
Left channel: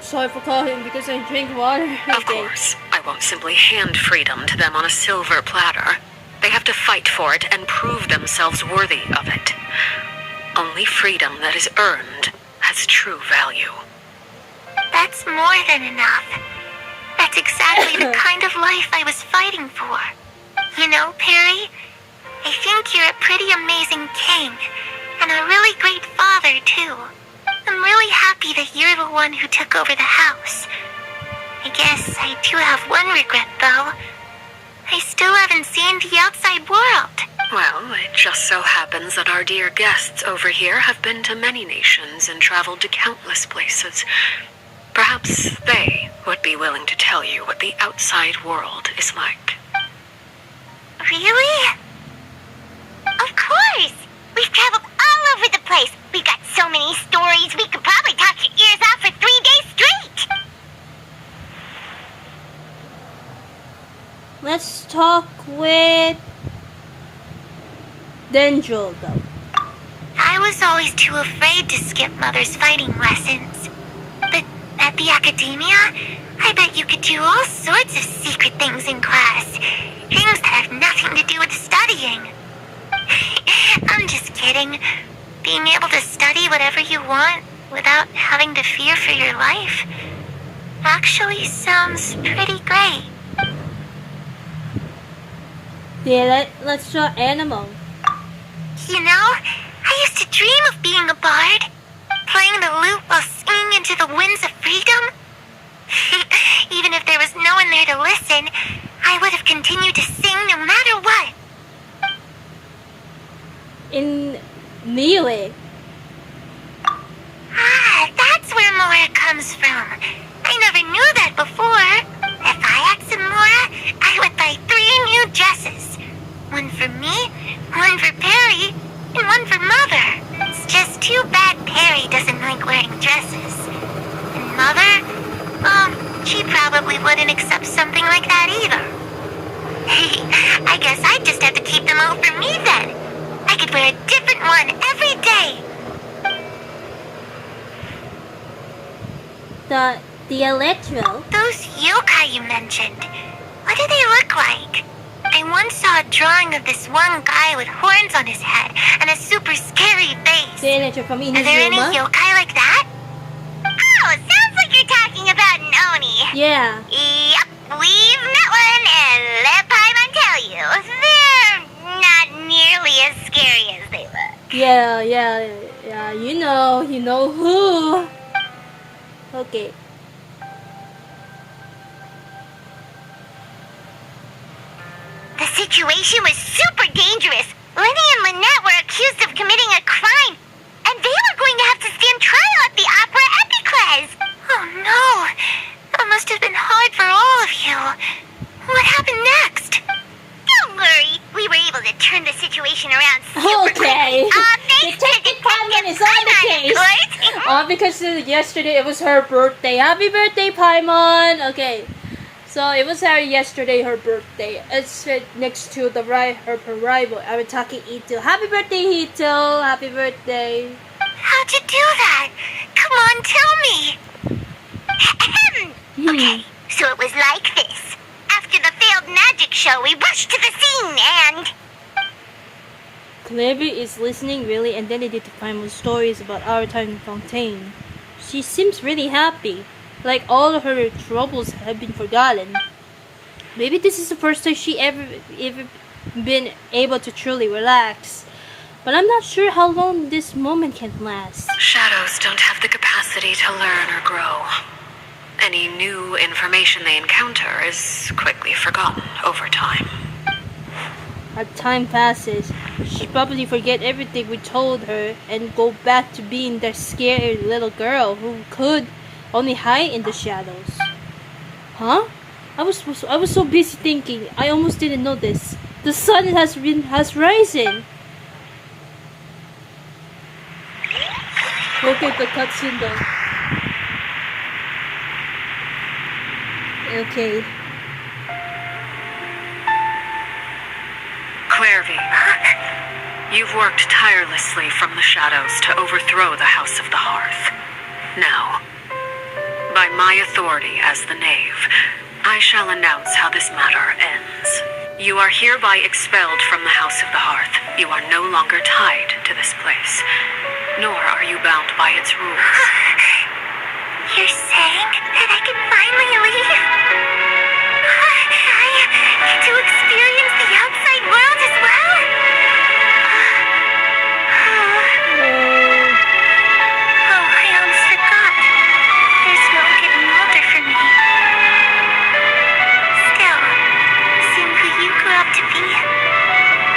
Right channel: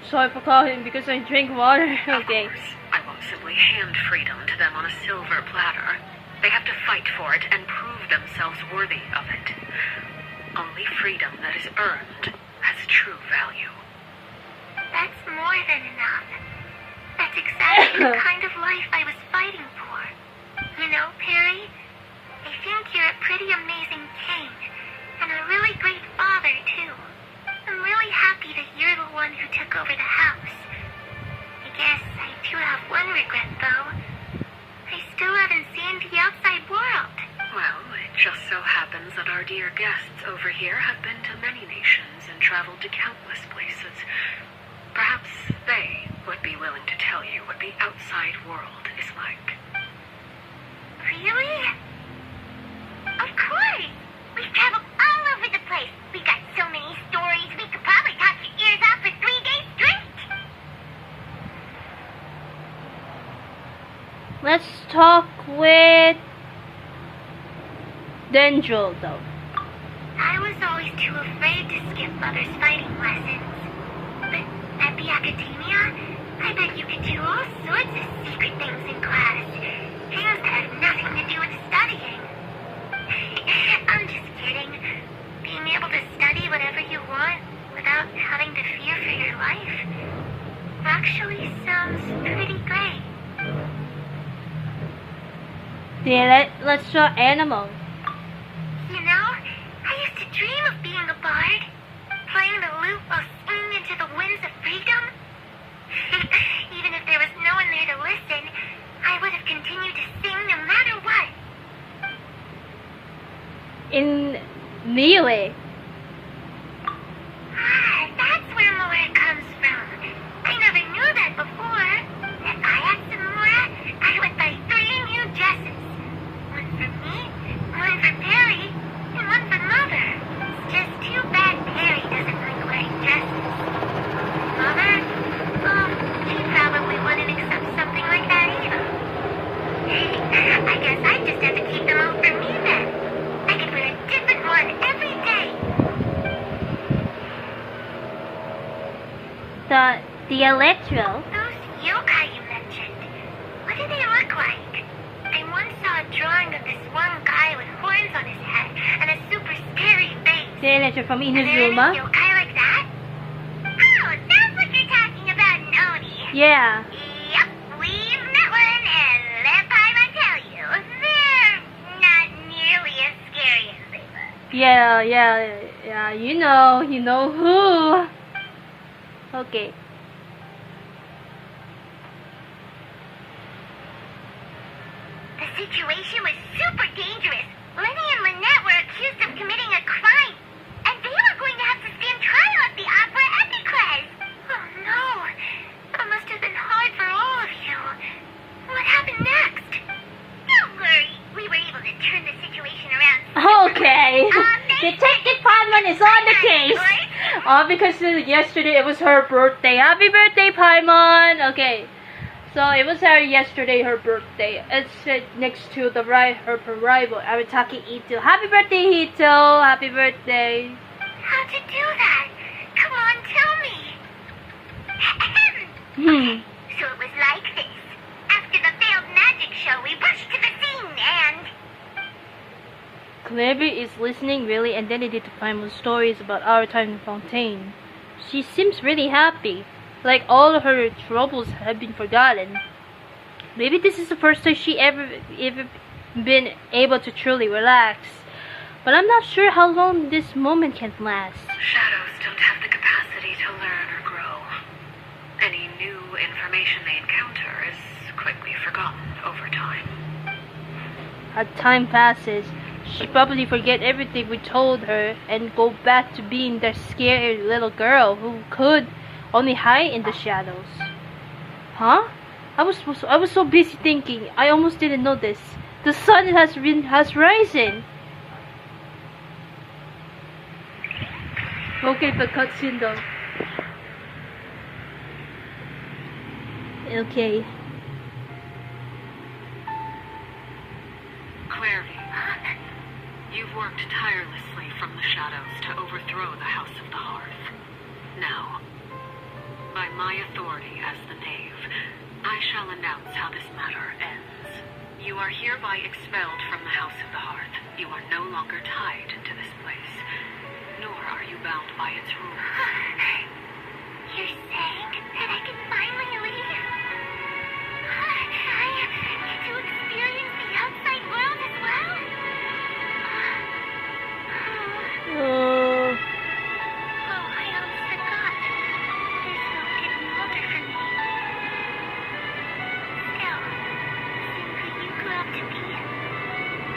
Sorry for calling because I drink water. Of course, I won't simply hand freedom to them on a silver platter. They have to fight for it and prove themselves worthy of it. Only freedom that is earned has true value. That's more than enough. That's exactly the kind of life I was fighting for. You know, Perry, I think you're a pretty amazing king, and a really great father, too. I'm really happy that you're the one who took over the house. I guess I do have one regret, though. I still haven't seen the outside world. Well, it just so happens that our dear guests over here have been to many nations and traveled to countless places. Perhaps they would be willing to tell you what the outside world is like. Really? Of course! We've traveled all over the place. We've got so many stories, we could probably talk your ears off for 3 days straight. Let's talk with Dendril, though. I was always too afraid to skip Mother's fighting lessons. But at the academia, I bet you could do all sorts of secret things in class. Things that have nothing to do with studying. I'm just kidding. Being able to study whatever you want without having to fear for your life actually sounds pretty great. Yeah, let's draw animal. You know, I used to dream of being a bard, playing the lute while singing into the winds of freedom. Even if there was no one there to listen, I would have continued to sing no matter what. In Knave. Ah, that's where Mora comes from. I never knew that before. If I had some Mora, I would buy 3 new dresses. One for me, one for Perry, and one for Mother. It's just too bad Perry doesn't like wearing dresses. And Mother, she probably wouldn't accept something like that either. I guess I'd just have to keep them all for me then. I could wear a different one every day. The Electro. Those yokai you mentioned, what do they look like? I once saw a drawing of this one guy with horns on his head and a super scary face. The Electro from Are there any Inazuma. yokai like that? Oh, sounds like you're talking about an Oni. Yeah. Yep, we've met one, and let Paimon tell you, they're not nearly as scary as they look. Yeah, you know who. Okay. The situation was super dangerous. Lenny and Lynette were accused of committing a crime, and they were going to have to stand trial at the Opera Epicles. Oh no, that must have been hard for all of you. What happened next? Don't worry, we were able to turn the situation around super Okay. quick. Detective Paimon is on the case. Because yesterday it was her birthday. Happy birthday, Paimon. Okay. So it was yesterday her birthday. It's next to the her rival, Arataki Ito. Happy birthday, Ito. Happy birthday. How'd you do that? Come on, tell me. Okay, so it was like this. After the failed magic show, we rushed to the scene and... Knave is listening really attentively to Paimon's stories about our time in Fontaine. She seems really happy, like all her troubles have been forgotten. Maybe this is the first time she ever been able to truly relax. But I'm not sure how long this moment can last. Shadows don't have the capacity to learn or grow. Any new information they encounter is quickly forgotten over time. as time passes, she'll probably forget everything we told her and go back to being the scared little girl who could only hide in the shadows. Huh? I was so busy thinking, I almost didn't notice. The sun has risen. Okay, the cutscene though. Okay. Clairvy, you've worked tirelessly from the shadows to overthrow the House of the Hearth. Now, by my authority as the Knave, I shall announce how this matter ends. You are hereby expelled from the House of the Hearth. You are no longer tied to this place, nor are you bound by its rules. You're saying that I can finally leave? I get to experience the outside world as well? Oh, I almost forgot. There's no getting older for me. Still, seeing who you grew up to be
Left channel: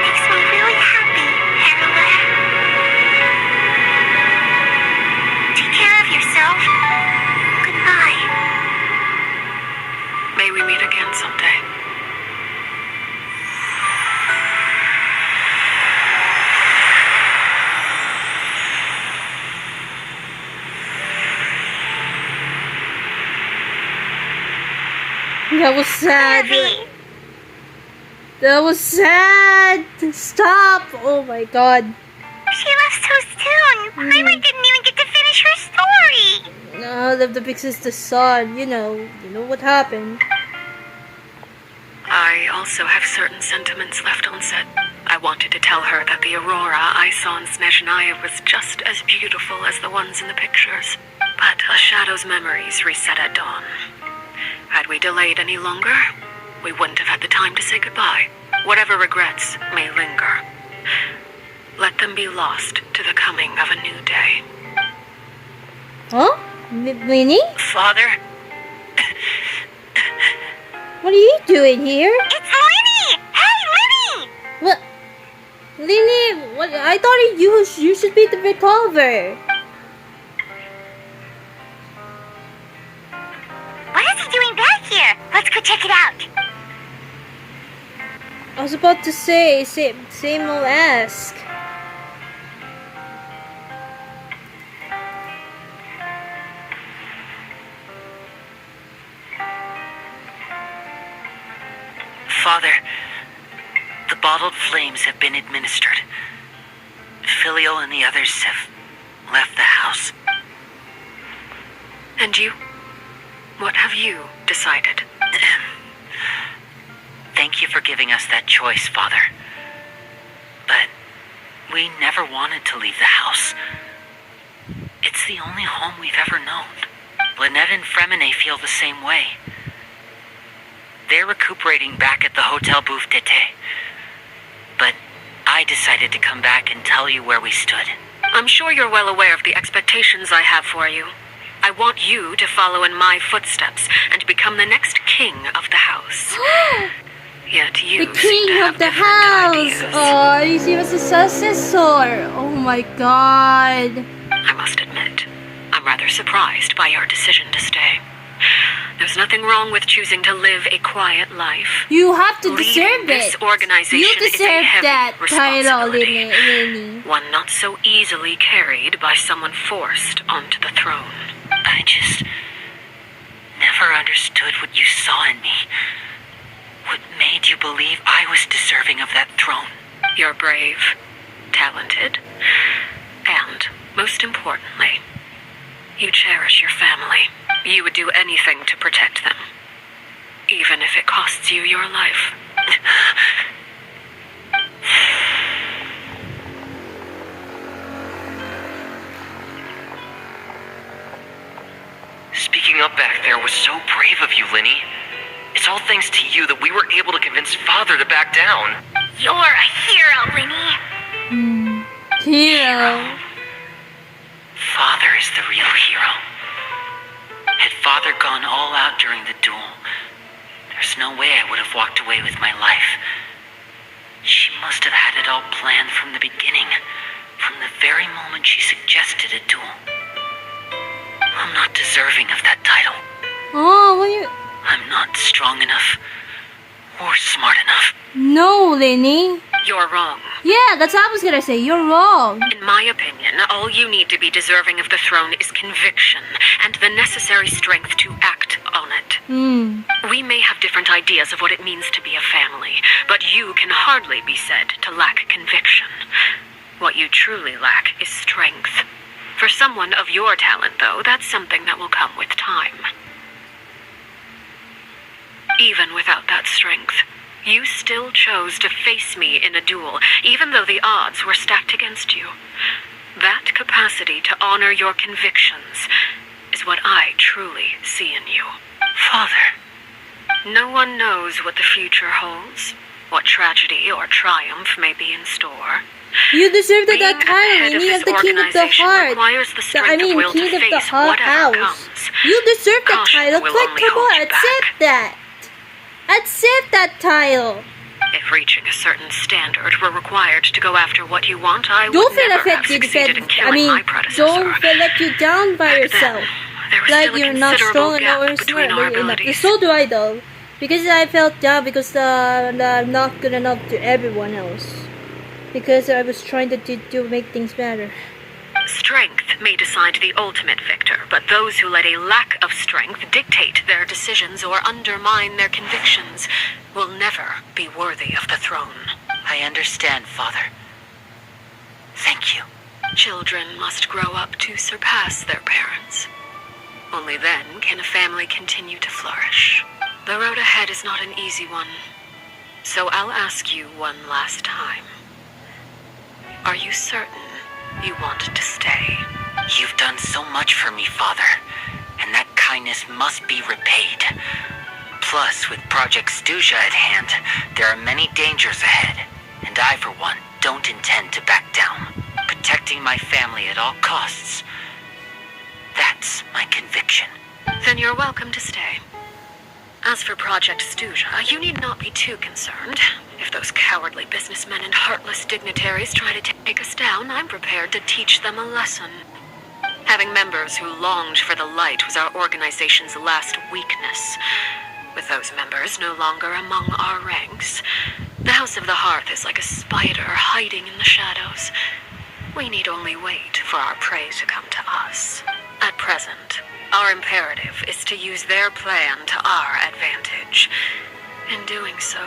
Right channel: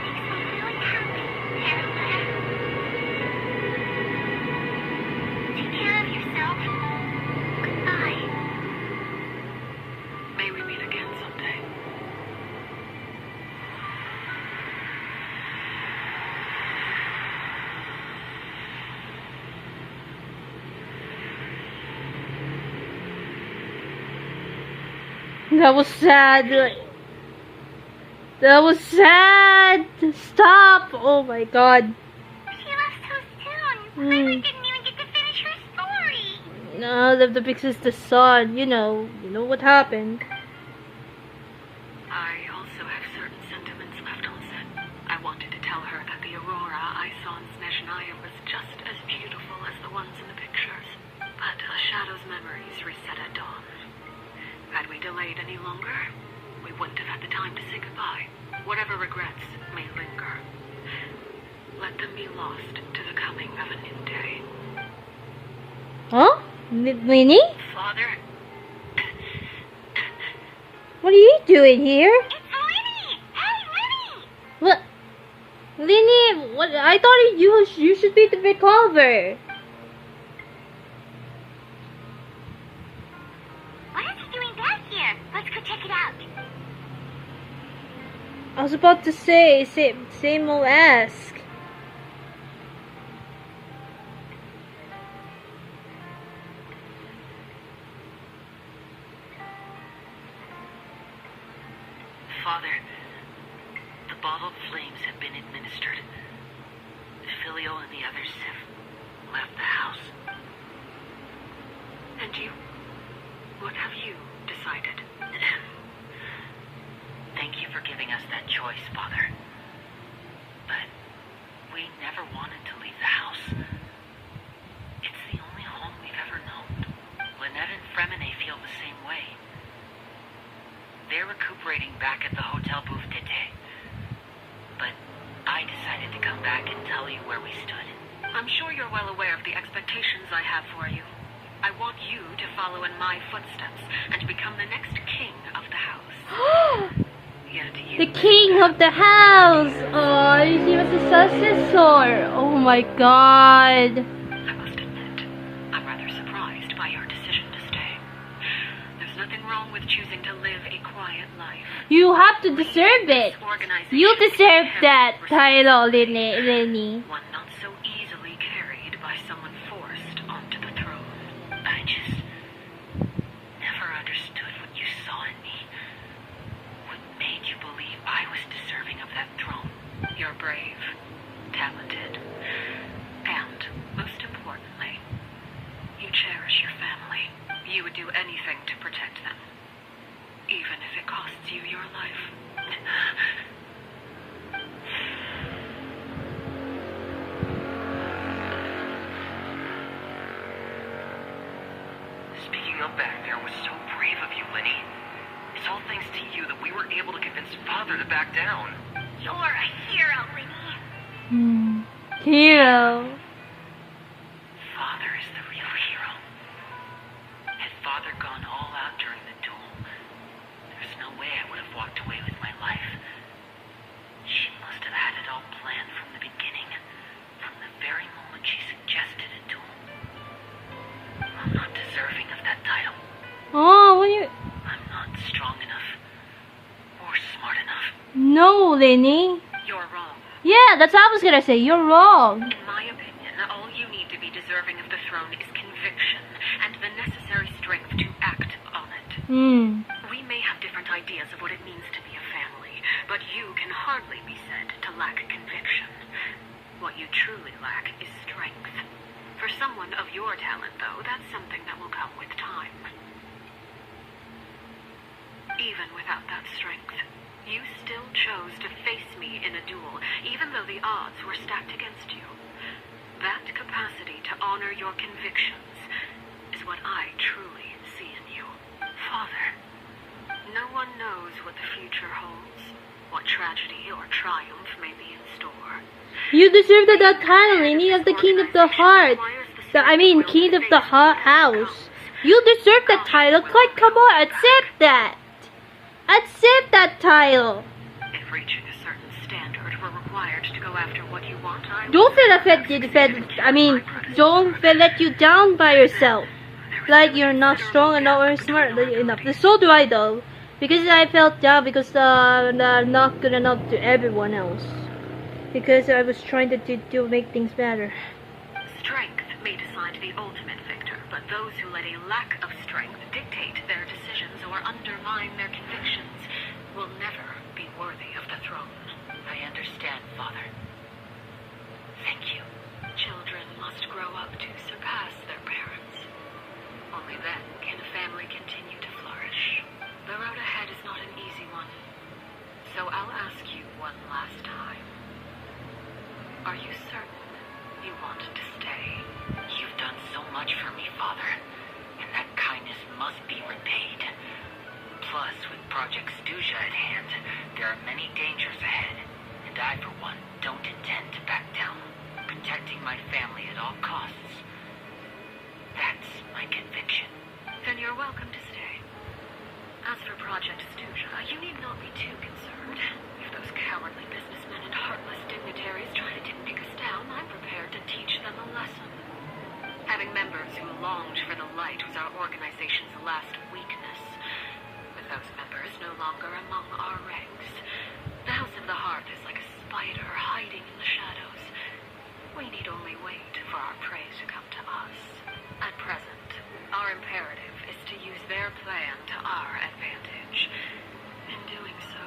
makes me really happy, Harola. Take care of yourself. Goodbye. May we meet again someday. That was sad. That was sad. Stop. Oh my god. She left so soon. Lily didn't even get to finish her story. No, the fixes the sun. You know what happened. I also have certain sentiments left unsaid. I wanted to tell her that the aurora I saw in Snezhnaya was just as beautiful as the ones in the pictures. But a shadow's memories reset at dawn. Had we delayed any longer, we wouldn't have had the time to say goodbye. Whatever regrets may linger, let them be lost to the coming of a new day. Huh? Winnie? Father? What are you doing here? It's Linny! Hey, Linny! What? Lily, what? I thought you should be the revolver. What is he doing back here? Let's go check it out. I was about to say, same old ask. Father, the bottled flames have been administered. Filio and the others have left the house. And you? What have you decided? Thank you for giving us that choice, Father. But we never wanted to leave the house. It's the only home we've ever known. Lynette and Fremine feel the same way. They're recuperating back at the Hotel Bouffetete. But I decided to come back and tell you where we stood. I'm sure you're well aware of the expectations I have for you. I want you to follow in my footsteps and become the next king of the house. Yet you The king of the house! Oh, you see, was a successor. Oh my god. I must admit, I'm rather surprised by your decision to stay. There's nothing wrong with choosing to live a quiet life. You have to Leading deserve this it. organization You is a deserve heavy that title, responsibility. Lenny. One not so easily carried by someone forced onto the throne. I just never understood what you saw in me. What made you believe I was deserving of that throne? You're brave, talented, and, most importantly, you cherish your family. You would do anything to protect them, even if it costs you your life. Speaking up back there was so brave of you, Linny. It's all thanks to you that we were able to convince Father to back down. You're a hero, Linny. Hero. Father is the real hero. Had Father gone all out during the duel, there's no way I would have walked away with my life. She must have had it all planned from the beginning. From the very moment she suggested a duel. I'm not deserving of that title. Oh, what you... I'm not strong enough or smart enough. No, Lenny. You're wrong. Yeah, that's what I was gonna say. You're wrong. In my opinion, all you need to be deserving of the throne is conviction and the necessary strength to act on it. We may have different ideas of what it means to be a family, but you can hardly be said to lack conviction. What you truly lack is strength. For someone of your talent, though, that's something that will come with time. Even without that strength, you still chose to face me in a duel, even though the odds were stacked against you. That capacity to honor your convictions is what I truly see in you. Father. No one knows what the future holds, what tragedy or triumph may be in store. You deserve that Being title, head Lenny, of as the this king of the organization heart. requires the strength of will to King of the face whatever house. comes. You deserve that Caution title. will Like, only come hold on, you accept back. that. Accept that title. If reaching a certain standard were required to go after what you want, I would Don't feel never have affected. succeeded in killing my predecessor. Don't feel let you down by yourself. There was Like still a you're not considerable strong enough or gap between smart our enough. abilities. So do I though. Because I felt down because I'm not good enough to everyone else. Because I was trying to make things better. Strength may decide the ultimate victor, but those who let a lack of strength dictate their decisions or undermine their convictions will never be worthy of the throne. I understand, Father. Thank you. Children must grow up to surpass their parents. Only then can a family continue to flourish. The road ahead is not an easy one, so I'll ask you one last time. Are you certain you want to stay? You've done so much for me, Father, and that kindness must be repaid. Plus, with Project Stuja at hand, there are many dangers ahead, and I, for one, don't intend to back down. Protecting my family at all costs. That's my conviction. Then you're welcome to stay. As for Project Stuja, you need not be too concerned. If those cowardly businessmen and heartless dignitaries try to take us down, I'm prepared to teach them a lesson. Having members who longed for the light was our organization's last weakness. With those members no longer among our ranks, the House of the Hearth is like a spider hiding in the shadows. We need only wait for our prey to come to us. At present, our imperative is to use their plan to our advantage. In doing so,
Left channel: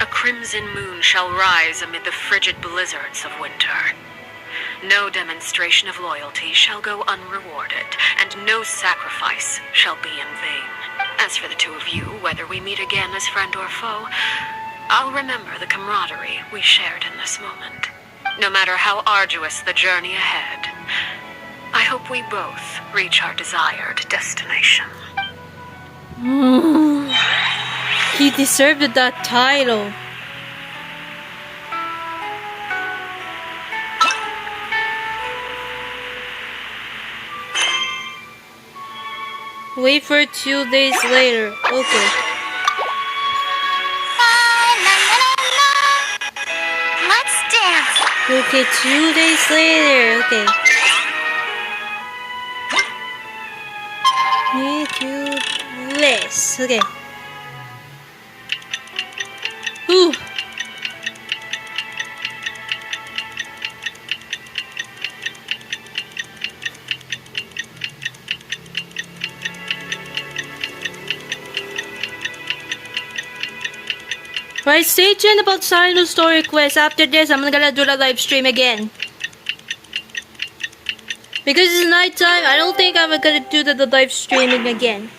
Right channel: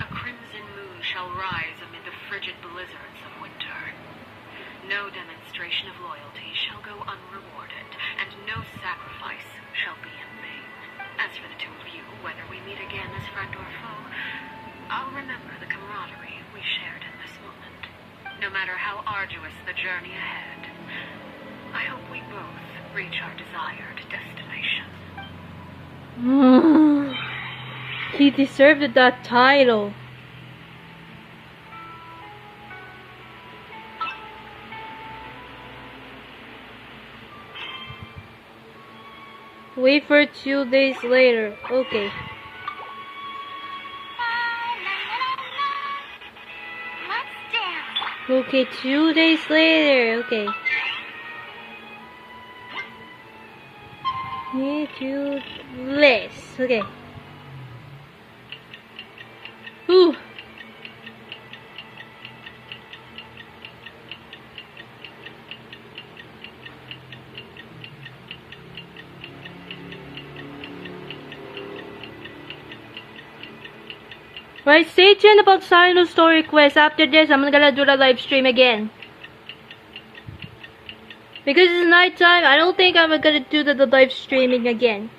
a crimson moon shall rise amid the frigid blizzards of winter. No demonstration of loyalty shall go unrewarded, and no sacrifice shall be in vain. As for the two of you, whether we meet again as friend or foe, I'll remember the camaraderie we shared in this moment. No matter how arduous the journey ahead, I hope we both reach our desired destination. He deserved that title. Wait for 2 days later. Okay. Let's dance. Okay, 2 days later. Okay. Need to this. Okay. Ooh. Right, stay tuned about Cyno story quest. After this, I'm gonna do the live stream again. Because it's nighttime, I don't think I'm gonna do the live streaming again.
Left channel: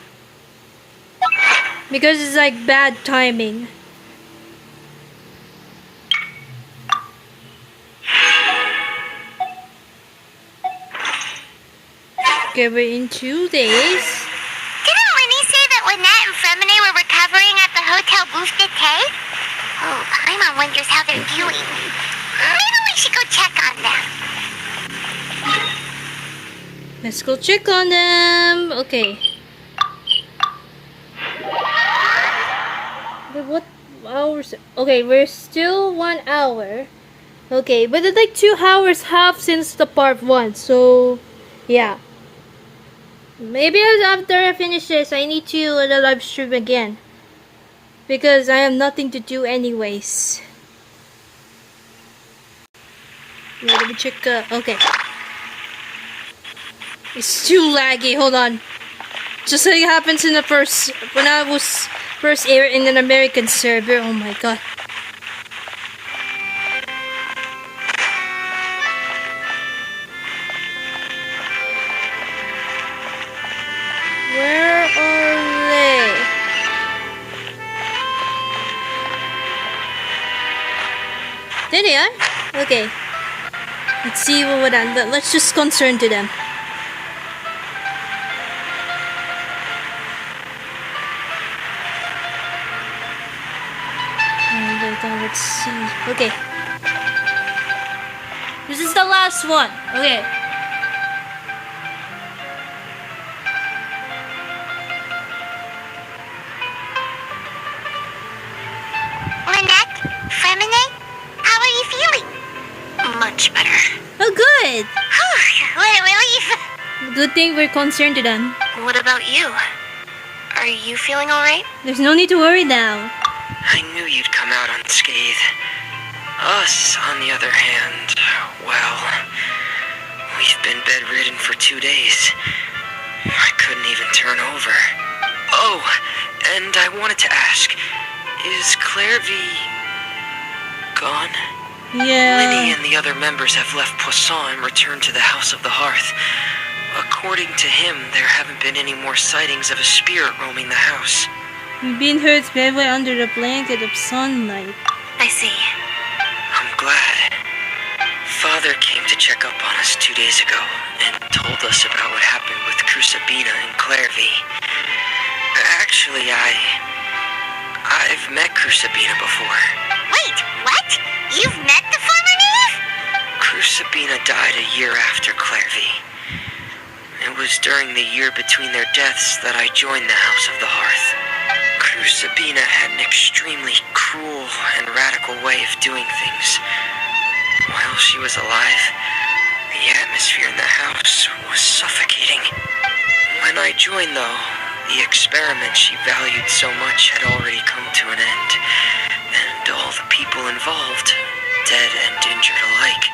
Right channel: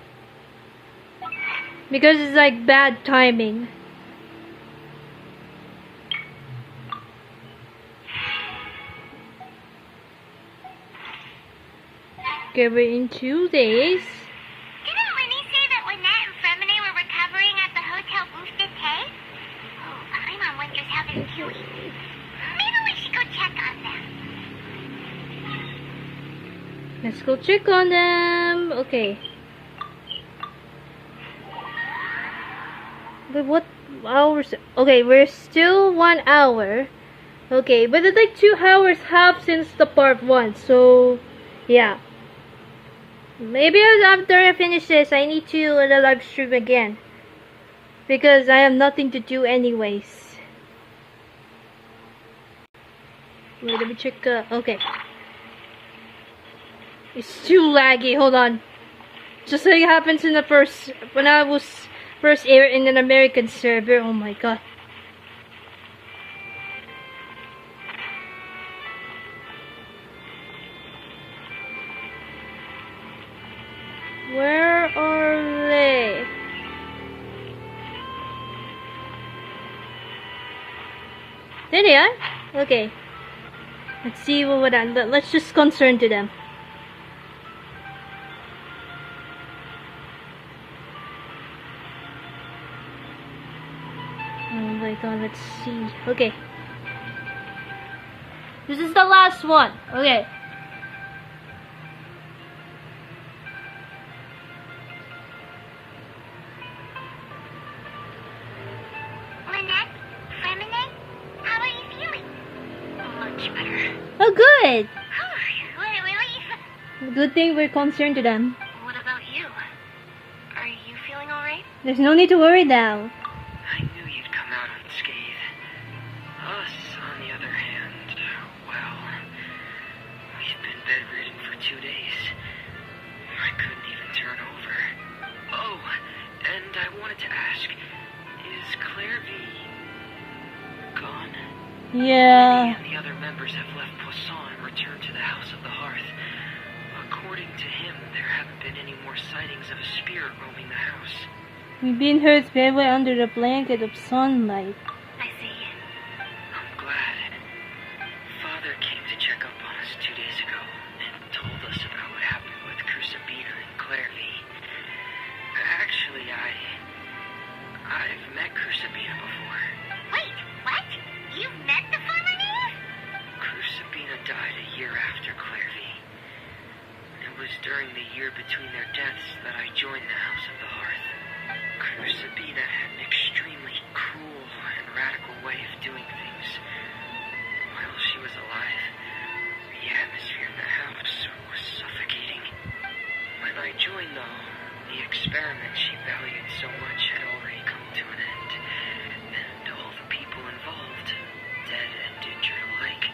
Because it's like bad timing. Okay, we're in 2 days. Didn't Winnie say that Lynette and Fremine were recovering at the hotel booth today? Oh, Paimon wonders how they're doing. Maybe we should go check on them. Let's go check on them. Okay. But hours. Okay, we're still 1 hour. Okay, but it's like 2 hours half since the part 1. So, yeah. Maybe after I finish this, I need to live stream again. Because I have nothing to do anyways. Wait, let me check. Okay. It's too laggy. Hold on. Just like it happens in the when I was first aired in an American server. Oh my god. Where are they? There they are. Okay. Let's see let's just concern to them. Let's see. Okay. This is the last one. Okay. Lynette? Feminine? How are you feeling? Much better. Oh, good. What a relief. Good thing we're concerned to them. What about you? Are you feeling alright? There's no need to worry now. I knew you'd come out unscathed. Us, on the other hand, well, we've been bedridden for 2 days. I couldn't even turn over. Oh, and I wanted to ask, is Claire V gone? Yeah. Winnie and the other members have left Poisson and returned to the House of the Hearth. According to him, there haven't been any more sightings of a spirit roaming the house. We've been hurt bedway under the blanket of sunlight. I see. I'm glad. Father came to check up on us 2 days ago and told us about what happened with Crucibina and Claire V. Actually, I've met Crucibina before. Wait, what? You've met the former Knave? Crucibina died a year after Claire V. It was during the year between their deaths that I joined the House of the Hearth. Crucibina had an extremely cruel and radical way of doing things. While she was alive, the atmosphere in the house was suffocating. When I joined, though, the experiment she valued so much had already come to an end, and all the people involved, dead and injured alike,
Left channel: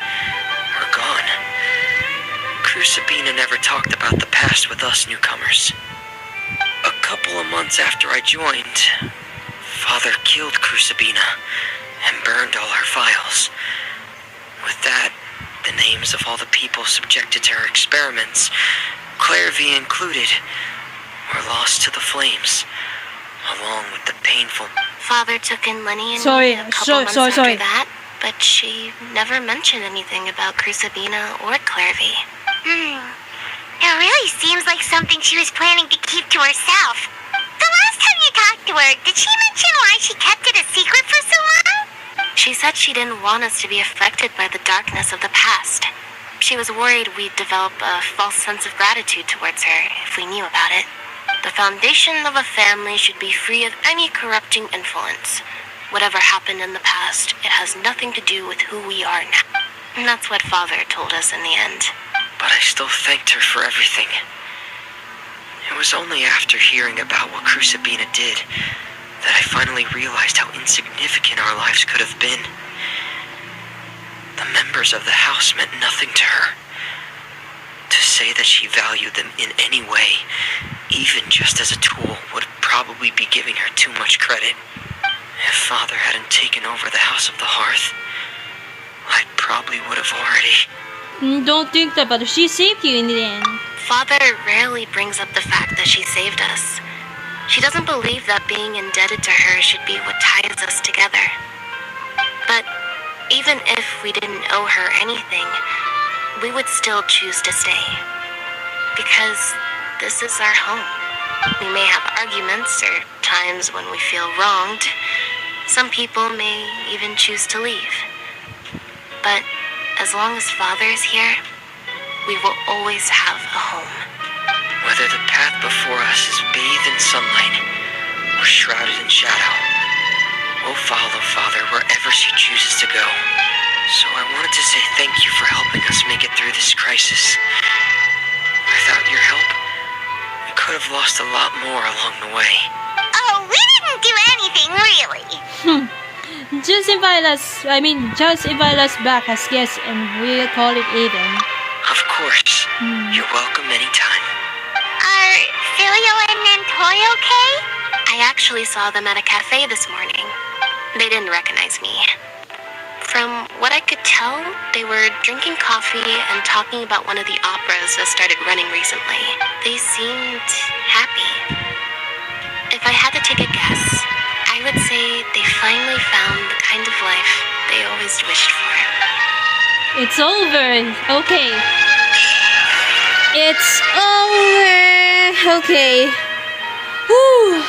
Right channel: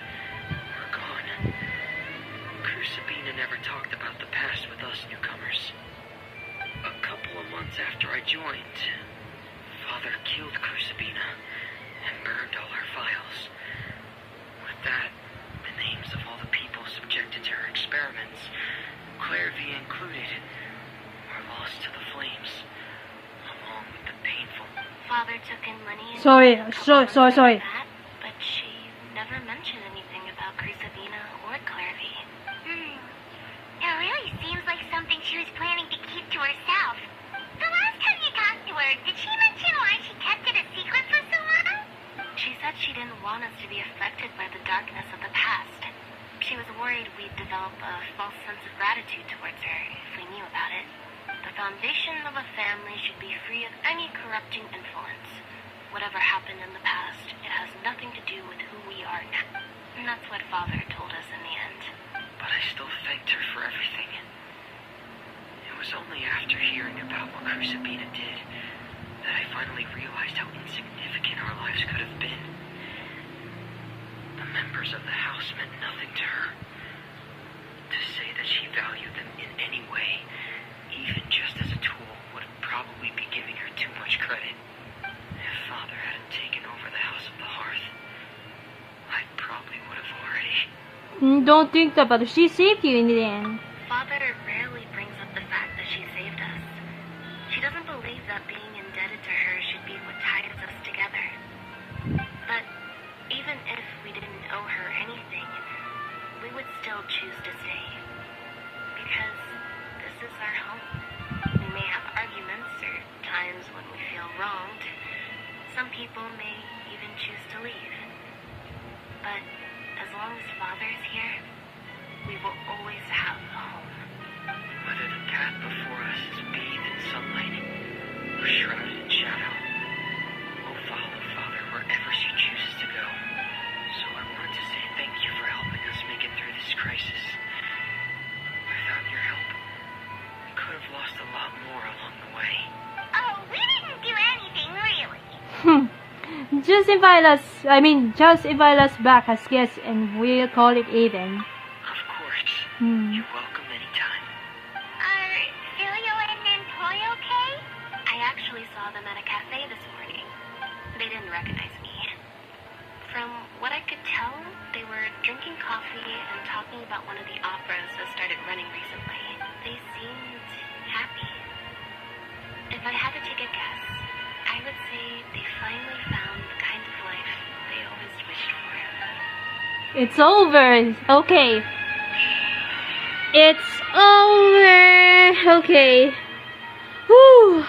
were gone. Crucibina never talked about the past with us newcomers. A couple of months after I joined, Father killed Crucibina and burned all her files. With that, the names of all the people subjected to her experiments, Claire V included, were lost to the flames, along with the painful... Father took in Lenny and Sorry, me a couple months sorry. after that, but she never mentioned anything about Crucibina or Claire V. It really seems like something she was planning to keep to herself. The last time you talked to her, did she mention why she kept it a secret for so long? She said she didn't want us to be affected by the darkness of the past. She was worried we'd develop a false sense of gratitude towards her if we knew about it. The foundation of a family should be free of any corrupting influence. Whatever happened in the past, it has nothing to do with who we are now. And that's what Father told us in the end. But I still thanked her for everything. It was only after hearing about what Crucibina did that I finally realized how insignificant our lives could have been. The members of the house meant nothing to her. To say that she valued them in any way, even just as a tool, would probably be giving her too much credit. If Father hadn't taken over the House of the Hearth, I probably would have already... Don't think that, but she saved you in the end. Father rarely brings up the fact that she saved us. She doesn't believe that being indebted to her should be what ties us together. But even if we didn't owe her anything, we would still choose to stay. Because this is our home. We may have arguments or times when we feel wronged. Some people may even choose to leave. But as long as Father is here, we will always have a home. Whether the path before us is bathed in sunlight or shrouded in shadow, will follow Father wherever she chooses to go. So I wanted to say thank you for helping us make it through this crisis. Without your help, we could have lost a lot more along the way. Oh, we didn't do anything, really. Just invite us back as guests and we'll call it even. Of course. You're welcome anytime. Are Filio and Nantoy okay? I actually saw them at a cafe this morning. They didn't recognize me. From what I could tell, they were drinking coffee and talking about one of the operas that started running recently. They seemed happy. If I had to take a guess, I would say they finally found the kind of life they always wished for. It's over. Okay. It's over. Okay. Whew.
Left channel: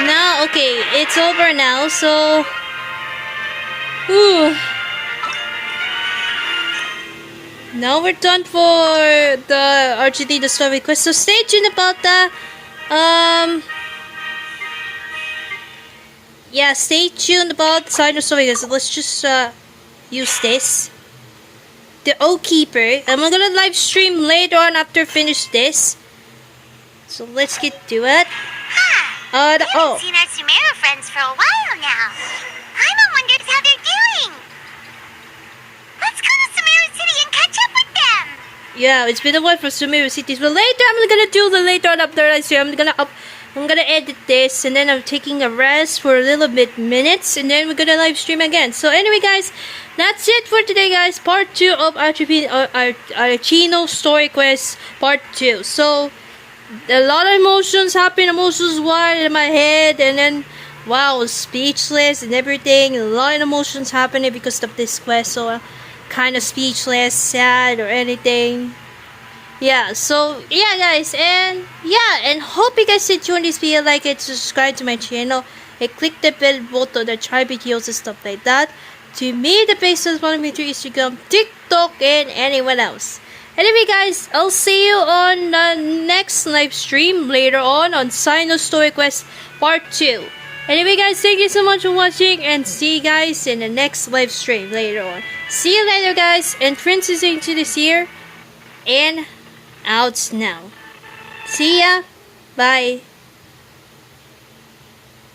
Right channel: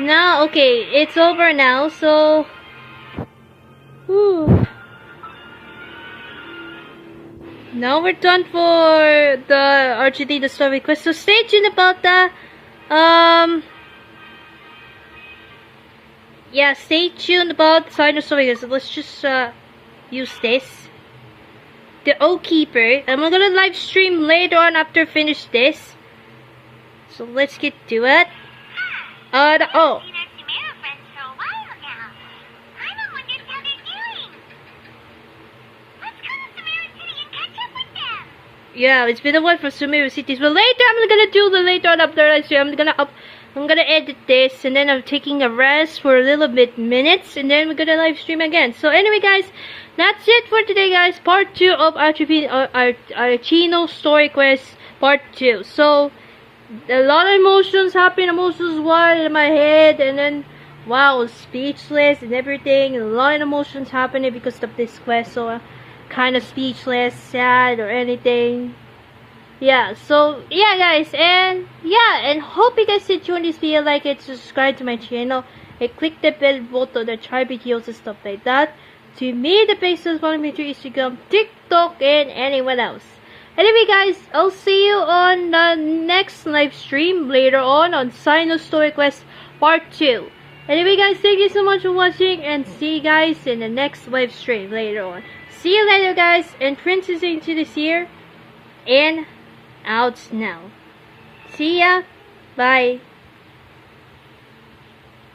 Now, okay, it's over now, so... Whew. Now we're done for the Arleechino story quest, so stay tuned about that. Yeah, stay tuned about Cyno story quest. Let's just use this. The Oak Keeper. I'm gonna live stream later on after finish this. So let's get to it. Haven't seen our Sumeru friends for a while now. Paimon wonders how they're doing. Let's go to Sumeru City and catch up with them. Yeah, it's been a while for Sumeru Cities. But later, I'm gonna do the later on after I see. I'm gonna edit this, and then I'm taking a rest for a little bit minutes, and then we're gonna live stream again. So anyway, guys, that's it for today, guys. Part 2 of Arleechino story quest, part 2. So a lot of emotions wild in my head, and then wow, speechless and everything. A lot of emotions happening because of this quest. So kind of speechless, sad, or anything. Yeah, so yeah, guys, and hope you guys enjoyed this video. Like it, subscribe to my channel, and click the bell button to try videos and stuff like that. To me, the places follow me through Instagram, TikTok, and anyone else. Anyway, guys, I'll see you on the next live stream later on Cyno Story Quest Part 2. Anyway, guys, thank you so much for watching, and see you guys in the next live stream later on. See you later, guys, and Princess Angel is here, and out now. See ya. Bye.